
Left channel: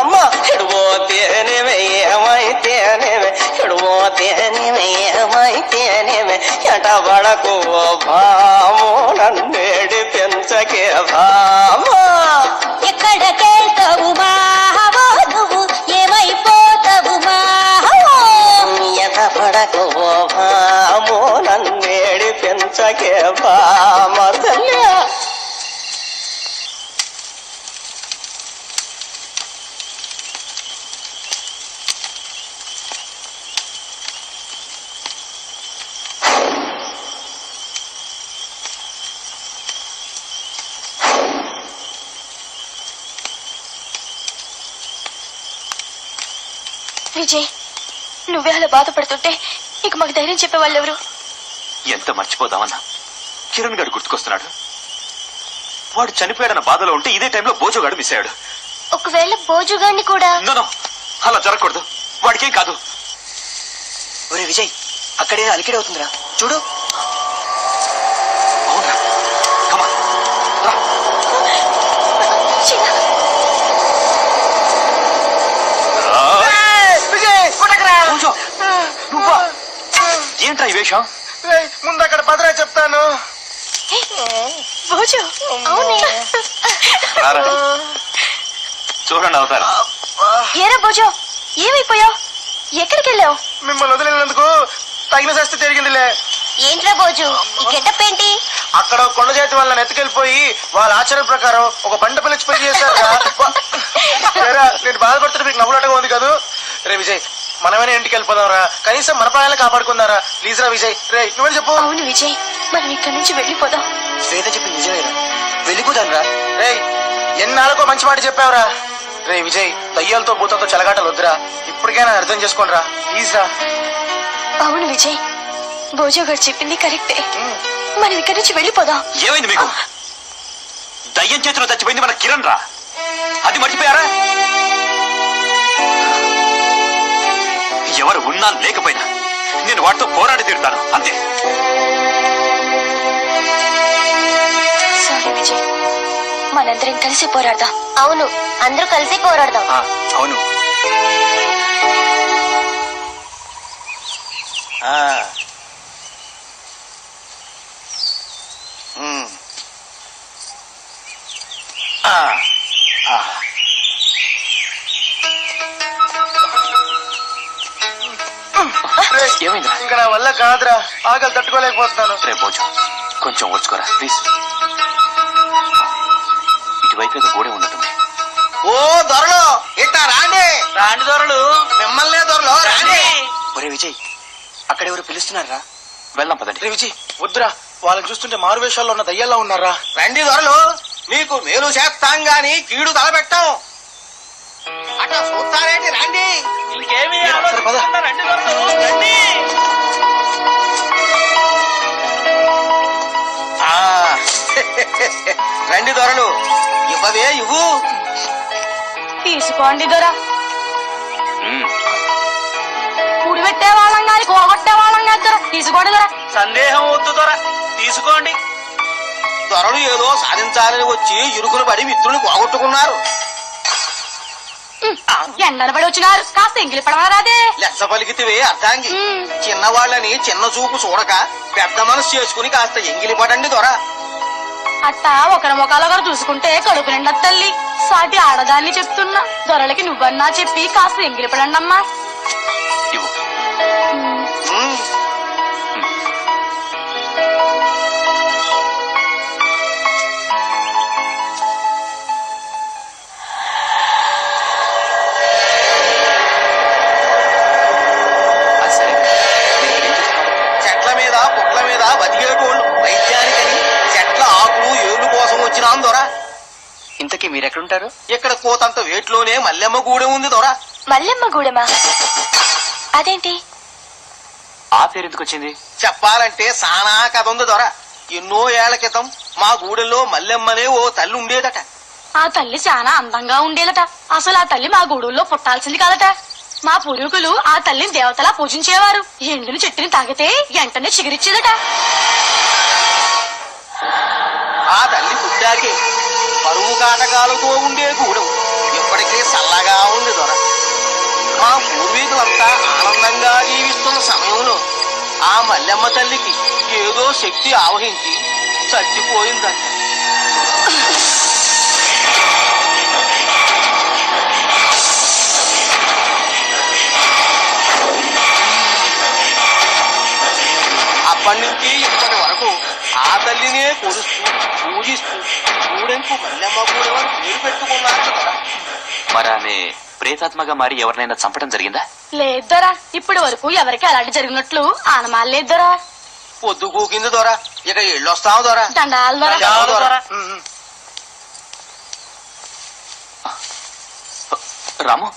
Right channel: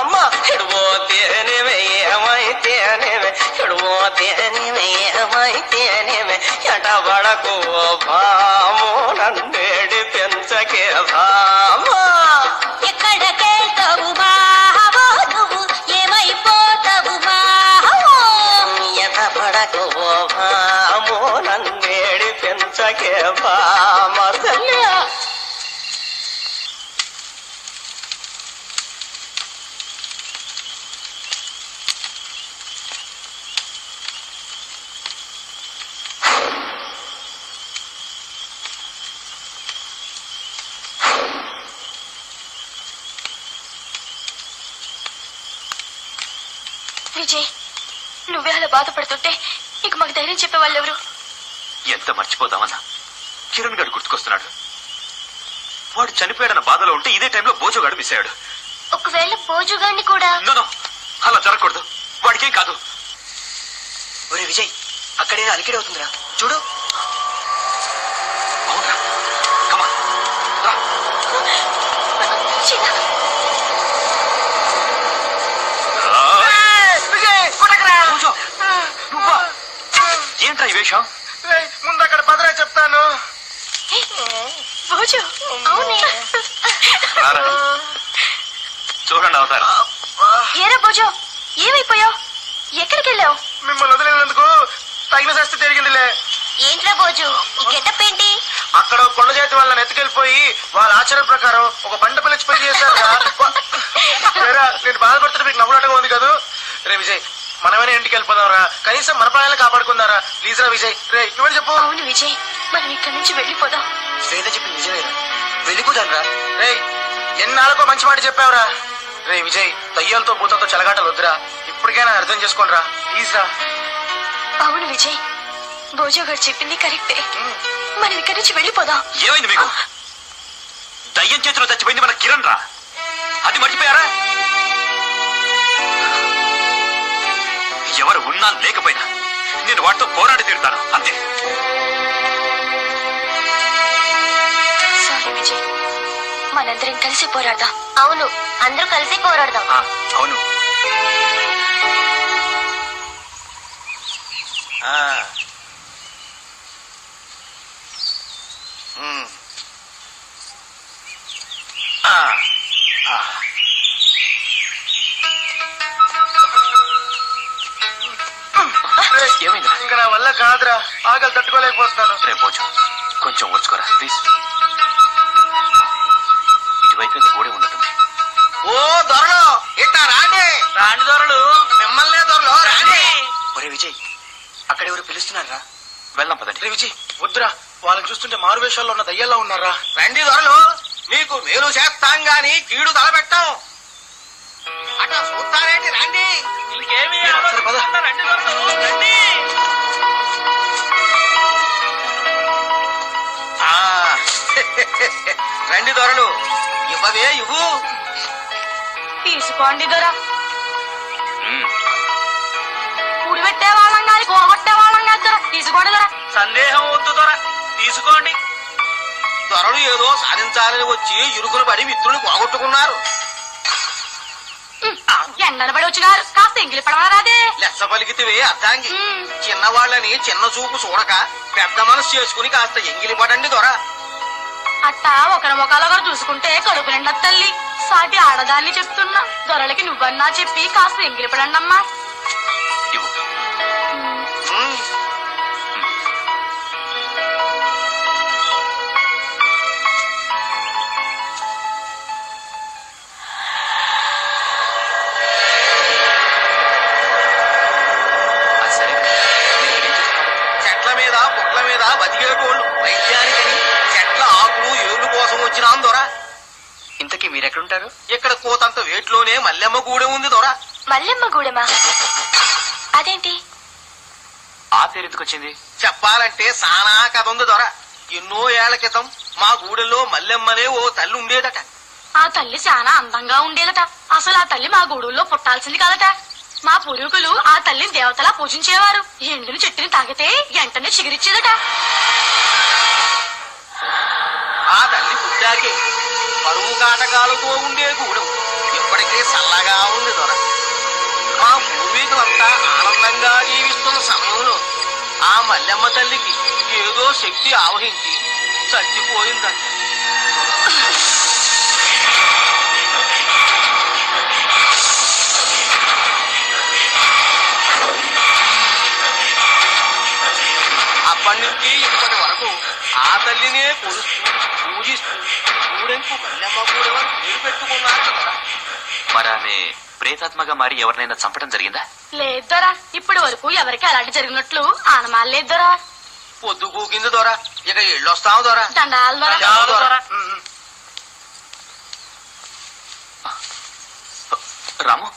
అమ్మ ఎడిపోతేనేమి ఏమైతేనేమి, ఎడిపోతేనేమి ఏమైతేనేమి, ఎంట పడకు భామో నన్నేడి పెంచకే భామా. ఎక్కడికెళ్తావు మావో నువ్వు, ఏమైపోతావు మావో. ఎంట పడకు భామో నన్నేడి పెంచకే భామ తల్లి. విజయ్, నువ్వే అలా బాధపడుతుంటే ఇక మాకు ధైర్యం చెప్పేవాళ్ళు ఎవరు? ఎంత మర్చిపోదామన్నా కిరణ్ గారు గుర్తుకొస్తున్నాడు. వాడు చనిపోయాడన్న బాధలో ఉంటే ఇదే టైంలో బోజుగాడు మిస్ అయ్యాడు. ఒకవేళ బోజుగాడిని కూడా నో, అలా జరగకూడదు. వాడికేం కాదు. ఒరే విజయ్, అక్కడే అలికిడి అవుతుందిరా, చూడు. అవునా? కమా, రా. విజయ్ కొనకరా. బోజు, నువ్వా? ఏంట్రా ఈ వేషం? రేయ్, ముందు అక్కడ పదరా చెప్తాను. బోజు, అవునే. రారా. చూడండి అవుతారు. ఏరా బోజు, ఏమైపోయావు? ఎక్కడికి వెళ్ళావు? మిమ్మల్ని వదిలినందుకు తగిన శాస్తి జరిగిందిలే. ఏంట్రా బోజు, ఈ గెటప్ ఏంటి? అక్కడ కొండ జాతి వాళ్ళని ఎత్తుకెళ్ళిపోయి వాళ్ళ ఆచారం ప్రకారం ఒక బండ పిలిచి పెళ్లి చేశారు. నేను బాధపడుతుంటే మీకు నవ్వులాటగా ఉంది కదా. రే విజయ్, మనమైనా ఇంటికి వెళ్ళిపోదాంరా, కనీసం మన ప్రాణాలు కాపాడుకుందారా. ప్లీజ్ రా విజయ్. రే నువ్వు చెప్పు. అవును విజయ్, మనం ఇక్కడి నుంచి వెళ్ళిపోదాం. శ్వేత చెప్పింది నిజమేరా, వెళ్ళిపోదాన్రా. రే ఎన్నాళ్ళకో మంచి మాట చెప్పావురా. రే విజయ్, దయ్యాలతో భూతంతో చెలగాటలు వద్దురా. ఇప్పటికైనా అర్థం చేసుకోండి రా, ప్లీజ్ రా. అవును విజయ్, బోజో గారు చెప్పింది కరెక్టే. మనం ఇక్కడి నుంచి వెళ్ళిపోదాం. ఏమైంది మీకు? దయ్యం చేతిలో చచ్చిపోయింది మన కిరణ్ రా. అది మర్చిపోయారా? ఎవరు ఉన్నా లేకపోయినా నేను వాటితో పోరాడి తీరుతాను, అంతే. సారీ విజయ్, మనందరం కలిసి పోరాడదాం. అవును, అందరూ కలిసి పోరాడదాం. అవును. ఏమైంది? ఇంకా నా వల్ల కాదురా, ఆకలి తట్టుకోలేకపోతున్నాను. రే బోజు, కొంచెం వచ్చుకోరా ప్లీజ్. ఇటువైపు ఏదో గోడే ఉన్నట్టుంది. ఓ దొరలు ఇట్లా రాండి. రాండి దొరలు. మిమ్మల్నే దొరలు రాండి. ఒరే విజయ్, అక్కడ ఎవరు పిలుస్తున్నారా? వెళ్దాం పదండి. రే విజయ్ వద్దురా, వాళ్ళని చూస్తుంటే మారు వేషాల్లో ఉన్న దయ్యాల్లో ఉన్నారా. రండి దొరలు, మీకు మేలు చేస్తాం గాని కీడు తలపెట్టాం. అట్లా చూస్తారేంటి, రండి. ఇంకేమీ సరే, పద. ఆలోచించకుండా రండి దొరలు, రండి. రండి దొరలు, ఇవ్వవే ఇవ్వు. తీసుకోండి దొర. ఉమ్. కూడి పెట్టే వాళ్ళన్నారు, కోగొట్టే వాళ్ళన్నారు దొర. తీసుకోండి దొర. సందేహం వద్దు దొర, తీసుకోండి. దొరలు ఏదో సాధించాలని వచ్చి ఇరుకులు పడి మిత్రుని పోగొట్టుకున్నారు. ఎండలు పడి వచ్చినారు, కాస్త ఎంగిలి పడవారాదే. లెచ్చ పలికితివే అర్థాంగి. చిన్నవాళ్ళని చిన్న చూపు చూడక పెద్ద మనసు చేసుకుని కాస్త ఎంగిలి పడండి దొర. అట్టా ఒకరి ముఖాలు ఒకరు చూసుకుంటే కడుపు నిండా తల్లి. సాటి ఆడదాన్ని చెప్తున్నా, దొరలకి నువ్వన్నా చెప్పి కాస్త ఎంగిలి పడండి అమ్మా. ఇవ్వు. ఉమ్. సరే, మీరు ఇక్కడ ఏం చేస్తున్నారు? చెట్ల మీద పుట్ల మీద బతికేటోళ్ళు వైద్యానికని చెట్ల ఆకులు ఏళ్ళు కోసం వచ్చినాం దొర. ఇంతకీ మీరెక్కడుంటారు? ఇక్కడ కోతంత వేట్లోనే మల్లెమ్మ గూడెం ఉంది దొర. మల్లెమ్మ గూడెమా? అదేంటి? ఆ పేరు ఎందుకు వచ్చింది? చెప్పాలంటే సానా కథ ఉంది దొర. ఎన్నో ఏళ్ల క్రితం మా గూడెంలో మల్లెమ్మనే ఓ తల్లి ఉండేదట. ఆ తల్లి చాలా అందంగా ఉండేదట. అసలు ఆ తల్లి మా గూడూల్లో పుట్టాల్సింది కాదట. మా పూర్వీకులు ఆ తల్లిని దేవతలా పూజించేవారు. ఎండుని చెట్టుని తాగితే వెంటనే చిగురిచ్చేదట. ఆ తల్లి పుట్టాకే పరువు కాటకాలతో ఉండే గూడెం ఇప్పటికే చల్లగా ఉంది దొర. మా పూర్వీకులంతా ఆనందంగా జీవిస్తున్న సమయంలో ఆ మల్లెమ్మ తల్లికి ఏదో శక్తి ఆవహించి చచ్చిపోయిందట. అప్పటి నుంచి ఇప్పటి వరకు ఆ తల్లినే కొలుస్తూ పూజిస్తూ గూడెంకు మల్లెమ్మ గూడెం అని పేరు పెట్టుకున్నారు కదా. మరి ఆమె ప్రేతాత్మగా మారి ఎవరినైనా చంపడం జరిగిందా? లేదోరా, ఇప్పటి వరకు ఎవరికి అలాంటి జరిగినట్లు ఆనమాలేదోరా. పొద్దు కూకింది దొర, ఇక ఎళ్ళొస్తావు దొర. దండాలు దొర. చాలు దొర. రాము,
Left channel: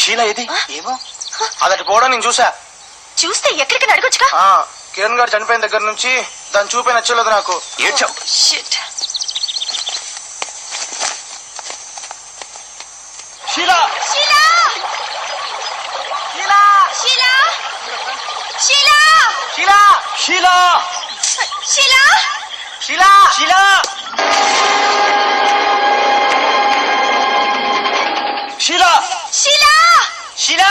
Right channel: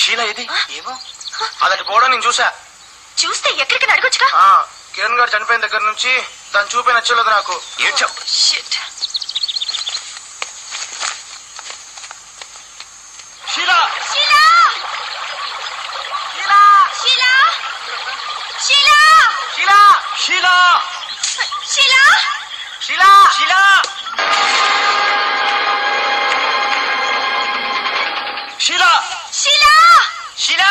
షీలా ఇది? ఏమో అదటి పోవడం నేను చూసా. చూస్తే ఎక్కడికి అడగొచ్చుగా. కిరణ్ గారు చనిపోయిన దగ్గర నుంచి దాని చూపే నచ్చలేదు నాకు. ఏడ్చావు. Shit. షీలా షీలా షీలా షీలా షీలా షీలా షీలా షీలా షీలా షీలా షీలా షీలా షీలా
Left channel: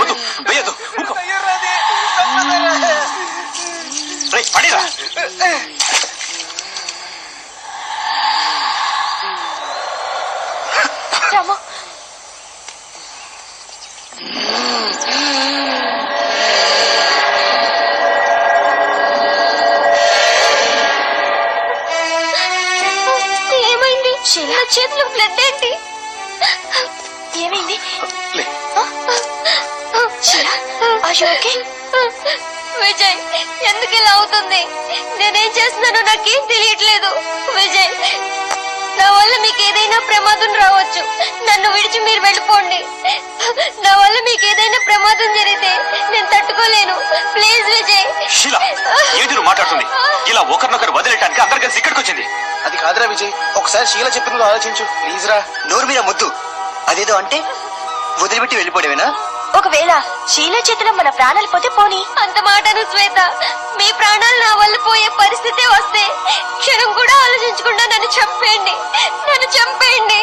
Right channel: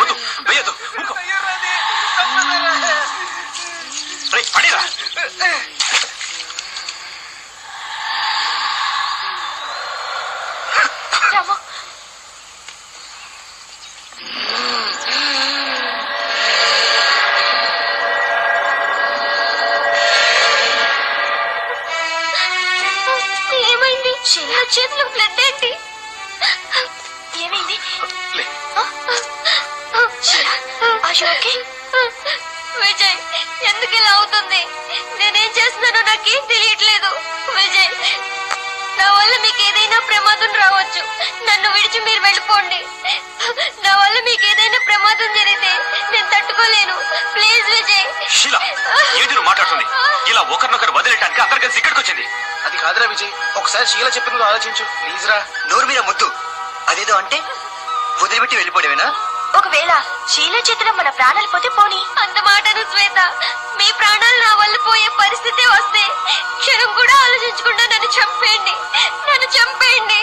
వద్దు వేయద్దు. ఊరుకో. రేయ్, పడిరా. రామా ఏమైంది? చిన్న చేతిలో బ్లడ్ ఏంటి? ఏమైంది? లే. విజయ్, ఎందుకు ఇలా అవుతుంది? నేనేం చేస్తున్నానో నాకేం తెలియట్లేదు. విజయ్, నా వల్ల మీకు ఏదైనా ప్రమాదం రావచ్చు. నన్ను విడిచి మీరు వెళ్ళిపోండి. నా వల్ల మీకు ఏదైనా ప్రమాదం జరిగితే నేను తట్టుకోలేను. ప్లీజ్ విజయ్. షీలా, ఏంటి నువ్వు మాట్లాడుతుంది? ఇలా ఒకరినొకరు వదిలేటానికి అందరు కలిసి ఇక్కడికి వచ్చింది. అది కాదురా విజయ్, ఒకసారి షీల చెప్పింది ఆలోచించు ప్లీజ్ రా. నోరు మీద ముద్దు. అదేదో అంటే వదిలిపెట్టి వెళ్ళిపోవడమేనా? ఒకవేళ షీలా చేతిలో మన ప్రాణాలు పోతే పోనీ. అంత మాటని శ్వేత, మీ ప్రాణాలు నా వల్ల పోయే పరిస్థితి వస్తే క్షణం కూడా ఆలోచించకుండా నన్ను చంపేయండి. నన్ను చంపేయండి.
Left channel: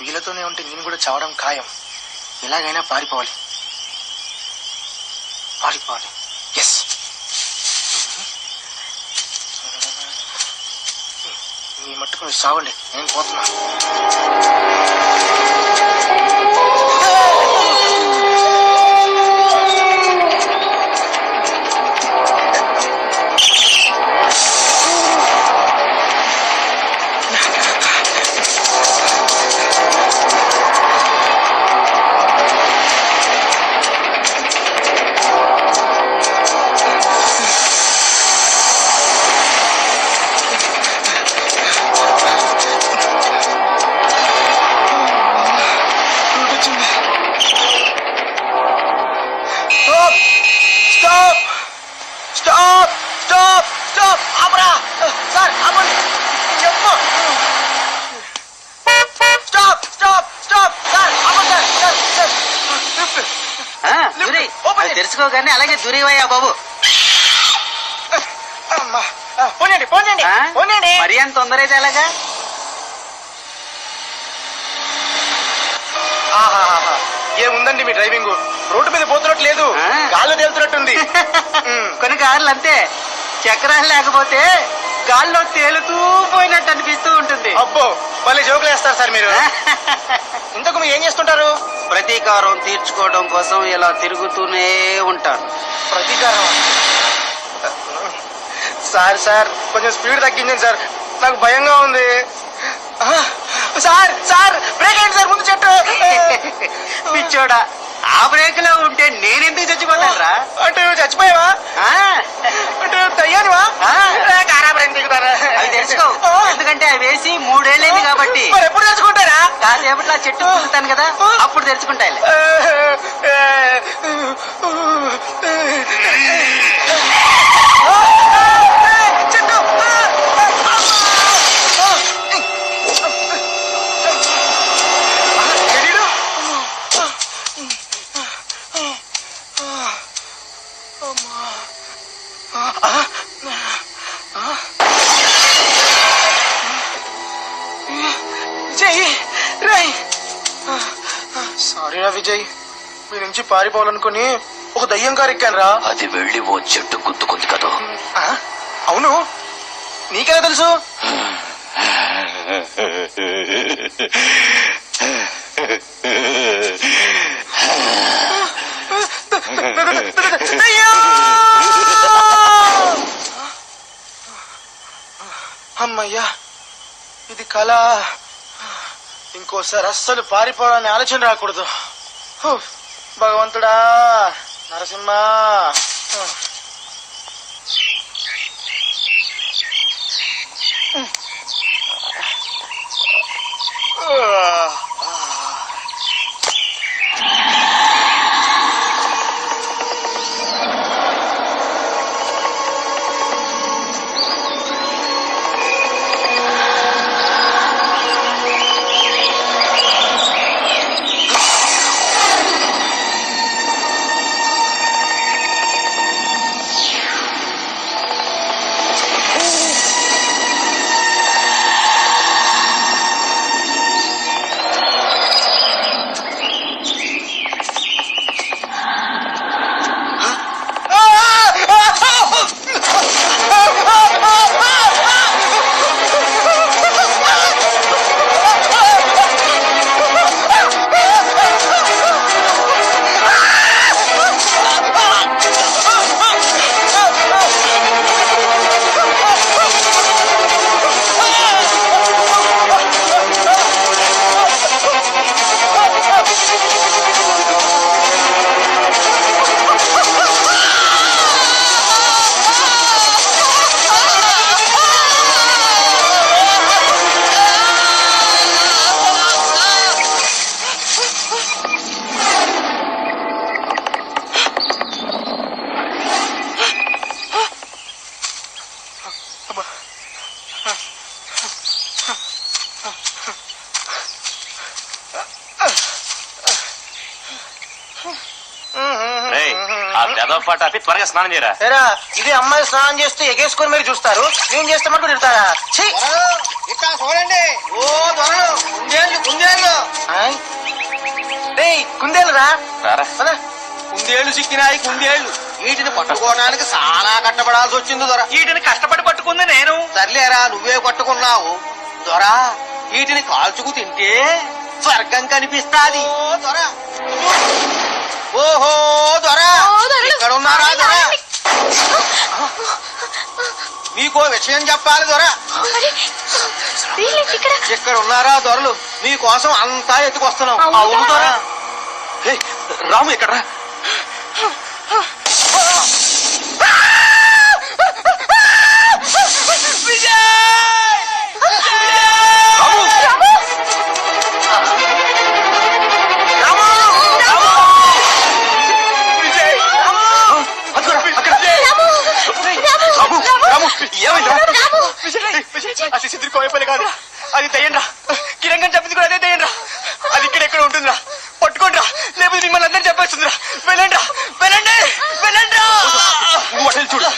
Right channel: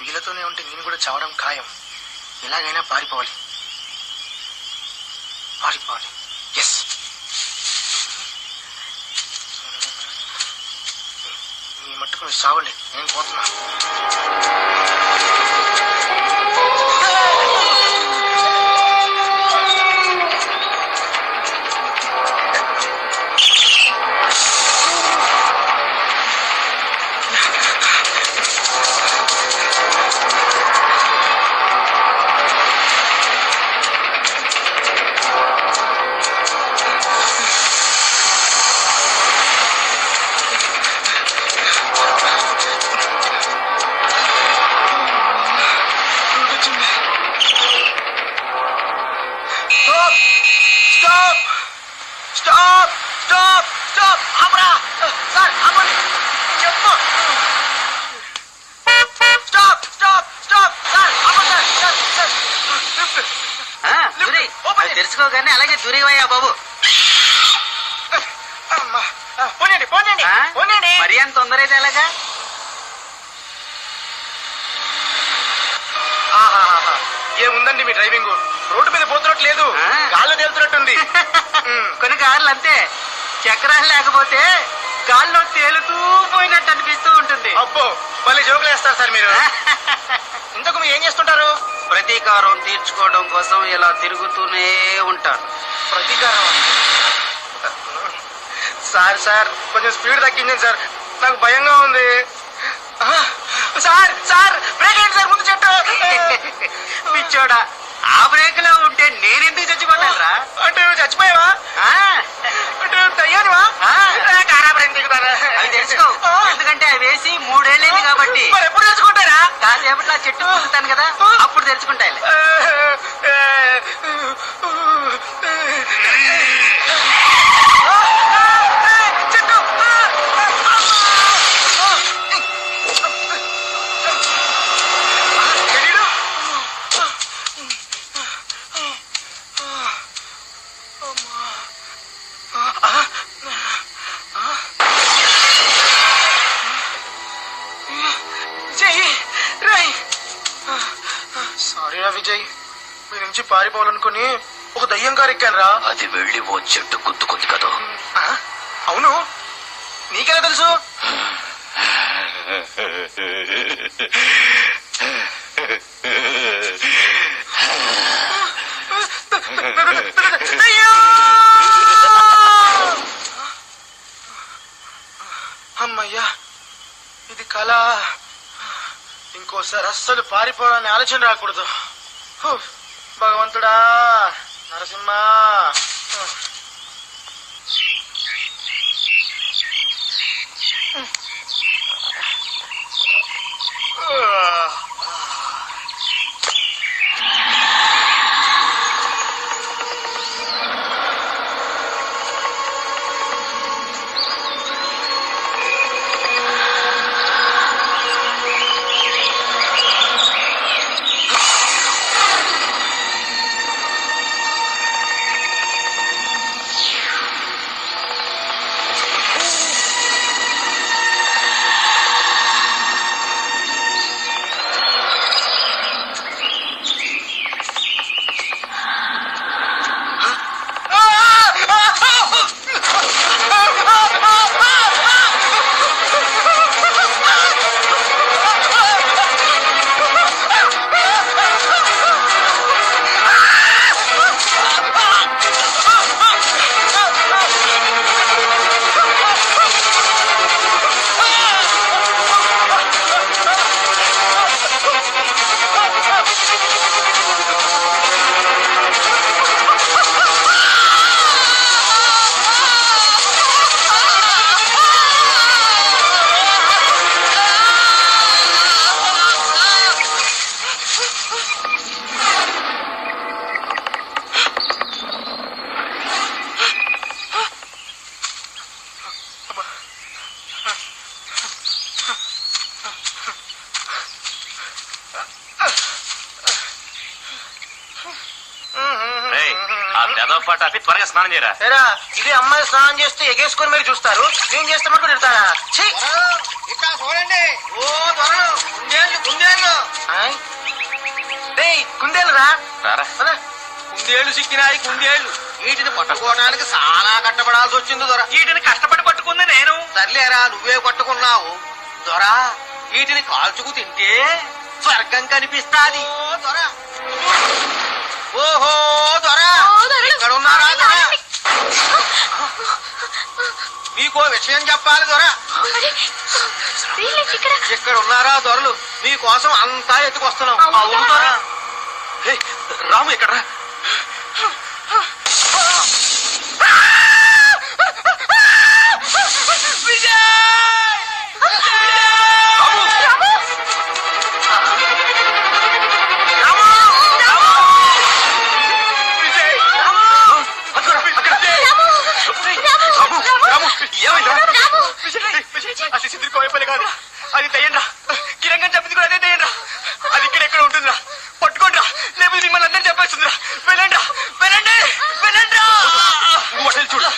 వీళ్ళతోనే ఉంటే నేను కూడా చావడం ఖాయం. ఎలాగైనా పారిపోవాలి. ఎస్. మీ మట్టుకు మీరు చావండి, నేను పోతున్నా. తెలుసుకోగానే అలాగే దురివయ్యా బాబు. మరి అంత తొందర అయితే ఎలాగా? ఏముందండి మీ డ్రైవింగ్? రోడ్డు మీద పోతున్నట్టు లేదు, గాల్లో తేలుతున్నట్టుంది. కొన్ని కార్లు అంతే, చక్రాలు లేకపోతే గాల్లో తేలుతూ పోయినట్టు అనిపిస్తూ ఉంటుంది. అబ్బో మళ్ళీ జోకులు వేస్తారు సార్ మీరు. ఇంతకు మీరు ఏం చేస్తుంటారు? ప్రతీకారం తీర్చుకోవడం కోసం ఇలా తిరుగుతూనే ఉంటాను. ప్రతీకారం సార్ సార్ కొంచెం స్పీడ్ తగ్గించండి సార్, నాకు భయంగా ఉంది. సార్ సార్ బ్రేక్ అయింది సార్, ముందు చెట్టు. పిచ్చోడా, ఆ బ్రేక్ లో ఉంటే నేనెందుకు చచ్చిపోతానురా? అంటే చచ్చిపోయావా? అంటే తయ్యానువా? అవి తెలుసుకో, ఎందుకంటే అవి వేసి 3 ఏళ్ళైంది కాబట్టి. మరి ఎప్పుడు తెచ్చుకుంటారా? కాసేపట్లో ఆ చెట్టు పులుతాను కదా, అప్పుడు తెలుసుకుంటాయి. సారీరా విజయ్, మీ నుంచి పారిపోవాలనుకుని ఒక దయ్యం కారు ఎక్కాను రా. అది వెళ్ళి ఓ చెట్టు గుద్దుకుంది కదా. అవును, నీకెలా తెలుసు? అమ్మయ్యా, ఇది కళ. ఇంకోసారి అస్సలు పారిపోవాలని ఆలోచన రాకూడదు. భగవంతుడా, నరసింహ. పాటు త్వరగా స్నానం చేయరా. ఏరా, ఇది అమ్మాయి స్నానం చేస్తే ఎగేసుకొని మీరు చూస్తారు, నేను చేస్తే మాకు తిడతారా? ఇక్కడ చూడండి, ఓ కుందేళ్ళు కుందేళ్ళు కుందేళ్ళు రా. కుందేళ్లు సిక్కినాయి, కుందేళ్లు. వీటిని పట్టుకోవడానికి చాలా కష్టపడాల్సి వచ్చింది దొర. వీటిని కష్టపడి పట్టుకుంది నేను. సర్లేరా, నువ్వే పట్టుకున్నావు దొర. వీటిని కాల్చుకు తింటే స్వర్గం కనిపిస్తాది దొర. ఓహో దొర, ఇక్కడ ఉన్నారా దొర? మీకో విషయం చెప్పాలి దొర. ఇక్కడ ఉన్నారా దొరలు? మీకోసం అంతా ఎత్తుకొస్తున్నాం. అవును దొర. రాము ఎక్కడ? కాదు, అది దయ్యంరా. కిరంగం చెప్పింది కూడా అదే దయ్యంరా. అది ఇక్కడెక్కడ ఉంటుందిరా, పట్టుకోండిరా, లేకపోతే మిమ్మల్ని అందరూ చెప్పేస్తుందిరా. వెళ్ళండి వెళ్ళండి వెళ్ళండి. చూడు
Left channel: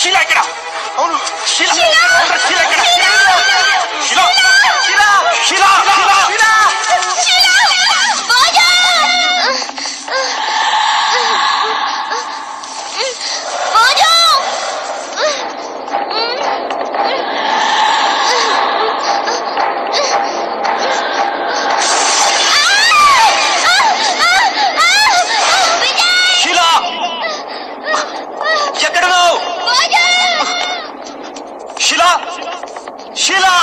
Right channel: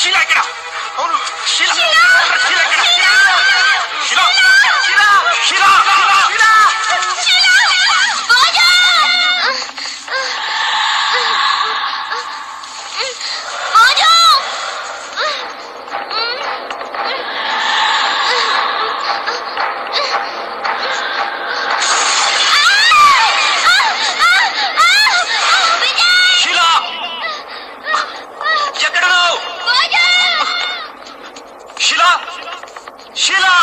షీలా ఎక్కడ? అవును షీలా షీలా ఎక్కడ? షీలా షీలా షీలా షీలా ఎక్కడ నువ్వు? షీలా షీలా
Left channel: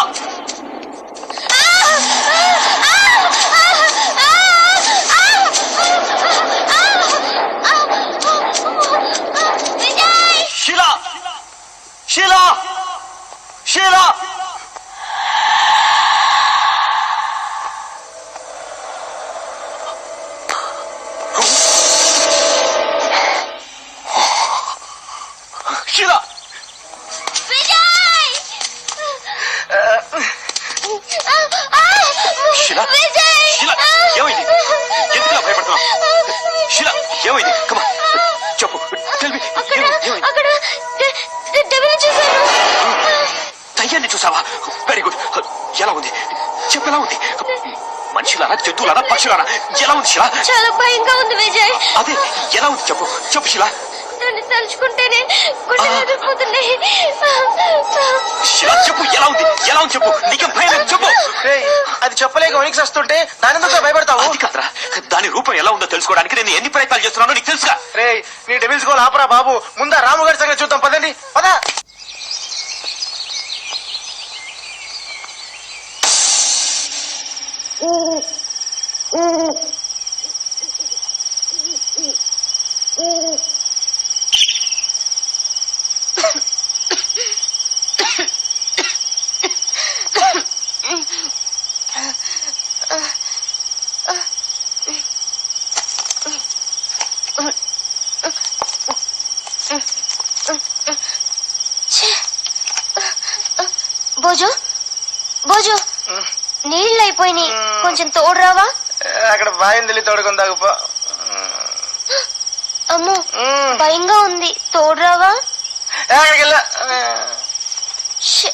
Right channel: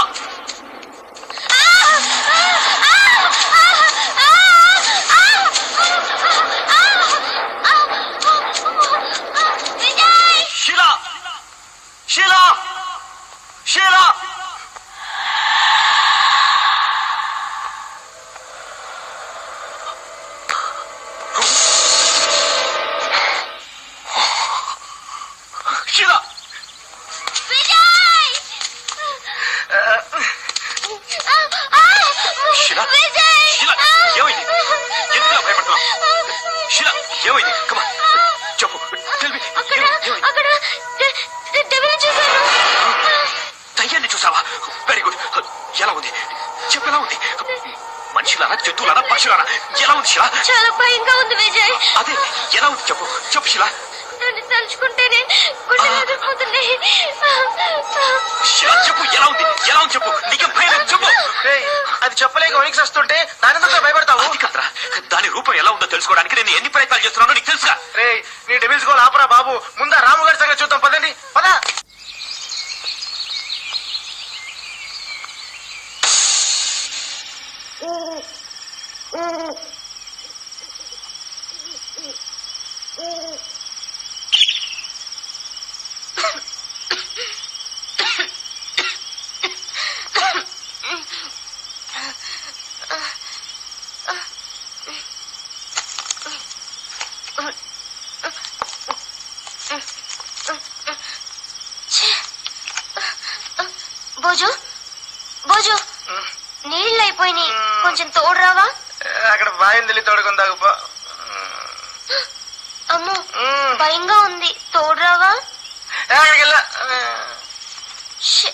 షీలా షీలా షీలా షీలా షీలా షీలా ఏమైంది? ఎందుకు భయపడుతున్నావు? షీలా ఏమైంది? కమా చెప్పు. టెల్ మీ ఏమైంది? దయ్యాన్ని చూసావా? Very good. ఎలా ఉంది చెప్పు, ఎలా ఉంది? మనుషులారా, జంతువులారా, పక్షులారా? ఎలా ఉంది శిలా? చాలా భయంగా ఉంది విజయ్. అదే ఎలా ఉంది చెప్పు చెప్పు శిలా. నన్ను తలుచుకుంటేనే గుండెలు ఆగిపోతున్నాయి. శిలా చెప్పు ఎలా ఉంది? ఎలా ఉంది చెప్పు. నీకేం భయం లేదు చెప్పు. రేయ్, అది చెప్పలేక వణికి వస్తుంటే దాని ఎందుకు భయపడతావు? అది కదరా, దాని రూపం ఎలా ఉందో తెలుసుకోవడానికి నేను ఎన్ని ప్రయత్నాలు చేస్తున్నానో నీకు తెలుసుగా. రేయ్, నీ డెవిల్స్ గోల్ ఆపరా బాబు. ముందా రాము గారి సంగతి చూద్దాం పదండి. పదా. భోజు భోజు నీళ్ళు అయిపోయినాయి, కొంచెం తోడురావా? అక్కడ బాయం తెలియ తోడుకుందాగుపో. అమ్మో భయంగా ఉంది, తోడురావా? అక్కడికెళ్ళా. ష్.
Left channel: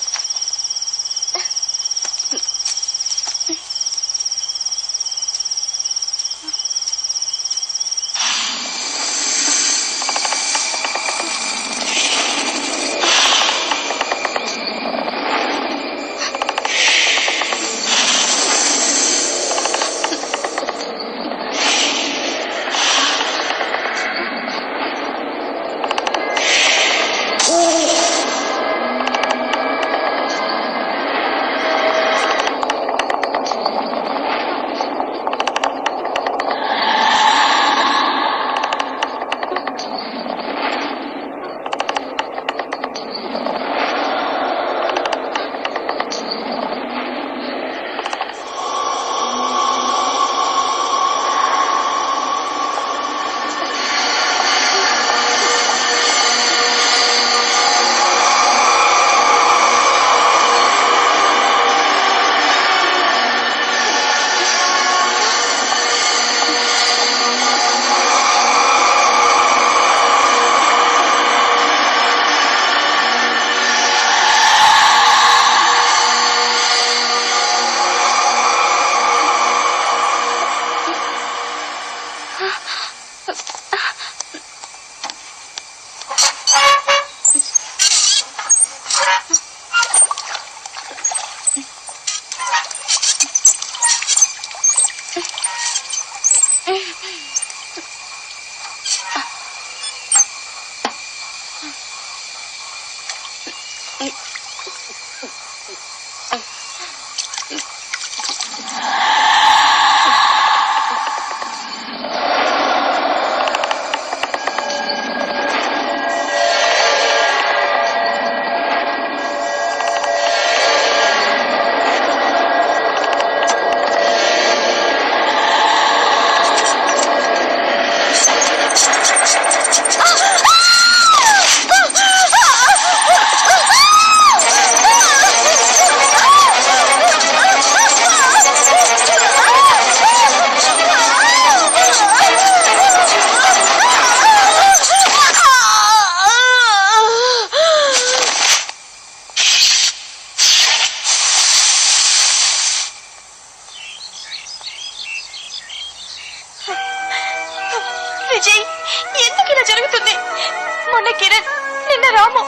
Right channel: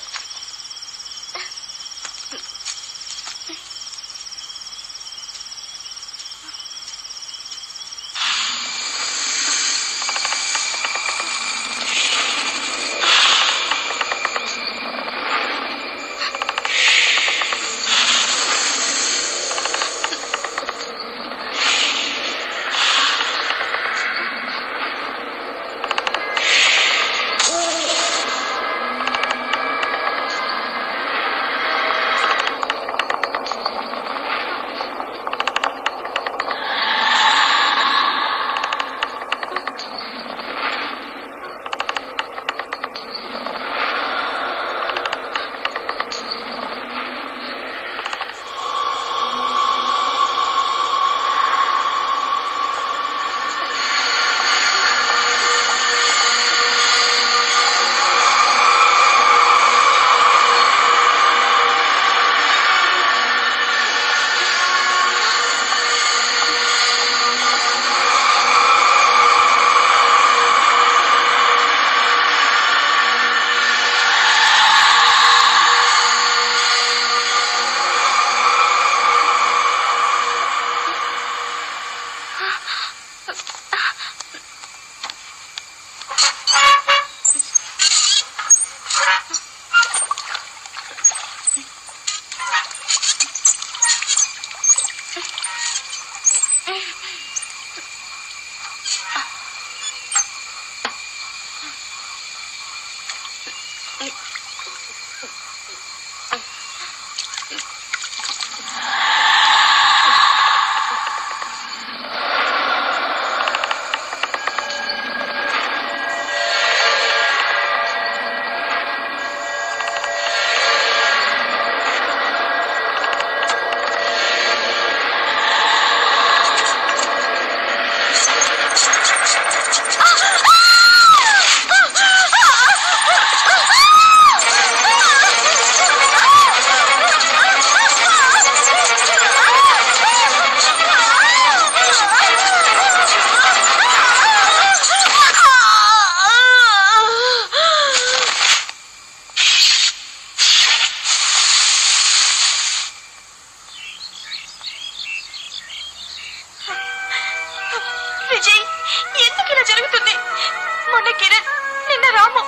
నిన్న రాము,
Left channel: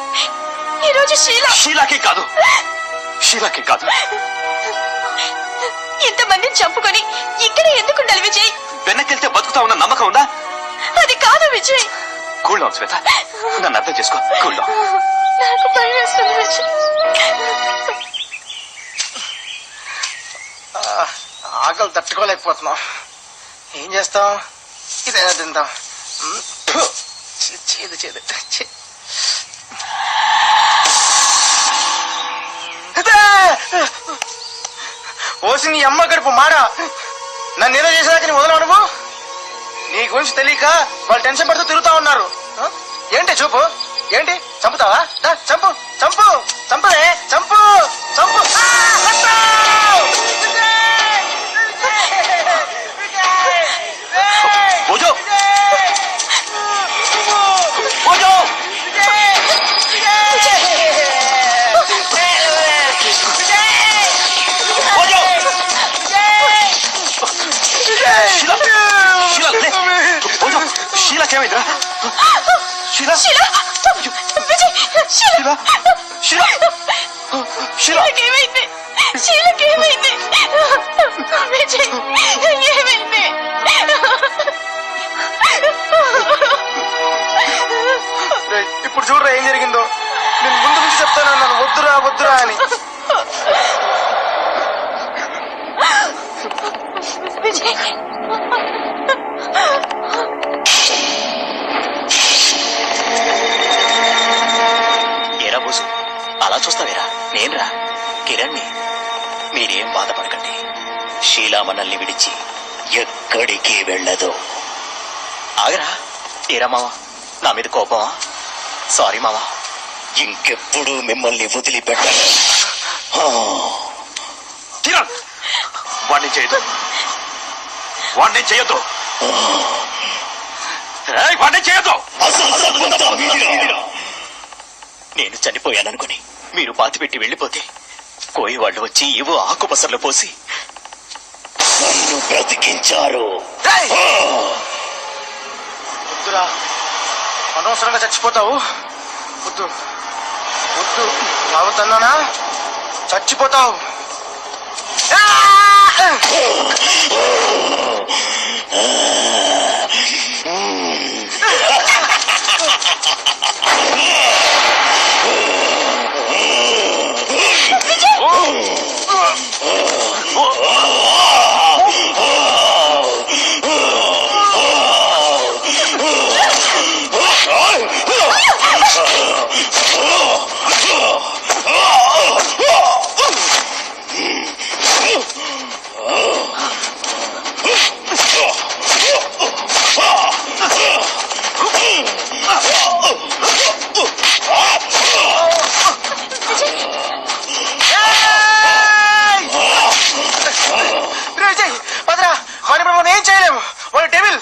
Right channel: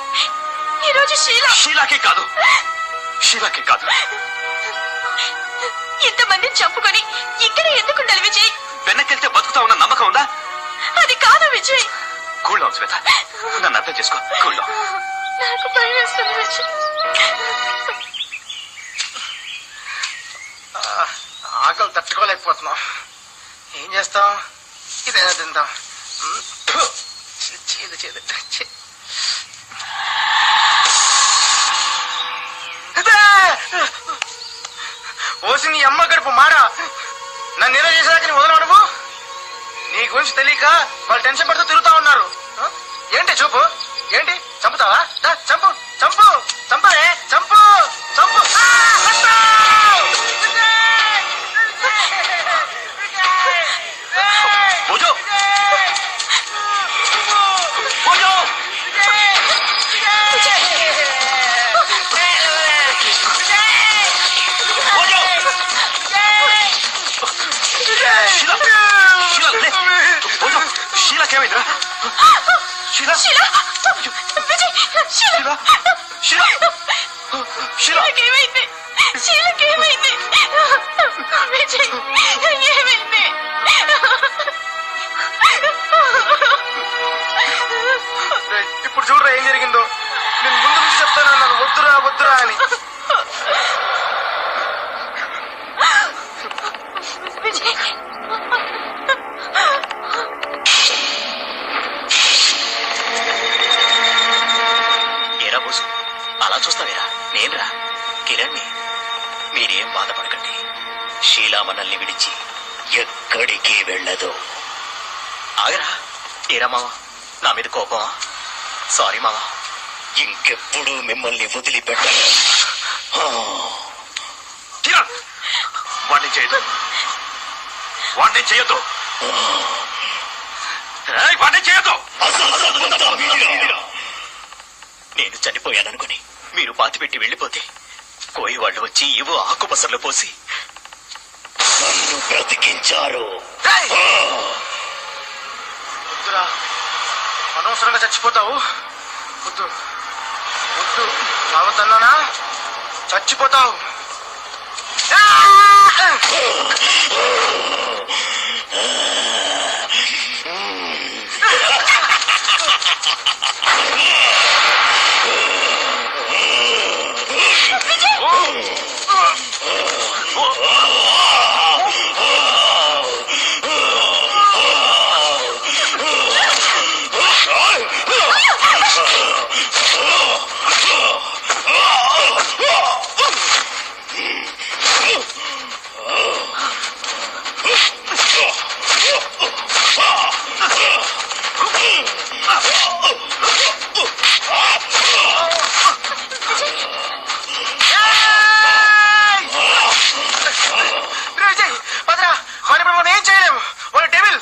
ఈ రోజు షీలా. షీలాకే కాదు, షీలాకే కాదు. ఇంతమందిని చంపుకొని ఇక్కడ ఎందుకుండాలి విజయ్? వెనకెళ్తే బతుకుతా ఉన్న నమ్మకం ఉందా? అది కాదు విజయ్. కూల్ డౌన్ శ్వేత, నన్ను అర్థం చేసుకో. Cool down. నాకు భయం వేస్తుంది విజయ్. ఆకలి తట్టుకోలేకపోతున్నాం. ఏం చేస్తాం? ఇదైనా తిందాం. చేదు చేదు. ఓసి నీ అమ్మ గడుపు మాడ. నన్ను ఏదో చేసేదాకా నీ వదలవు నువ్వు. నీ గురించి తెలియక వాళ్ళు టెన్షన్ పడుతూ తిరుగుతా ఉన్నారు. ఏంటి చూపు? ఏంటి చంపుతావా? చంపు చంపు చంపే చంపు చంపు. పూజో పూజో షీలాకేమైందిరా? షీలా షీలా విజయ్, షీలా షీలా షీలా ఏమైంది? షీలాకేమైంది? విజయ్ ఏమైంది? ఇప్పుడు చూడరా ఏం జరిగిందో. నేను ముందు నుంచి చెప్తాను నన్ను వద్దురా వద్దురా అని. విజయ్ ఏరా బోసు, అలా చూస్తావేరా? నేనురా కిరణ్ని. మీరేం బాధపడకండి, షీలా మనల్ని విడిచి ఎక్కడికి వెళ్ళదు. ఆగరా. ఏరా మావా, నా మీద కోపమా? సారీ మావా, ఇంకెప్పుడు మిమ్మల్ని వదిలిపెట్టను. కిరణ్, వాడిని చేయదు, వాడిని చేయొద్దు, వాడిని చేయొద్దు. నేను చనిపోయాననుకుని మీరు పాతిపెట్టి వెళ్ళిపోతే కోయి వాళ్ళు వచ్చి ఏవో ఆకుపసర్లు పోసి నన్ను బ్రతికించారు. వద్దురా, అనవసరంగా చచ్చిపోతావు. వద్దు వద్దు, రావద్దన్నానా? చచ్చిపోతావు. పదరా, మరి మనం ఏం చేయలేము. వాళ్ళు డెవిల్.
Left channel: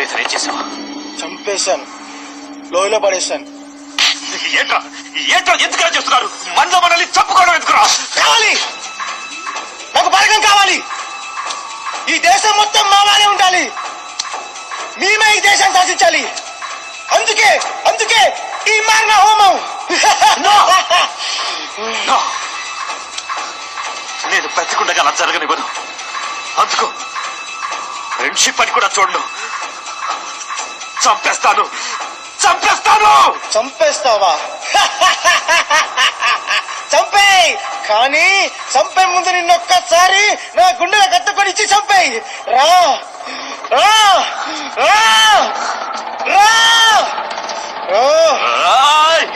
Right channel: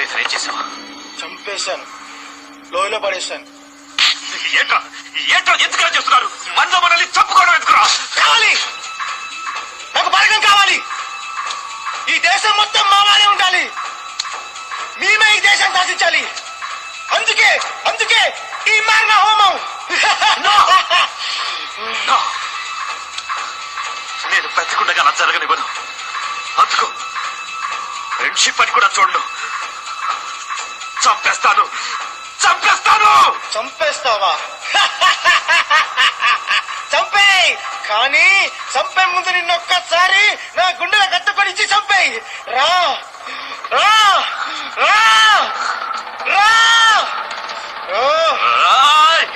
సురేష్ ఏం చేసావా? చంపేశాను, లోయలో పడేశాను. ఏంట్రా ఏంట్రా ఎందుకు చేస్తున్నారు? మనలో మనల్ని చంపుకోవడం ఎందుకురా? కావాలి, నాకు బలగం కావాలి. ఈ దేశం మొత్తం మాలానే ఉండాలి. మేమే ఈ దేశాన్ని శాసించాలి. అందుకే అందుకే ఈ మారణ హోమం. No. నేను బ్రతికుండగా అలా జరగనివ్వను. అందుకు ఫ్రెండ్షిప్ అని కూడా చూడను. చంపేస్తాను చంపేస్తాను. చంపేస్తావా? చంపేయ్, కానీ చంపే ముందు నిన్నొక్కసారి నా గుండెల కత్తుకొని ఇచ్చి చంపేయ్. రా రా రా రా. ఆయ్!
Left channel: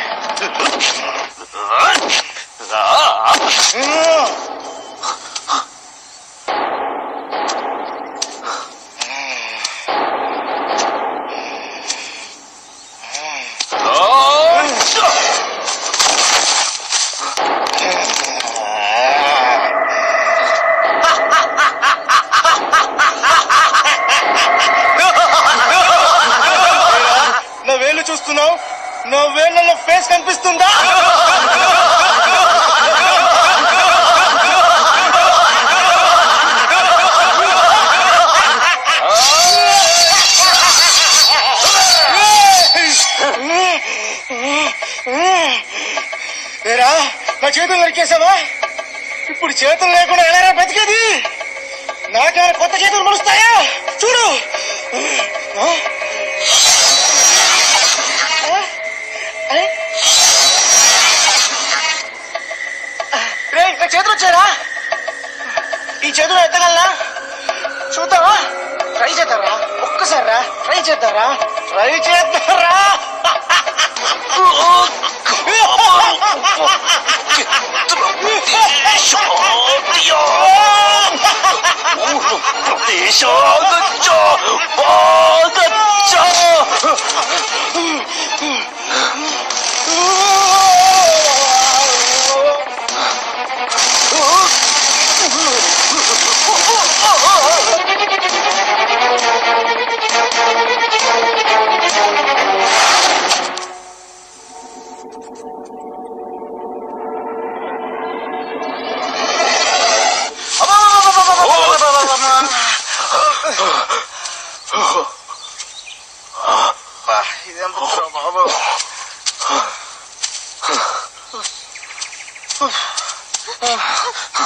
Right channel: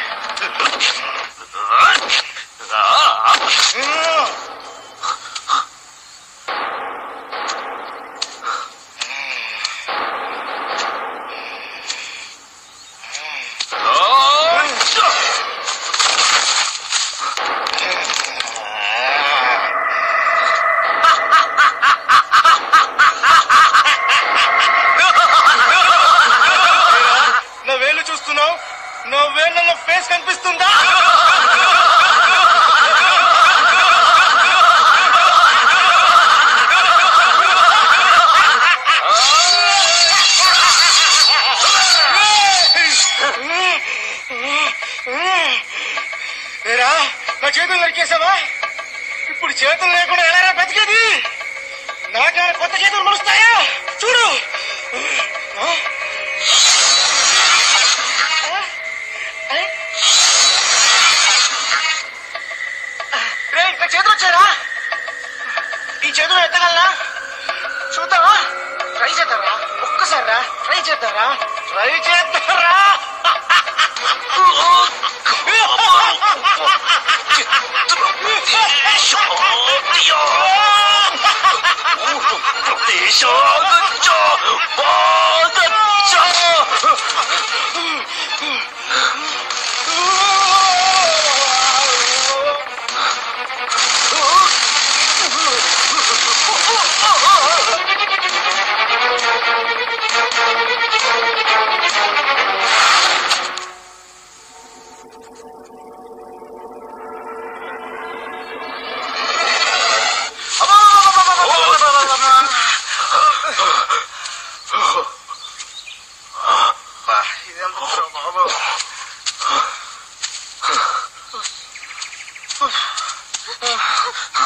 నా వేలు చూస్తున్నావు? నా వేళ్ళలో ఫేస్ కనిపిస్తుందా? ఏరా, నా చేతులు నరికేసావా? ఇప్పుడు చేతులు లేకుండా ఎలా బతికేది? నాకేమైనా కొత్త చేతులు మలుస్తాయా? చూడు. నా చేతులు వచ్చారా? ఈ చేతులు ఎత్తగలనా? చూద్దావా? ట్రై చేద్దారా? ఒక్కసారి రా, ట్రై చేద్దారా? ట్రై చేద్దారా?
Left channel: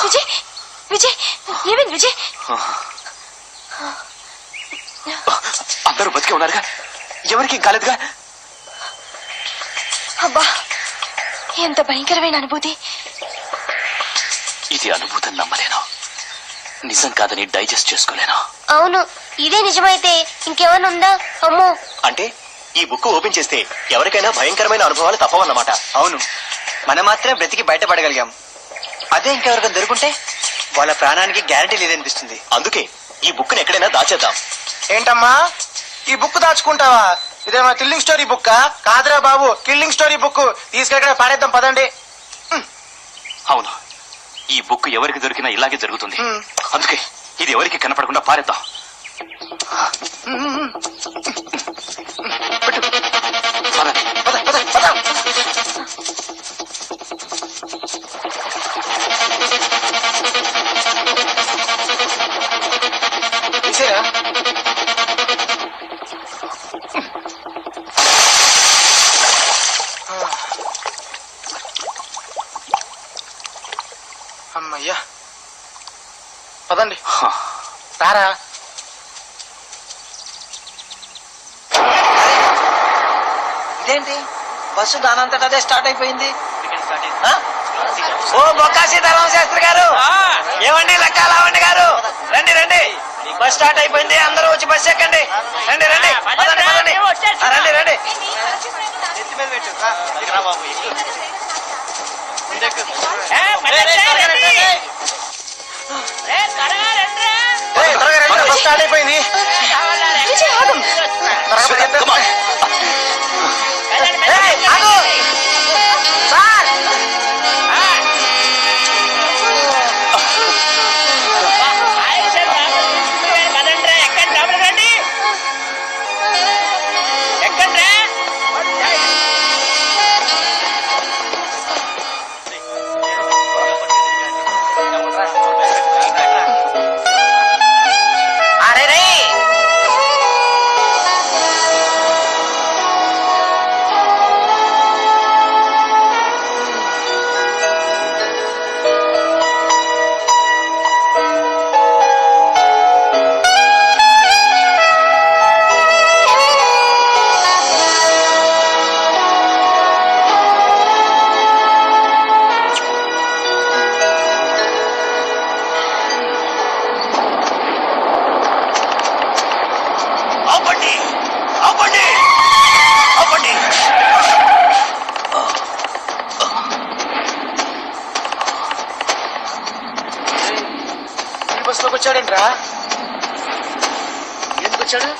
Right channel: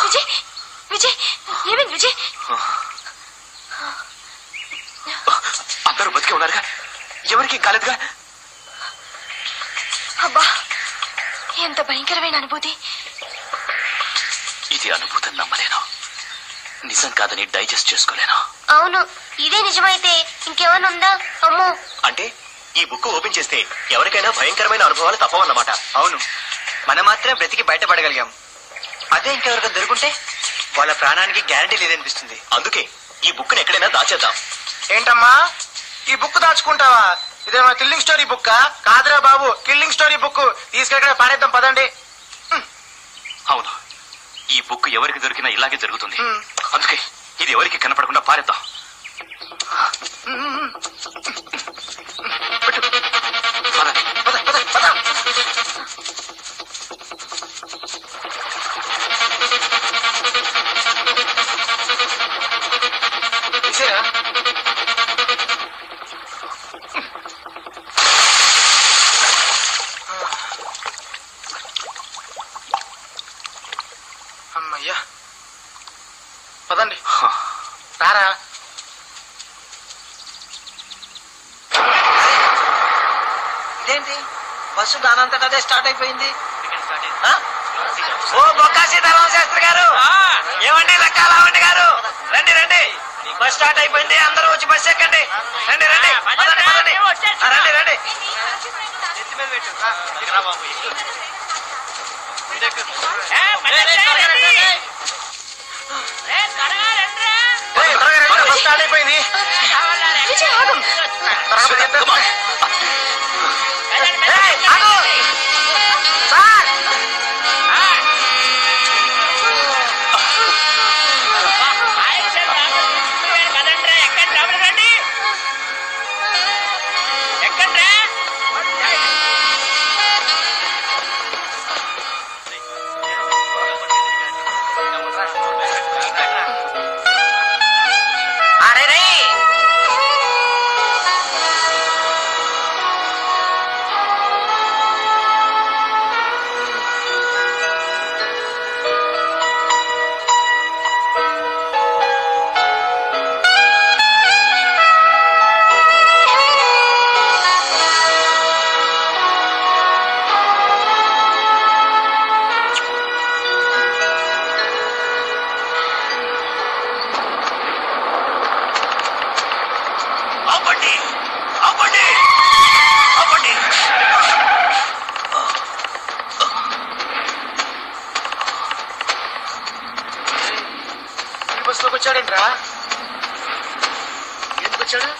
విజయ్ విజయ్ ఏమైంది విజయ్? అందరూ బతికే ఉన్నారుగా, ఎవరికి కాలేదుగా? అబ్బా, ఎంత భయంకరమైన అనుభూతి. ఇది అనుభూతం నమ్మలేను, నిజం కాదని డైజెస్ట్ చేసుకోలేను. అవును, ఇదే నిజమైతే ఇంకేమైనా ఉందా? అమ్మో. అంటే ఈ బుక్ ఓపెన్ చేస్తే ఎవరికైనా భయంకరమైన అనుభవాలు తప్పవన్నమాట. అవును, మనం మాత్రమే బ్రతికి బయటపడగలిగాం. అదే ఇంకెవరికైనా దొరుకుంటే వాళ్ళ ప్రాణానికి గ్యారంటీ లేదనిపిస్తుంది. అందుకే ఈ బుక్ ని ఎక్కడైనా దాచేద్దాం. ఏంటమ్మా, ఈ బుక్ దాచుకుంటావా? ఇదేమన్నా కిల్లింగ్ స్టోరీ బుక్? కాదురా బాబు, కిల్లింగ్ స్టోరీ బుక్. తీసుకెక్కడ పాడేద్దాం, పదండి. అవును, ఈ బుక్ ఎవరికి దొరికినా ఇలాగే జరుగుతుంది. అందుకే ఇది ఎవరికి కనపడకుండా పారేద్దాం. అమ్మయ్యా, పదండి. రారా. ఇదేంటి, బస్సు దానంతట అదే స్టార్ట్ అయిపోయింది. ఓ బొక్కాసి ధర్మ శాస్త్రి గారు, ఏమండి లెక్కాలవండి గారు, రండి రండి, బస్ స్టార్ట్ అయిపోయింది, అందరూ వచ్చి బస్ ఎక్కండి. రండి రండి పదండి, పదండి. రండి రండి. బస్ స్టార్ట్ అయిపోయింది. విజయ్ ఆగు. Come on. ఎక్కండి రా. అరే రే ఆపండి ఆపండి ఆపండి. ఈ బస్సులోకి వచ్చాడంట్రా. ఎందుకు వచ్చాడు?